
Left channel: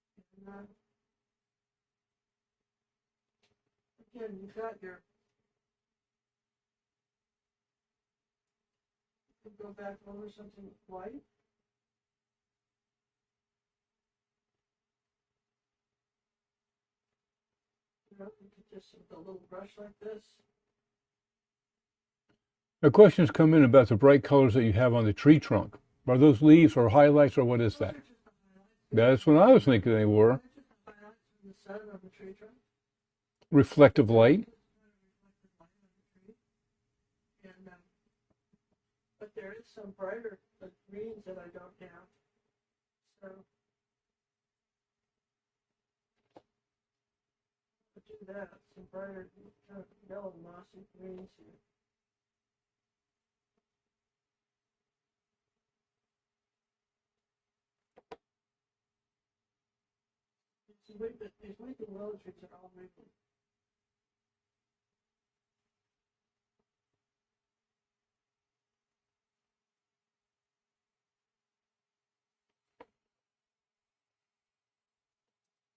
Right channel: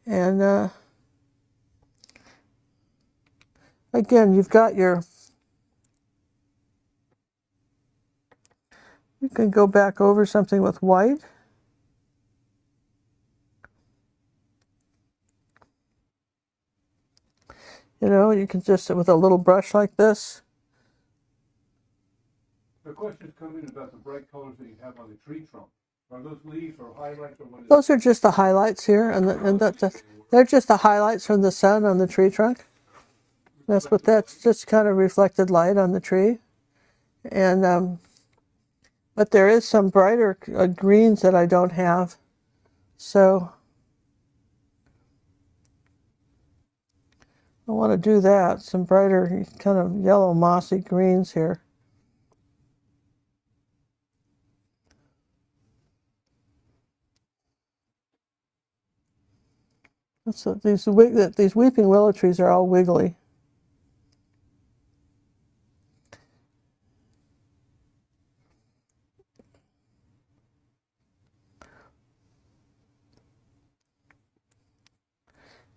And again, you've got you can go back over something with white. You know, you can just, with a little brush like this. A question's come in about the bright colors that you have on the tree trunk. Are those leaves or highlights or what is Those that? are just the highlights here. That's what I was thinking they were. They're just the highlights from the sun on the tree trunk. Reflective That's light. just kind of reflected light on the tree. And, but there is some brighter greens that I don't have. So I want to do that. Some brighter kind of yellow mossy greens here. So these weeping willow trees are all wiggly.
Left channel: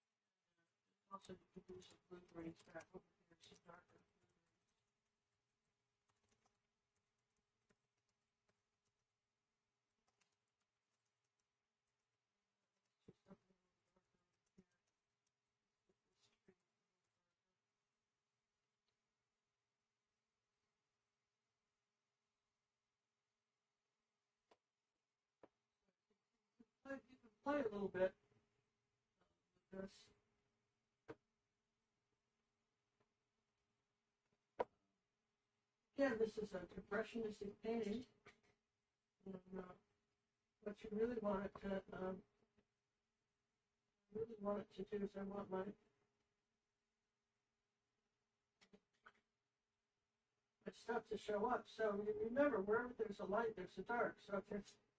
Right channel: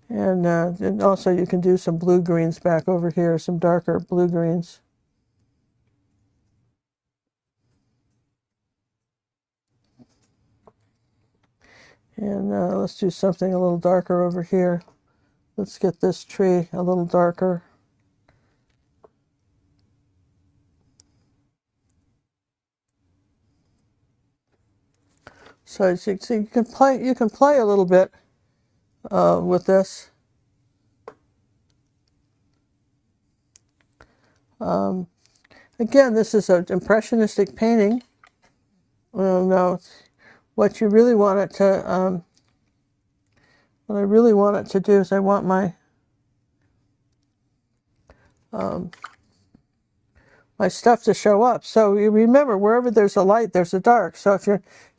And also you can do some blue greens back over here, some darker blue greens. And let's do something a little darker over here. Let's get this tree a little darker. So you can play a little bit with this. Again, this is an impressionistic painting. Now, what you really want it to, what I really want it to do is I want my my stuff to show up. So you remember, wherever there's a light, there's a dark. So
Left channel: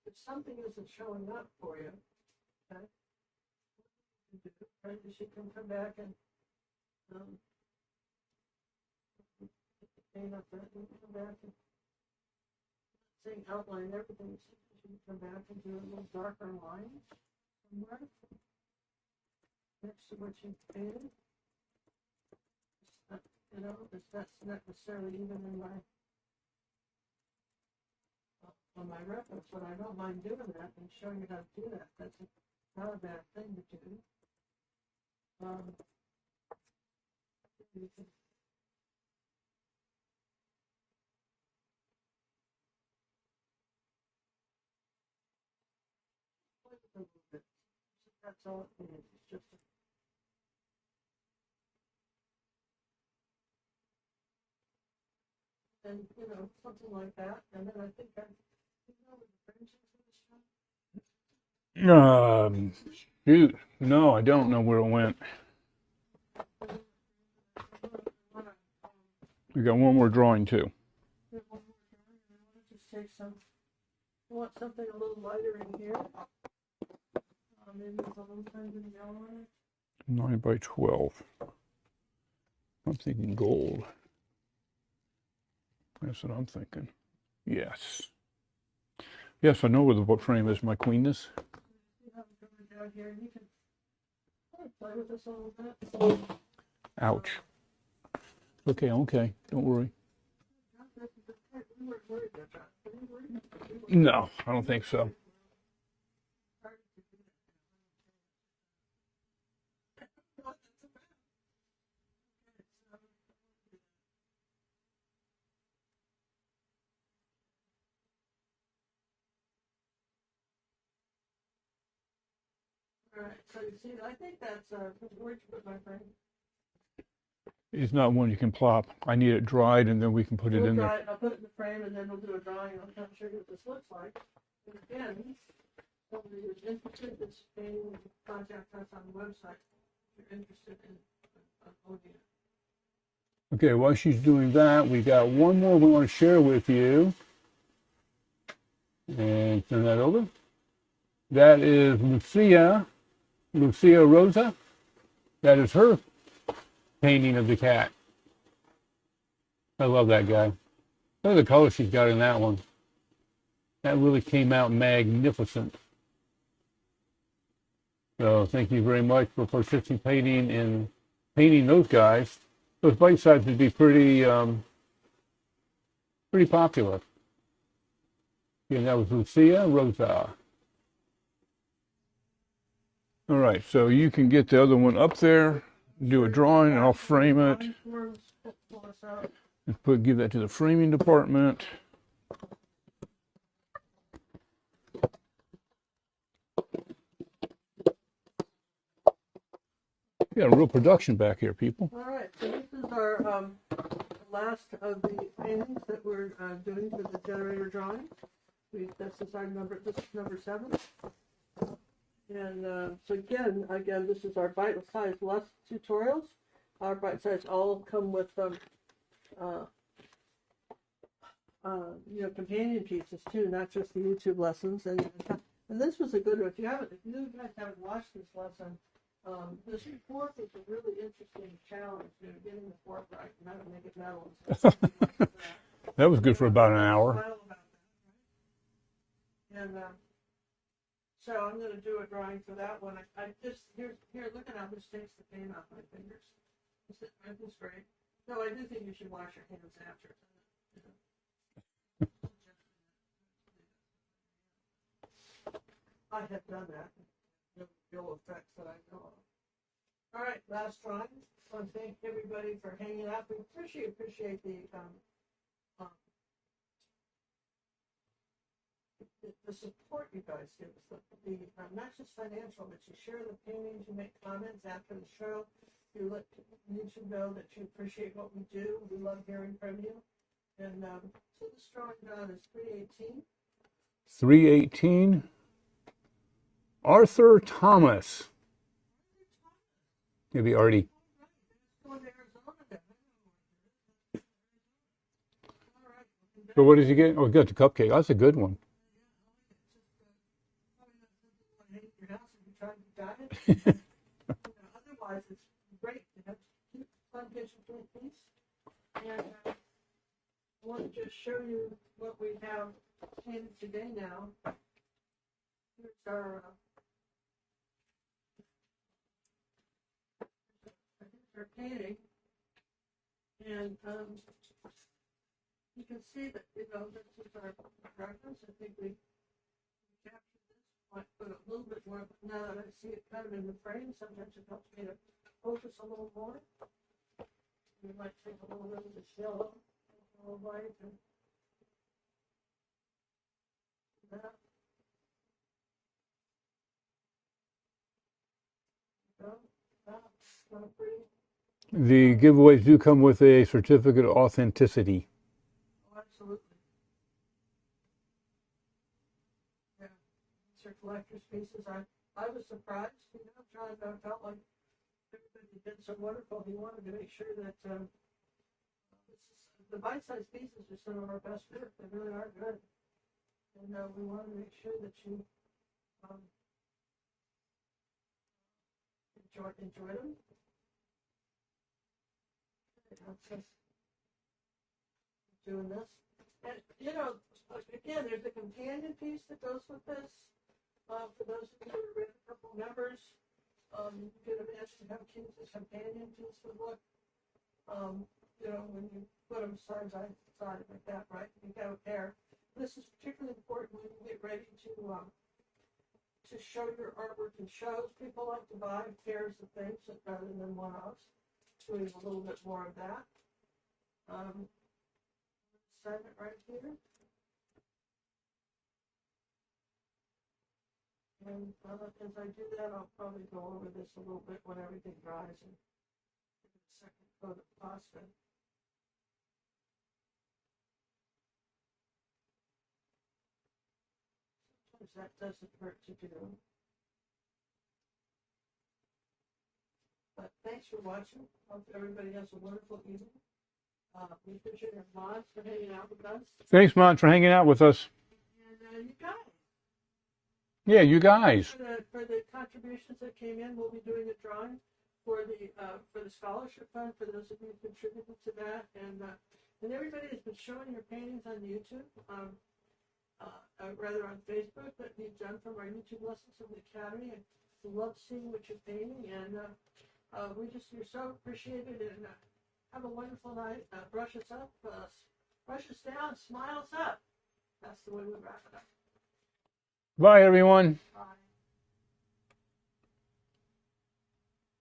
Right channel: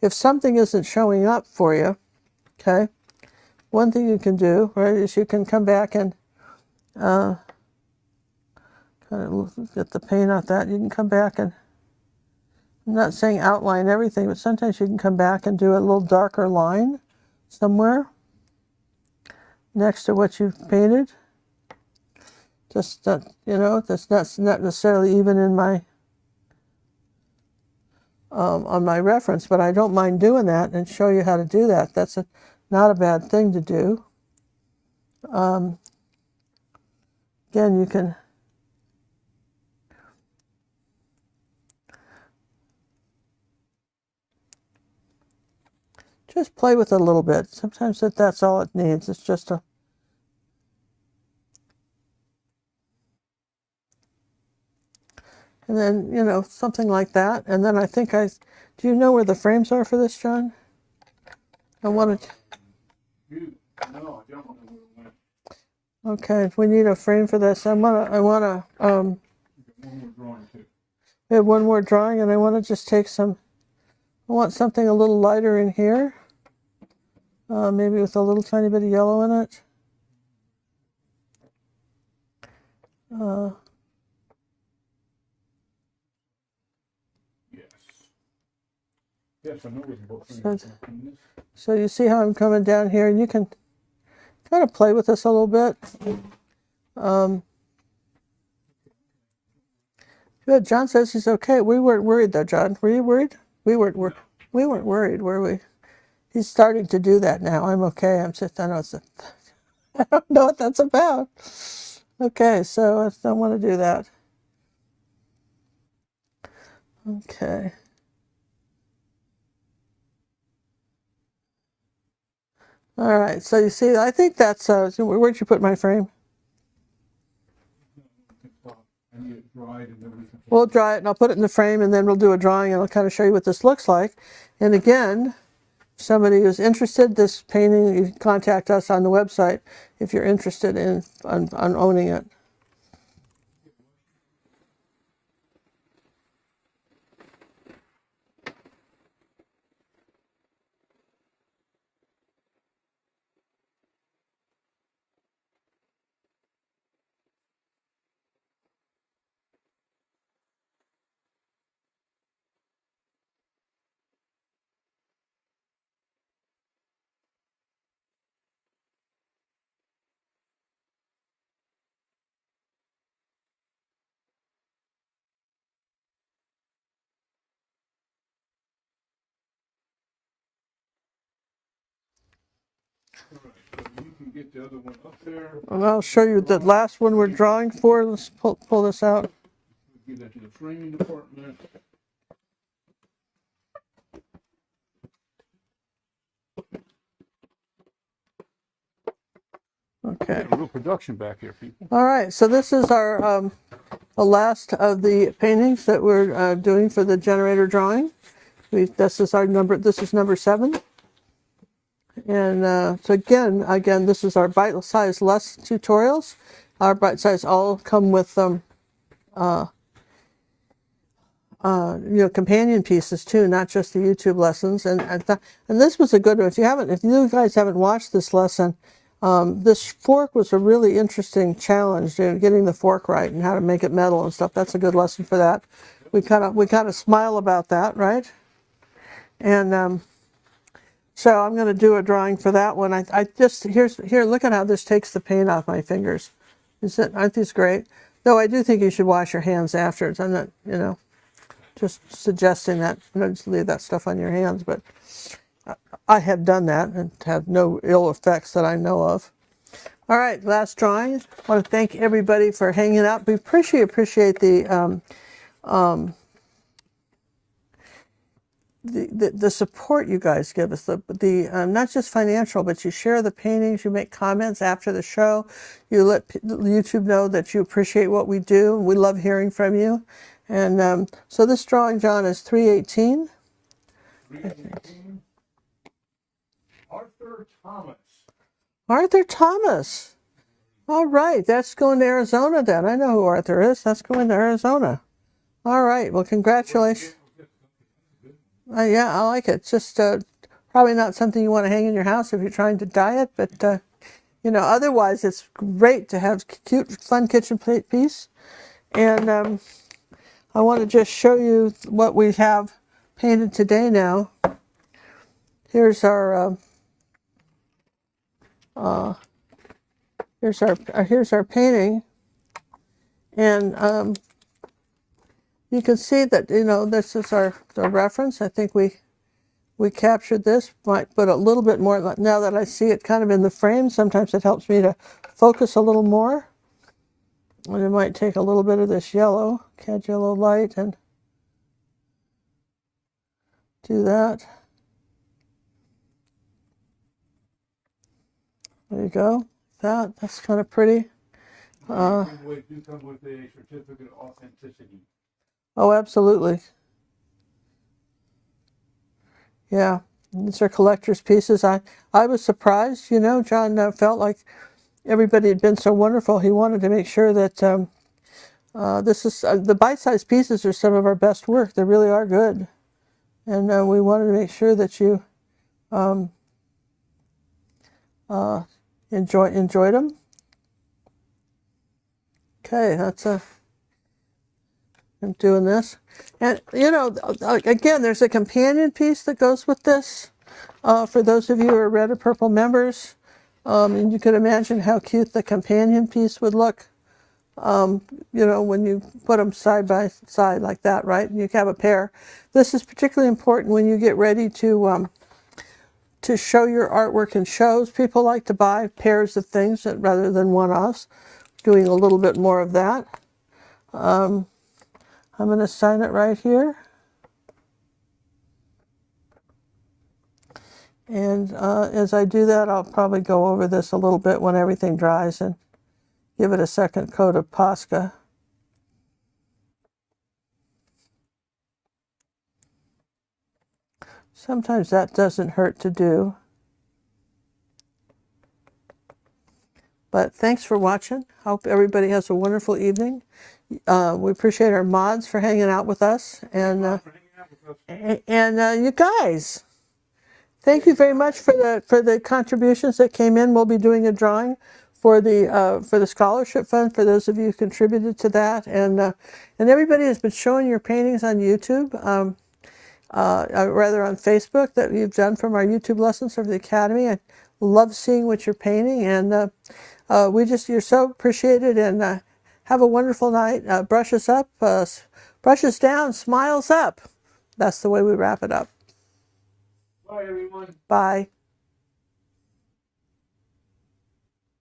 if something isn't showing up for you, okay, one thing you can do, right, is you can come back and kind of get the paint off that. You can come back and, I'm not saying outline everything, but sometimes you can come back and do a little darker line somewhere next to what you've painted. Just that, you know, that's not necessarily even in my on my reference, but I don't mind doing that and show you how to do that. That's not a bad thing to do. Again, you can just play with it a little bit. Sometimes that's all it needs. It's just a and then, you know, something like that. And then I think do you know where the frames are for this, John? Shoot, no, I don't know where it went. Okay, we need a frame for this. I wanna. We got one more drawing too. We have one more drawing, and I want to just take some. I want something a little lighter in here. Maybe with a little tiny bit of yellow in it. 9 by 12. Something gold. That's what I'm thinking. Yes. Yes, I know where the book frame is, my queenness. So you see how I'm coming down here, and you can kind of play with this a little bit. Okay, don't worry. Good. John says he's okay. We weren't worried though, John. Were you worried? We weren't. No, I don't we think weren't so. worried, were we? He's starting to do that now. I'm okay. I'm just. I know I don't know what that's about. Okay, so I don't want to do that. Okay. All right. So you see, I think that's. Where'd you put my frame? It's not one you can plop. I need it dried, and then we can put it in. We'll dry it, and I'll put it in the frame, and then we'll do a drawing, and I'll kind of show you what this looks like. And again, somebody who's interested, this painting, you can contact us on the website if you're interested in on owning it. Okay, while she's doing that, we got one more we want to share with you. And turn that over. That is Lucia Rosa. That is her painting of the cat. I love that guy. Look at the color she's got in that one. That really came out magnificent. So thank you very much for participating in painting those guys. Those bite sizes would be pretty popular. And that was Lucia Rosa. All right, so you can get the other one up there. And I'll do show a you the drawing, last I'll one we're frame it, drawing for. Let's pull this out. and give that to the framing department. Okay. We got a real production back here, people. All right, so this is our the last of the paintings that we're doing for the generator drawing. This is our number. This is number 7. And so again, this is our bite-size less tutorials. Our bite-size all come with companion pieces too, not just the YouTube lessons. And this was a good one. If you guys haven't watched this lesson, this fork was a really interesting challenge, getting the fork right and how to make it metal and stuff. That's a good lesson for that. That was good for about an hour. We kind of smile about that, right? And so I'm going to do a drawing for that one. I just here. Look at how this takes the paint off my fingers. Aren't these great? Though I do think you should wash your hands afterwards. I'm not, just suggesting that. Just leave that stuff on your hands, but I have done that and had no ill effects that I know of. All right, last drawing. I want to thank everybody for hanging out. We appreciate the support you guys give us. The not just financial, but you share the paintings, you make comments after the show, you let YouTube know that you appreciate what we do. We love hearing from you. And so this drawing, John, is 318. 318. Arthur Thomas. Arthur Thomas. Maybe Artie. All right, that's going to Arizona then. I know who Arthur is. That's going to Arizona. All right, well, congratulations. So what did you get? Oh, got the cupcake. That's a good one. Yeah, I like it. Just probably not something you want to hang in your house if you're trying to diet, but otherwise it's great to have cute, fun kitchen piece. And I want to just show you what we have painted today now. Here's our here's our painting, and you can see that this is our reference. I think we captured this. Might put a little bit more now that I see it kind of in the frame. Sometimes it helps me to focus a little more. And I might take a little bit of this yellow, catch yellow light, and do that. There you go. That's kind of pretty. The giveaways do come with a certificate of authenticity. Oh, absolutely. Yeah, these are collector's pieces. I was surprised, John felt like everybody had been so wonderful. He wanted to make sure that this is the bite-sized pieces are some of our best work. They really are good, and we wanted to make sure that you enjoyed them. Okay, I'm doing this, and again, there's a companion piece that goes with this. For those of you who are Red or Purple members, and you can imagine how cute the companion piece would look. When you put them side by side like that, right? And you have a pair. This is particularly important when you get ready to show your artwork in shows. People like to buy pairs of things rather than one-offs. Doing a little bit more of that. I'm going to sign it right here. And as I do that, I'll probably go over this a little bit when everything dries and give it a second coat of Posca. Sometimes that doesn't hurt to do. But thanks for watching. Hope everybody has a wonderful evening. We appreciate our mods for hanging out with us. Thanks, mods, for hanging out with us. And you guys, thank you very much for the contributions that came in. We'll be doing a drawing for the scholarship fund for those of you who contributed to that, and everybody has been showing your paintings on YouTube, rather on Facebook, that you've done from our YouTube lessons for the Academy. I love seeing what you're painting, and you're so appreciated, and have a wonderful night. Brushes up, brushes down, smiles up. That's the way we wrap it up. Bye, everyone. Bye.